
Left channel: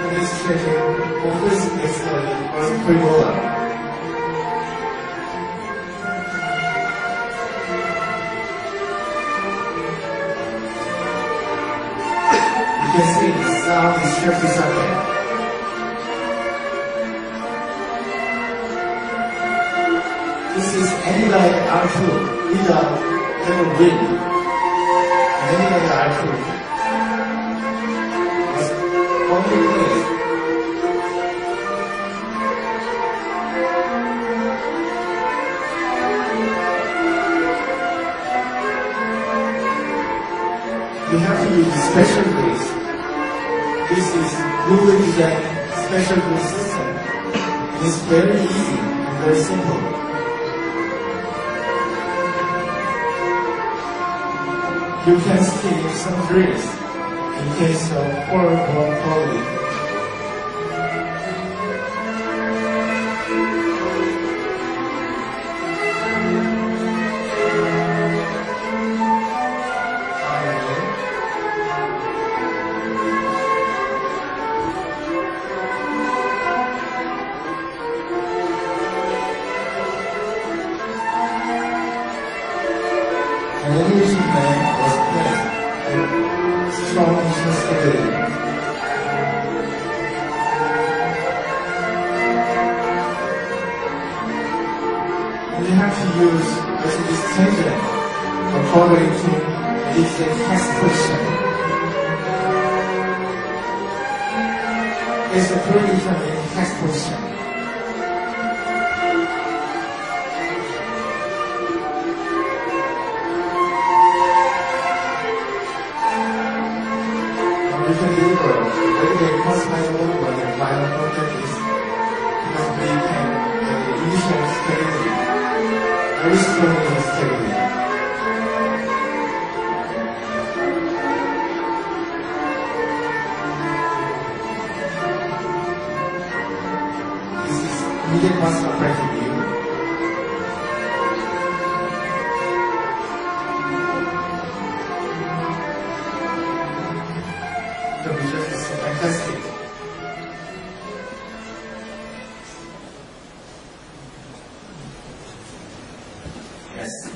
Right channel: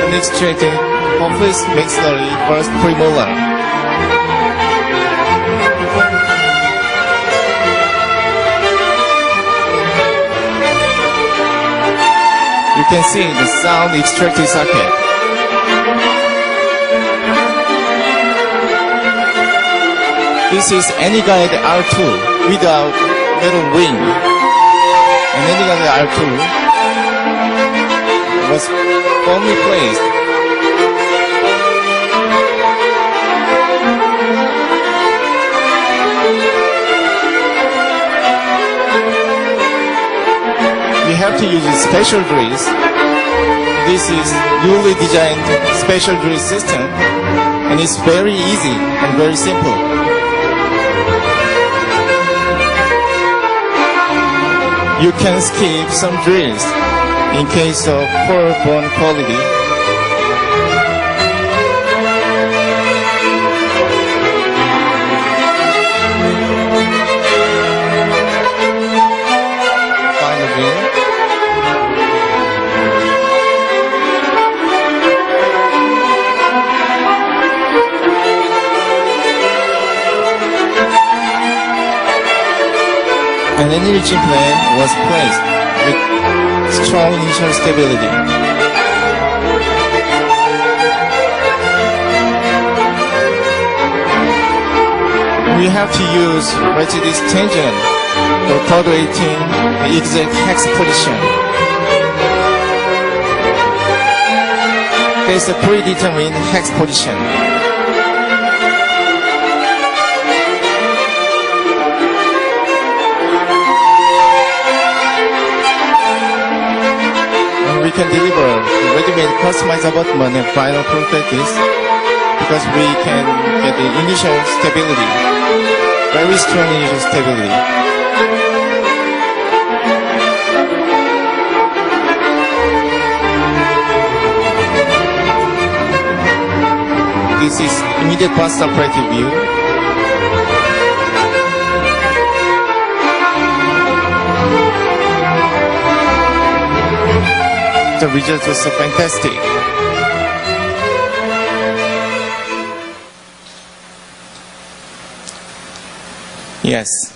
And extracted complex maxillary first premolar. You can see the sound extracted socket. This is AnyGuide R2 without metal ring. And AnyGuide R2 was firmly placed. We have to use special drills. This is newly designed special drill system, and it's very easy and very simple. You can skip some drills in case of poor bone quality. An enriching plan was placed with strong initial stability. We have to use Mercedes tangent for tolerating the exact hex position. There's a predetermined hex position. We can deliver ready-made customized abutment and final prosthesis because we can get the initial stability, very strong initial stability. This is immediate post-operative view. The results were so fantastic. Yes.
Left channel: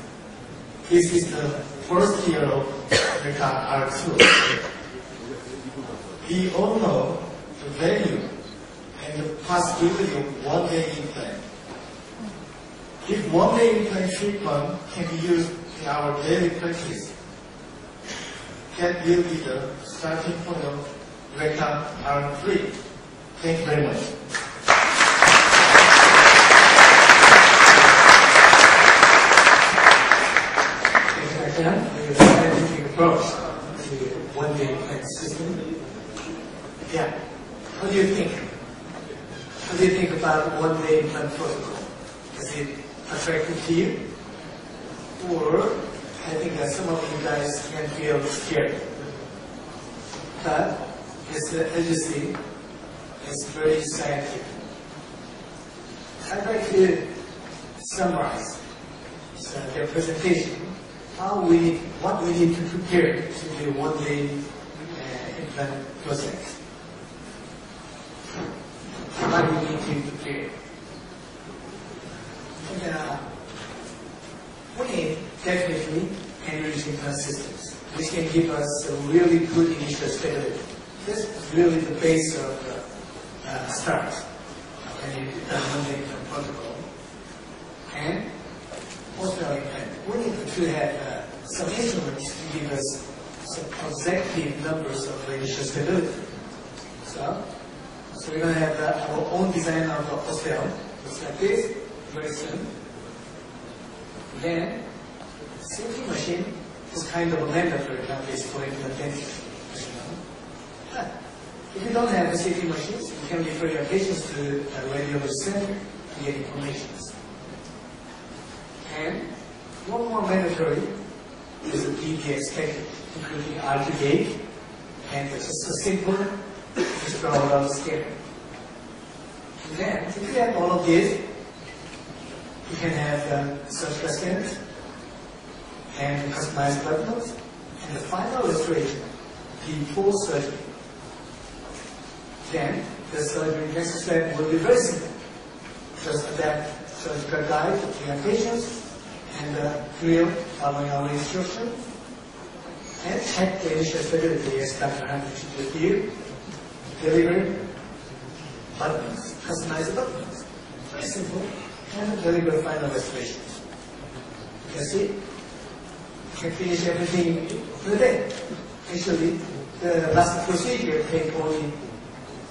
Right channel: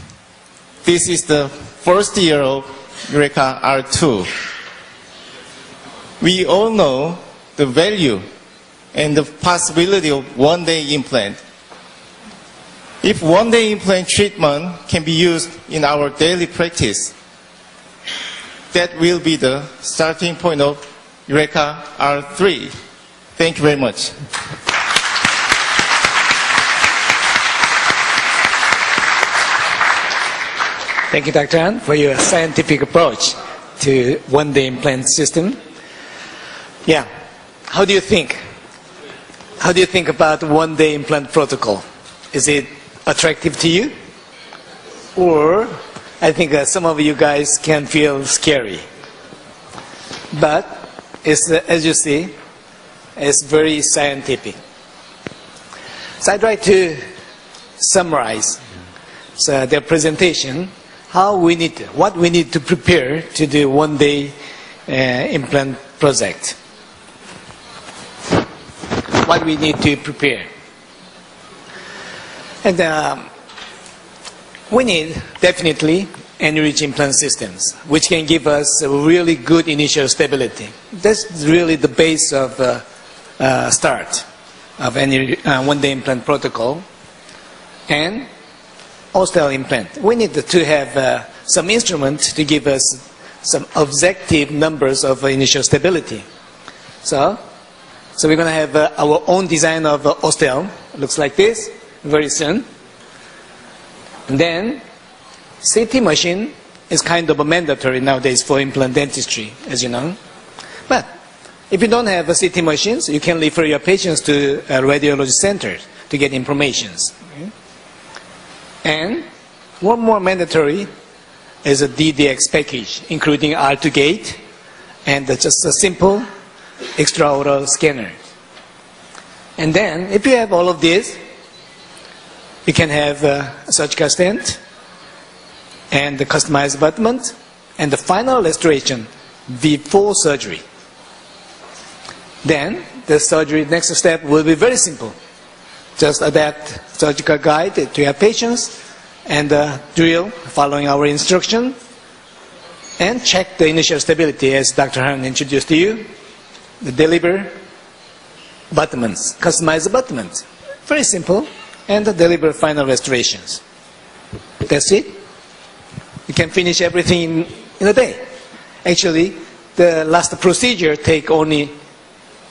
This is the first year of Eureka R2. We all know the value and the possibility of one-day implant. If one-day implant treatment can be used in our daily practice, that will be the starting point of Eureka R3. Thank you very much. Thank you, Dr. Han, for your scientific approach to one-day implant system. Yeah. How do you think? How do you think about one-day implant protocol? Is it attractive to you? Or I think some of you guys can feel scary. But it's, as you see, it's very scientific. So I try to summarize their presentation, what we need to prepare to do one-day implant project. What we need to prepare. And we need definitely enriched implant systems, which can give us a really good initial stability. That's really the base of start of any one-day implant protocol. And osteal implant. We need to have some instrument to give us some objective numbers of initial stability. So we're going to have our own design of osteal. Looks like this very soon. And then CT machine is kind of a mandatory nowadays for implant dentistry, as you know. But if you don't have CT machines, you can refer your patients to a radiology center to get informations. And one more mandatory is a DDX package, including R2 gate and just a simple extraoral scanner. And then, if you have all of this, you can have a surgical stent and the customized abutment and the final restoration before surgery. Then, the surgery next step will be very simple. Just adapt surgical guide to your patients and drill following our instruction and check the initial stability as Dr. Han introduced to you. The deliver abutments, customized abutments. Very simple. And deliver final restorations. That's it. You can finish everything in a day. Actually, the last procedure take only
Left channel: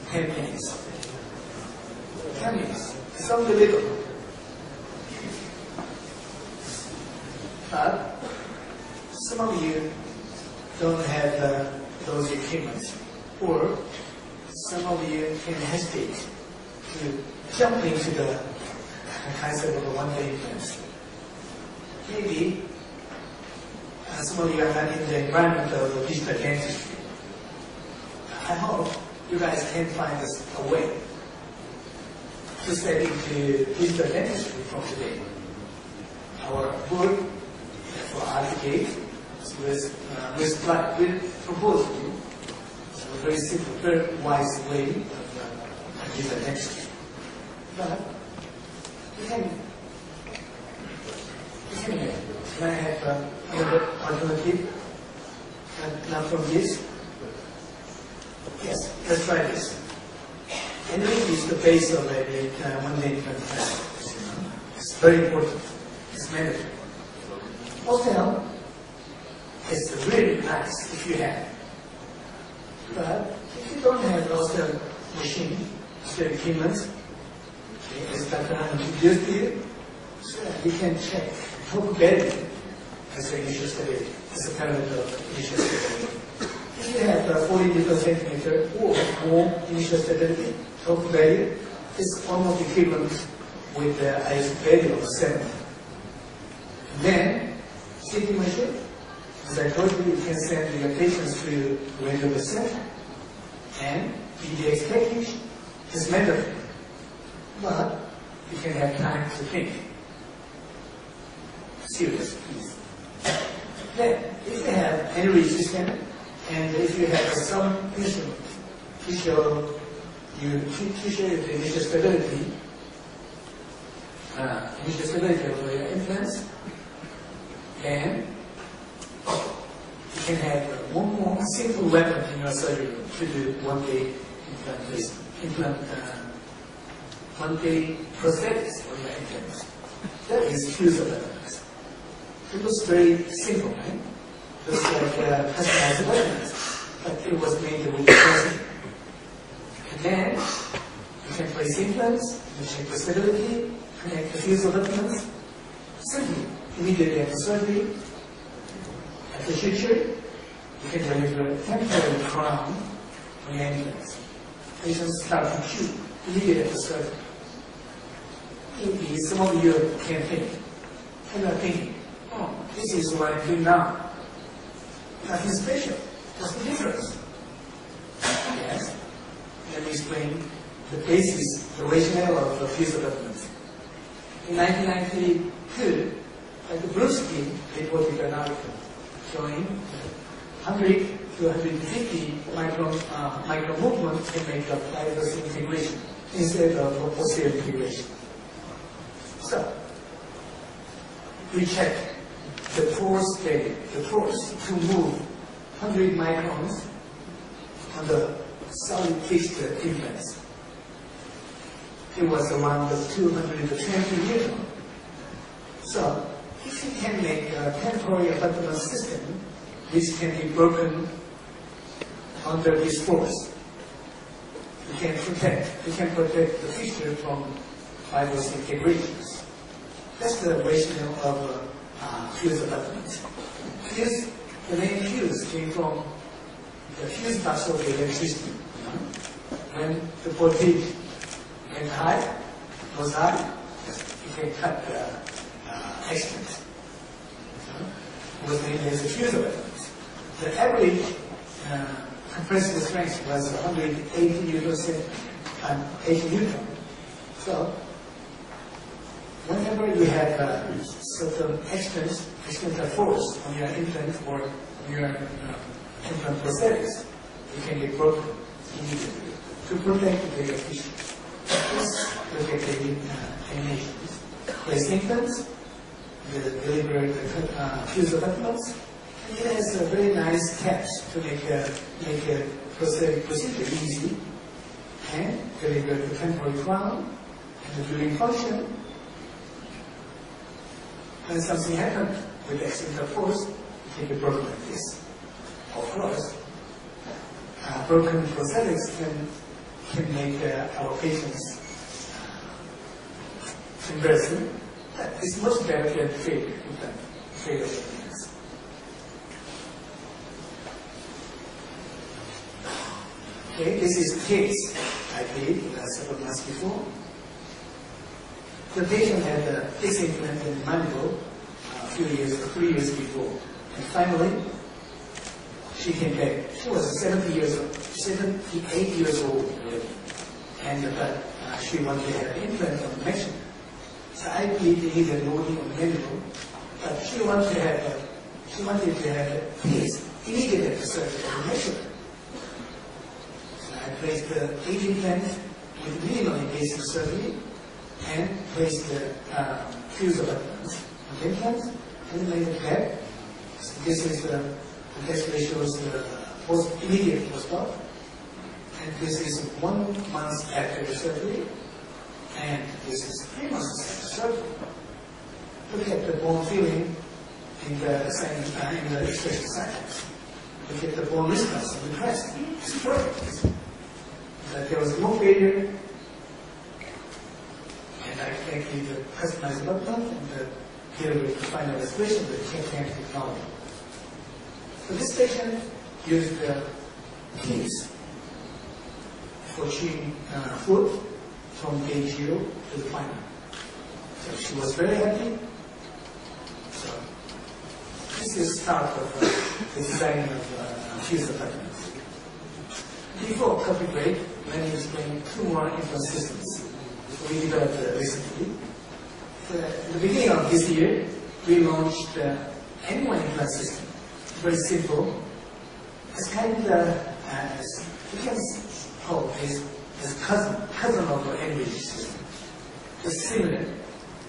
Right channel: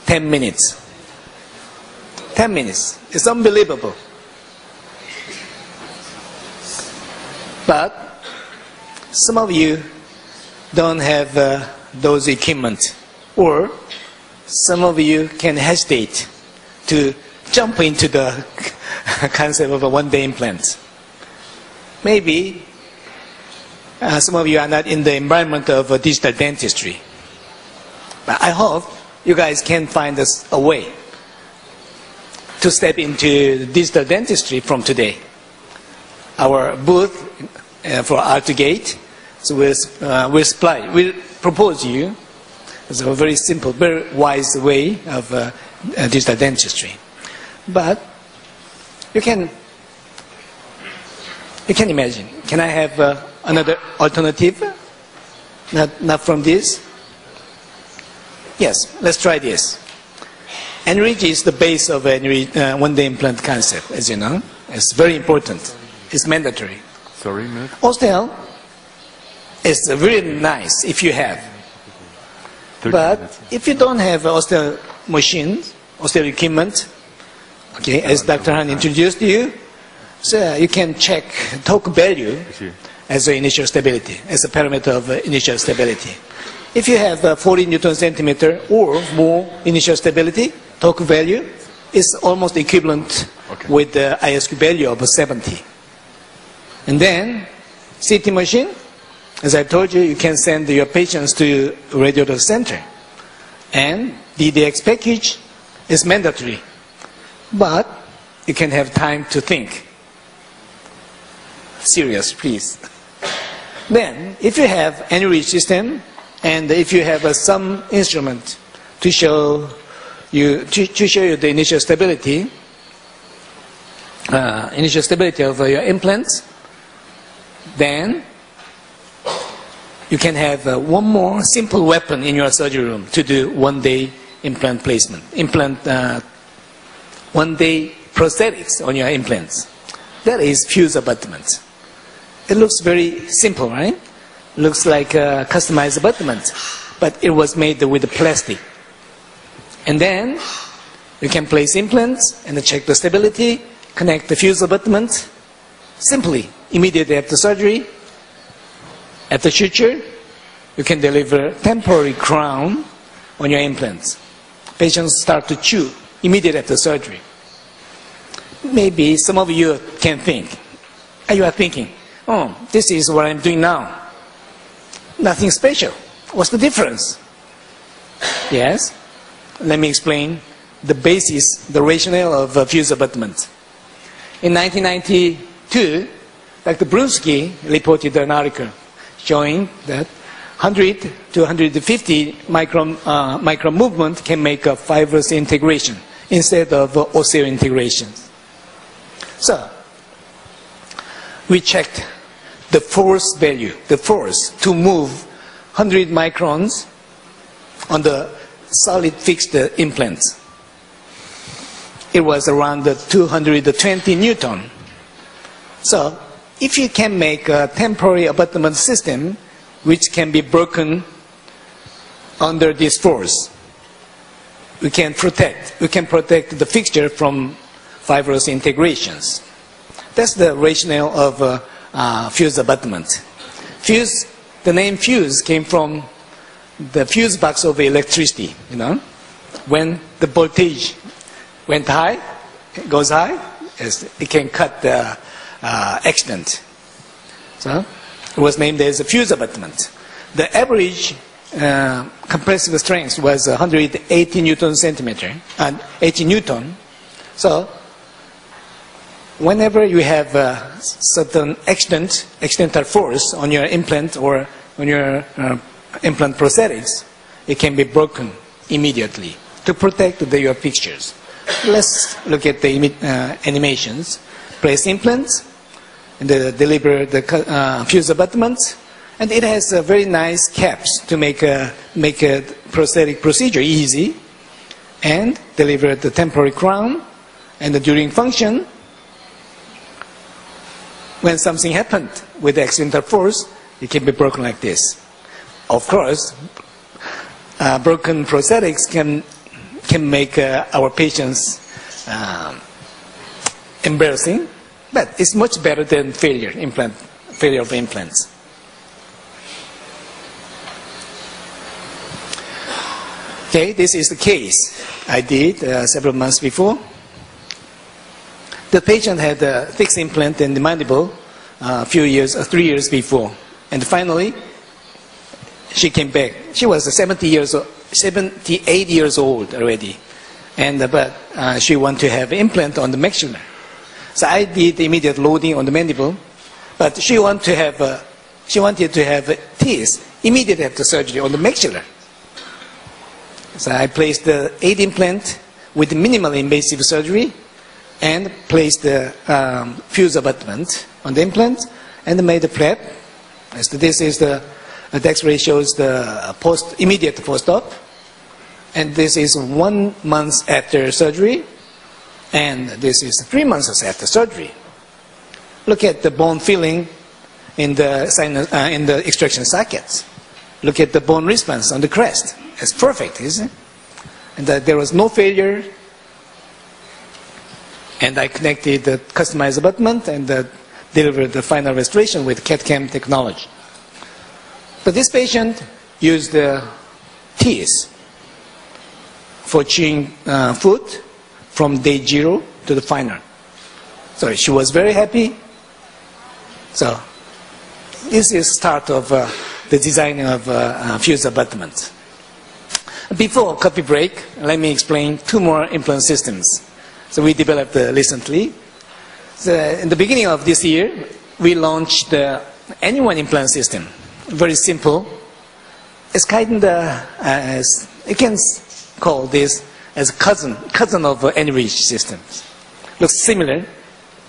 10 minutes. 10 minutes. It's unbelievable. But some of you don't have those equipment, or some of you can hesitate to jump into the concept of a one-day implant. Maybe some of you are not in the environment of digital dentistry. But I hope you guys can find us a way to step into digital dentistry from today. Our booth for R2 Gate, so we'll propose you as a very simple, very wise way of digital dentistry. But you can imagine, can I have another alternative? Not from this? Yes, let's try this. Enrich is the base of one-day implant concept, as you know. It's very important. It's mandatory. Sorry, Matt? Osteal is really nice if you have. But if you don't have osteal machines, osteal equipment, okay, as Dr. Han introduced you, so you can check torque value as an initial stability, as a parameter of initial stability. If you have 40 Newton centimeter or more initial stability, torque value is almost equivalent with the ISQ value of 70. And then, CT machine, as I told you, you can send your patients to radiology center. And DDX package is mandatory. But you can have time to think. Serious, please. Then, if you have enriched system, and if you have some instrument to show you the initial stability of your implants, then you can have one more simple weapon in your surgery room to do one-day implant placement, one-day prosthetics on your implants. That is fuse abutment. It looks very simple, right? Looks like a customized abutment, but it was made with plastic. And then you can place implants and check the stability, connect the fuse abutment simply, immediately after surgery. At the suture, you can deliver temporary crown on your implants. Patients start to chew immediately after surgery. Maybe some of you can think, you are thinking, oh, this is what I'm doing now. Nothing special. What's the difference? Yes, let me explain the basis, the rationale of fuse abutment. In 1992, Dr. Brunsky reported an article showing that 100 to 150 micron movement can make a fibrous integration instead of osseointegration. So, we checked the force value, the force to move 100 microns on the solid fixed implants. It was around 220 Newton. So, if you can make a temporary abutment system which can be broken under this force, we can protect the fixture from fibrous integrations. That's the rationale of fuse abutment. Fuse, the name fuse came from the fuse box of electricity. You know, when the voltage went high, goes high, it can cut the extent. So it was named as a fuse abutment. The average compressive strength was 180 Newton centimeter, and 80 Newton. So whenever you have a certain external force on your implant or on your implant prosthetics, it can be broken immediately to protect your fixtures. Let's look at the animations. Place implants and deliver the fuse abutments, and it has very nice caps to make a prosthetic procedure easy, and deliver the temporary crown. And during function, when something happened with the accidental force, it can be broken like this. Of course, broken prosthetics can make our patients embarrassing, but it's much better than failure of implants. Okay, this is the case I did several months before. The patient had a fixed implant in the mandible a few years, 3 years before, and finally she came back. She was 78 years old already, but she wanted to have implant on the maxilla. So I did immediate loading on the mandible, but she wanted to have teeth immediately after surgery on the maxilla. So I placed the 8 implant with minimally invasive surgery and placed the fuse abutment on the implant and made the flap. So this is the X-ray shows the immediate post-op, and this is 1 month after surgery, and this is 3 months after surgery. Look at the bone filling in the extraction sockets. Look at the bone response on the crest. It's perfect, isn't it? And there was no failure. And I connected the customized abutment and delivered the final restoration with CAD/CAM technology. But this patient used teeth for chewing food from day 0 to the final. So she was very happy. So this is start of the design of fuse abutment. Before coffee break, let me explain 2 more implant systems. So we developed recently. So in the beginning of this year, we launched the N1 implant system. Very simple. It's kind of, you can call this as cousin of N-Reach systems. Looks similar,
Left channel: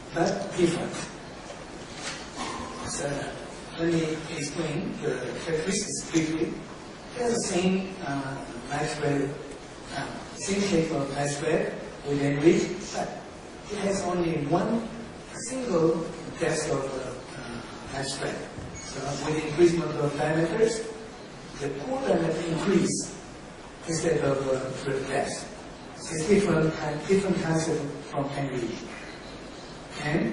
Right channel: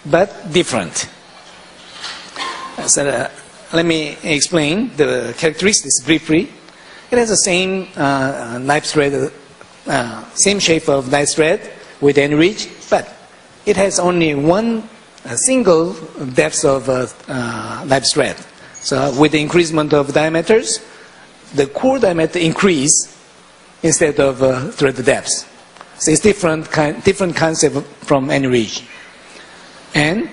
but different. So, let me explain the characteristics briefly. It has the same knife thread, same shape of knife thread with any ridge, but it has only one single depth of knife thread. So with the increasement of diameters, the core diameter increase instead of thread depth. So it's different concept from any ridge. And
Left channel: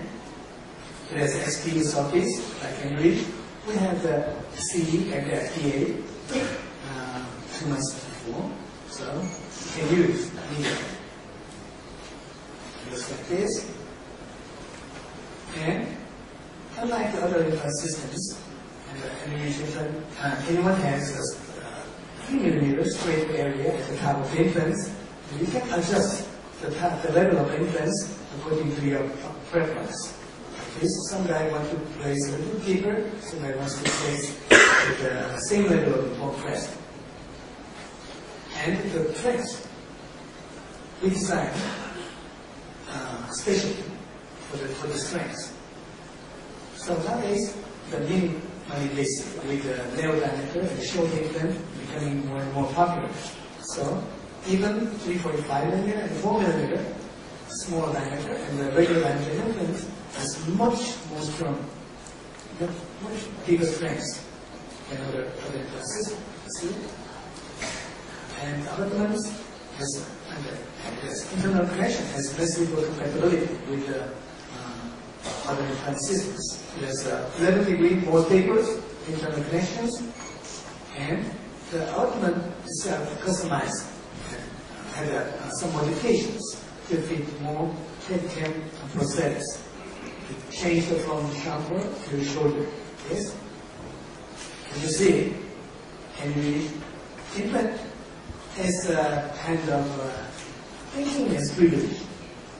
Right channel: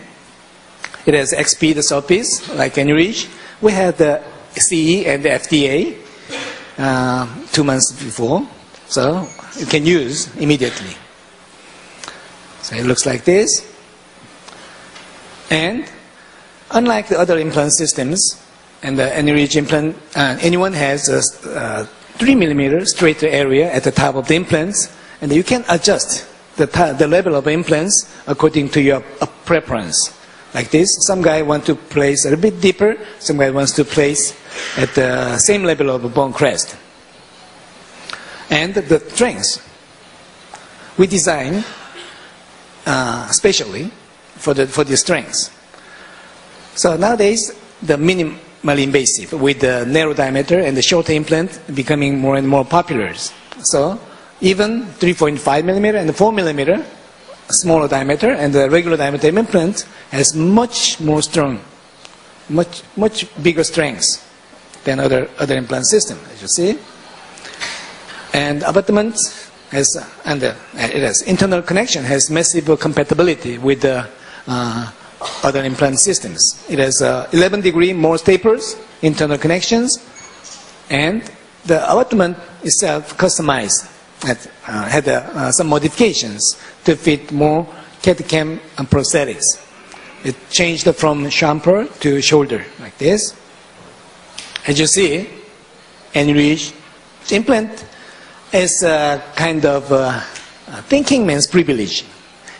it has XP, the surface, like any ridge. We had the CE and the FDA 2 months before, so you can use immediately. So it looks like this. And unlike the other implant systems, and any ridge implant, anyone has a 3 millimeter straighter area at the top of the implants, and you can adjust the level of implants according to your preference. Like this, some guy wants to place a little bit deeper, some guy wants to place at the same level of bone crest. And the strengths we design specially for the strengths. So nowadays, the minimally invasive with the narrow diameter and the shorter implant becoming more and more popular. So even 3.5 millimeter and 4 millimeter smaller diameter and the regular diameter implant has much more strong, much bigger strengths than other implant system, as you see. And abutment has, and it has internal connection, has massive compatibility with the other implant systems. It has 11 degree more tapers, internal connections, and the abutment itself customized, had some modifications to fit more CAD/CAM and prosthetics. It changed from chamfer to shoulder, like this. As you see, any ridge implant is a kind of thinking man's privilege.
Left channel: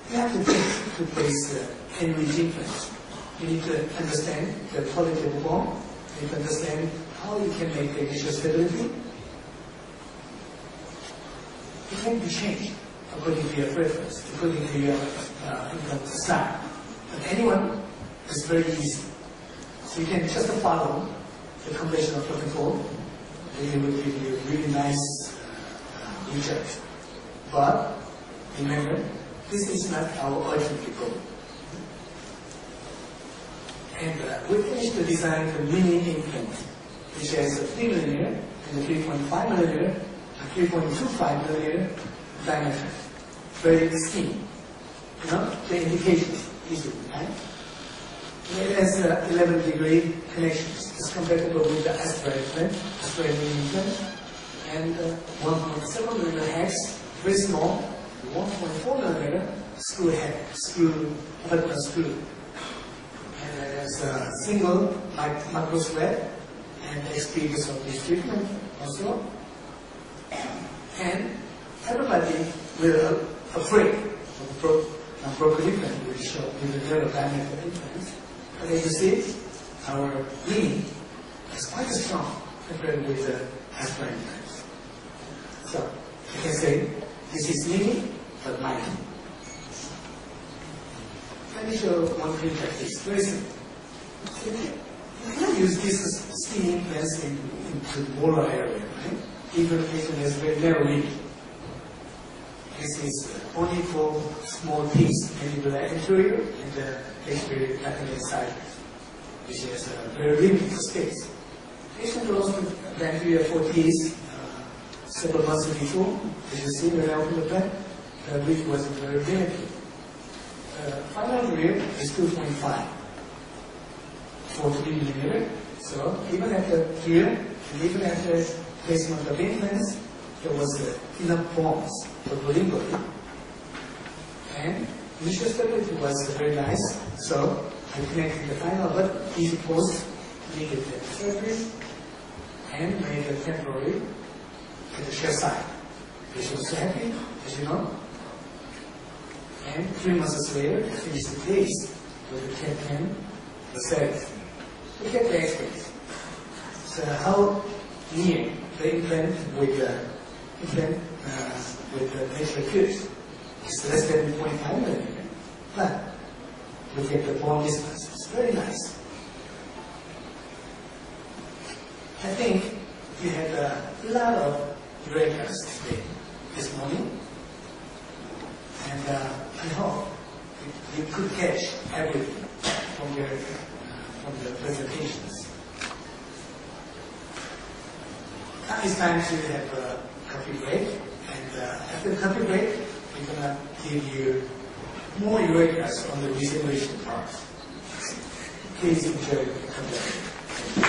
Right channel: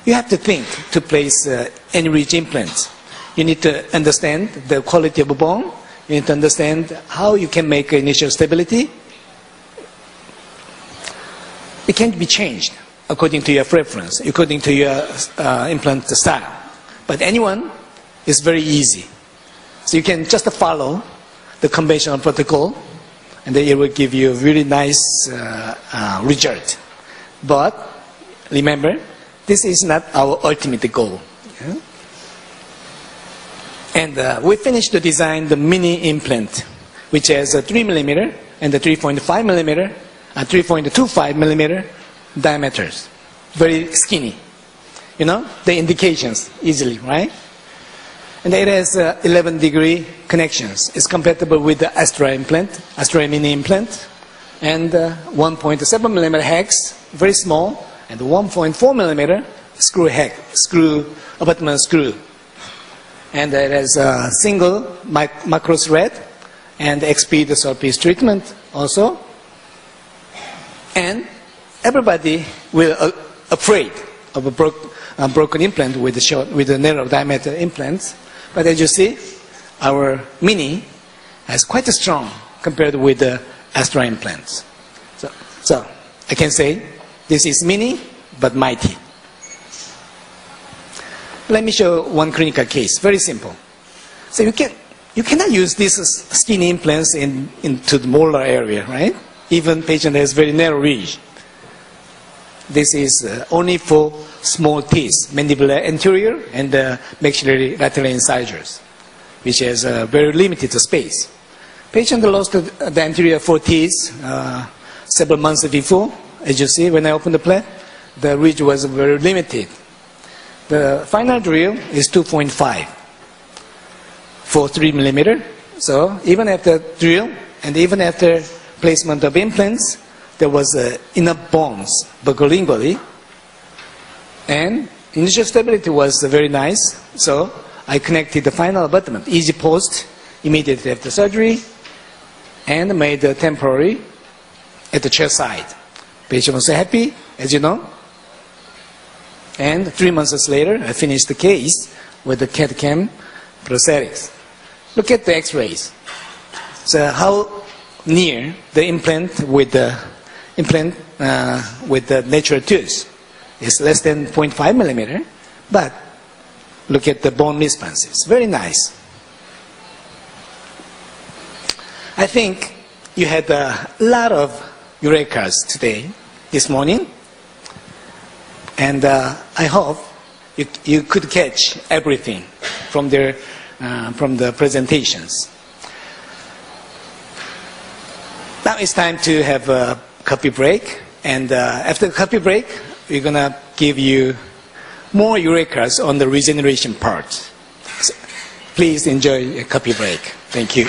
You have to think to place any ridge implant. You need to understand the quality of a bone. You need to understand how you can make initial stability. It can't be changed according to your preference, according to your implant style. But anyone is very easy. So you can just follow the conventional protocol, and then it will give you a really nice result. But remember, this is not our ultimate goal. Yeah? And we finished to design the mini implant, which has a 3 millimeter and the 3.5 millimeter, 3.25 millimeter diameters. Very skinny. You know, the indications easily, right? And it has 11 degree connections. It's compatible with the Astra implant, Astra mini implant, and 1.7 millimeter hex, very small, and 1.4 millimeter screw abutment screw. And it has a single macro thread and XP, the surface treatment also. And everybody will afraid of a broken implant with the narrow diameter implants. But as you see, our mini is quite strong compared with the Astra implants. So I can say this is mini but mighty. Let me show one clinical case. Very simple. So you cannot use these skinny implants into the molar area, right? Even patient has very narrow ridge. This is only for small teeth, mandibular anterior and maxillary lateral incisors, which has very limited space. Patient lost the anterior 4 teeth several months before. As you see, when I opened the plate, the ridge was very limited. The final drill is 2.5 for 3 millimeter. So even after drill and even after placement of implants, there was enough bones buccolingually, and initial stability was very nice. So I connected the final abutment, easy post, immediately after surgery, and made the temporary at the chest side. Patient was happy, as you know. And 3 months later, I finished the case with the CAD/CAM prosthetics. Look at the X-rays. So how near the implant with the natural tooth is less than 0.5 millimeter, but look at the bone response. It's very nice. I think you had a lot of eurekas today, this morning, and I hope you could catch everything from the presentations. Now it's time to have a coffee break, and after the coffee break, we're going to give you more eurekas on the regeneration part. So please enjoy a coffee break. Thank you.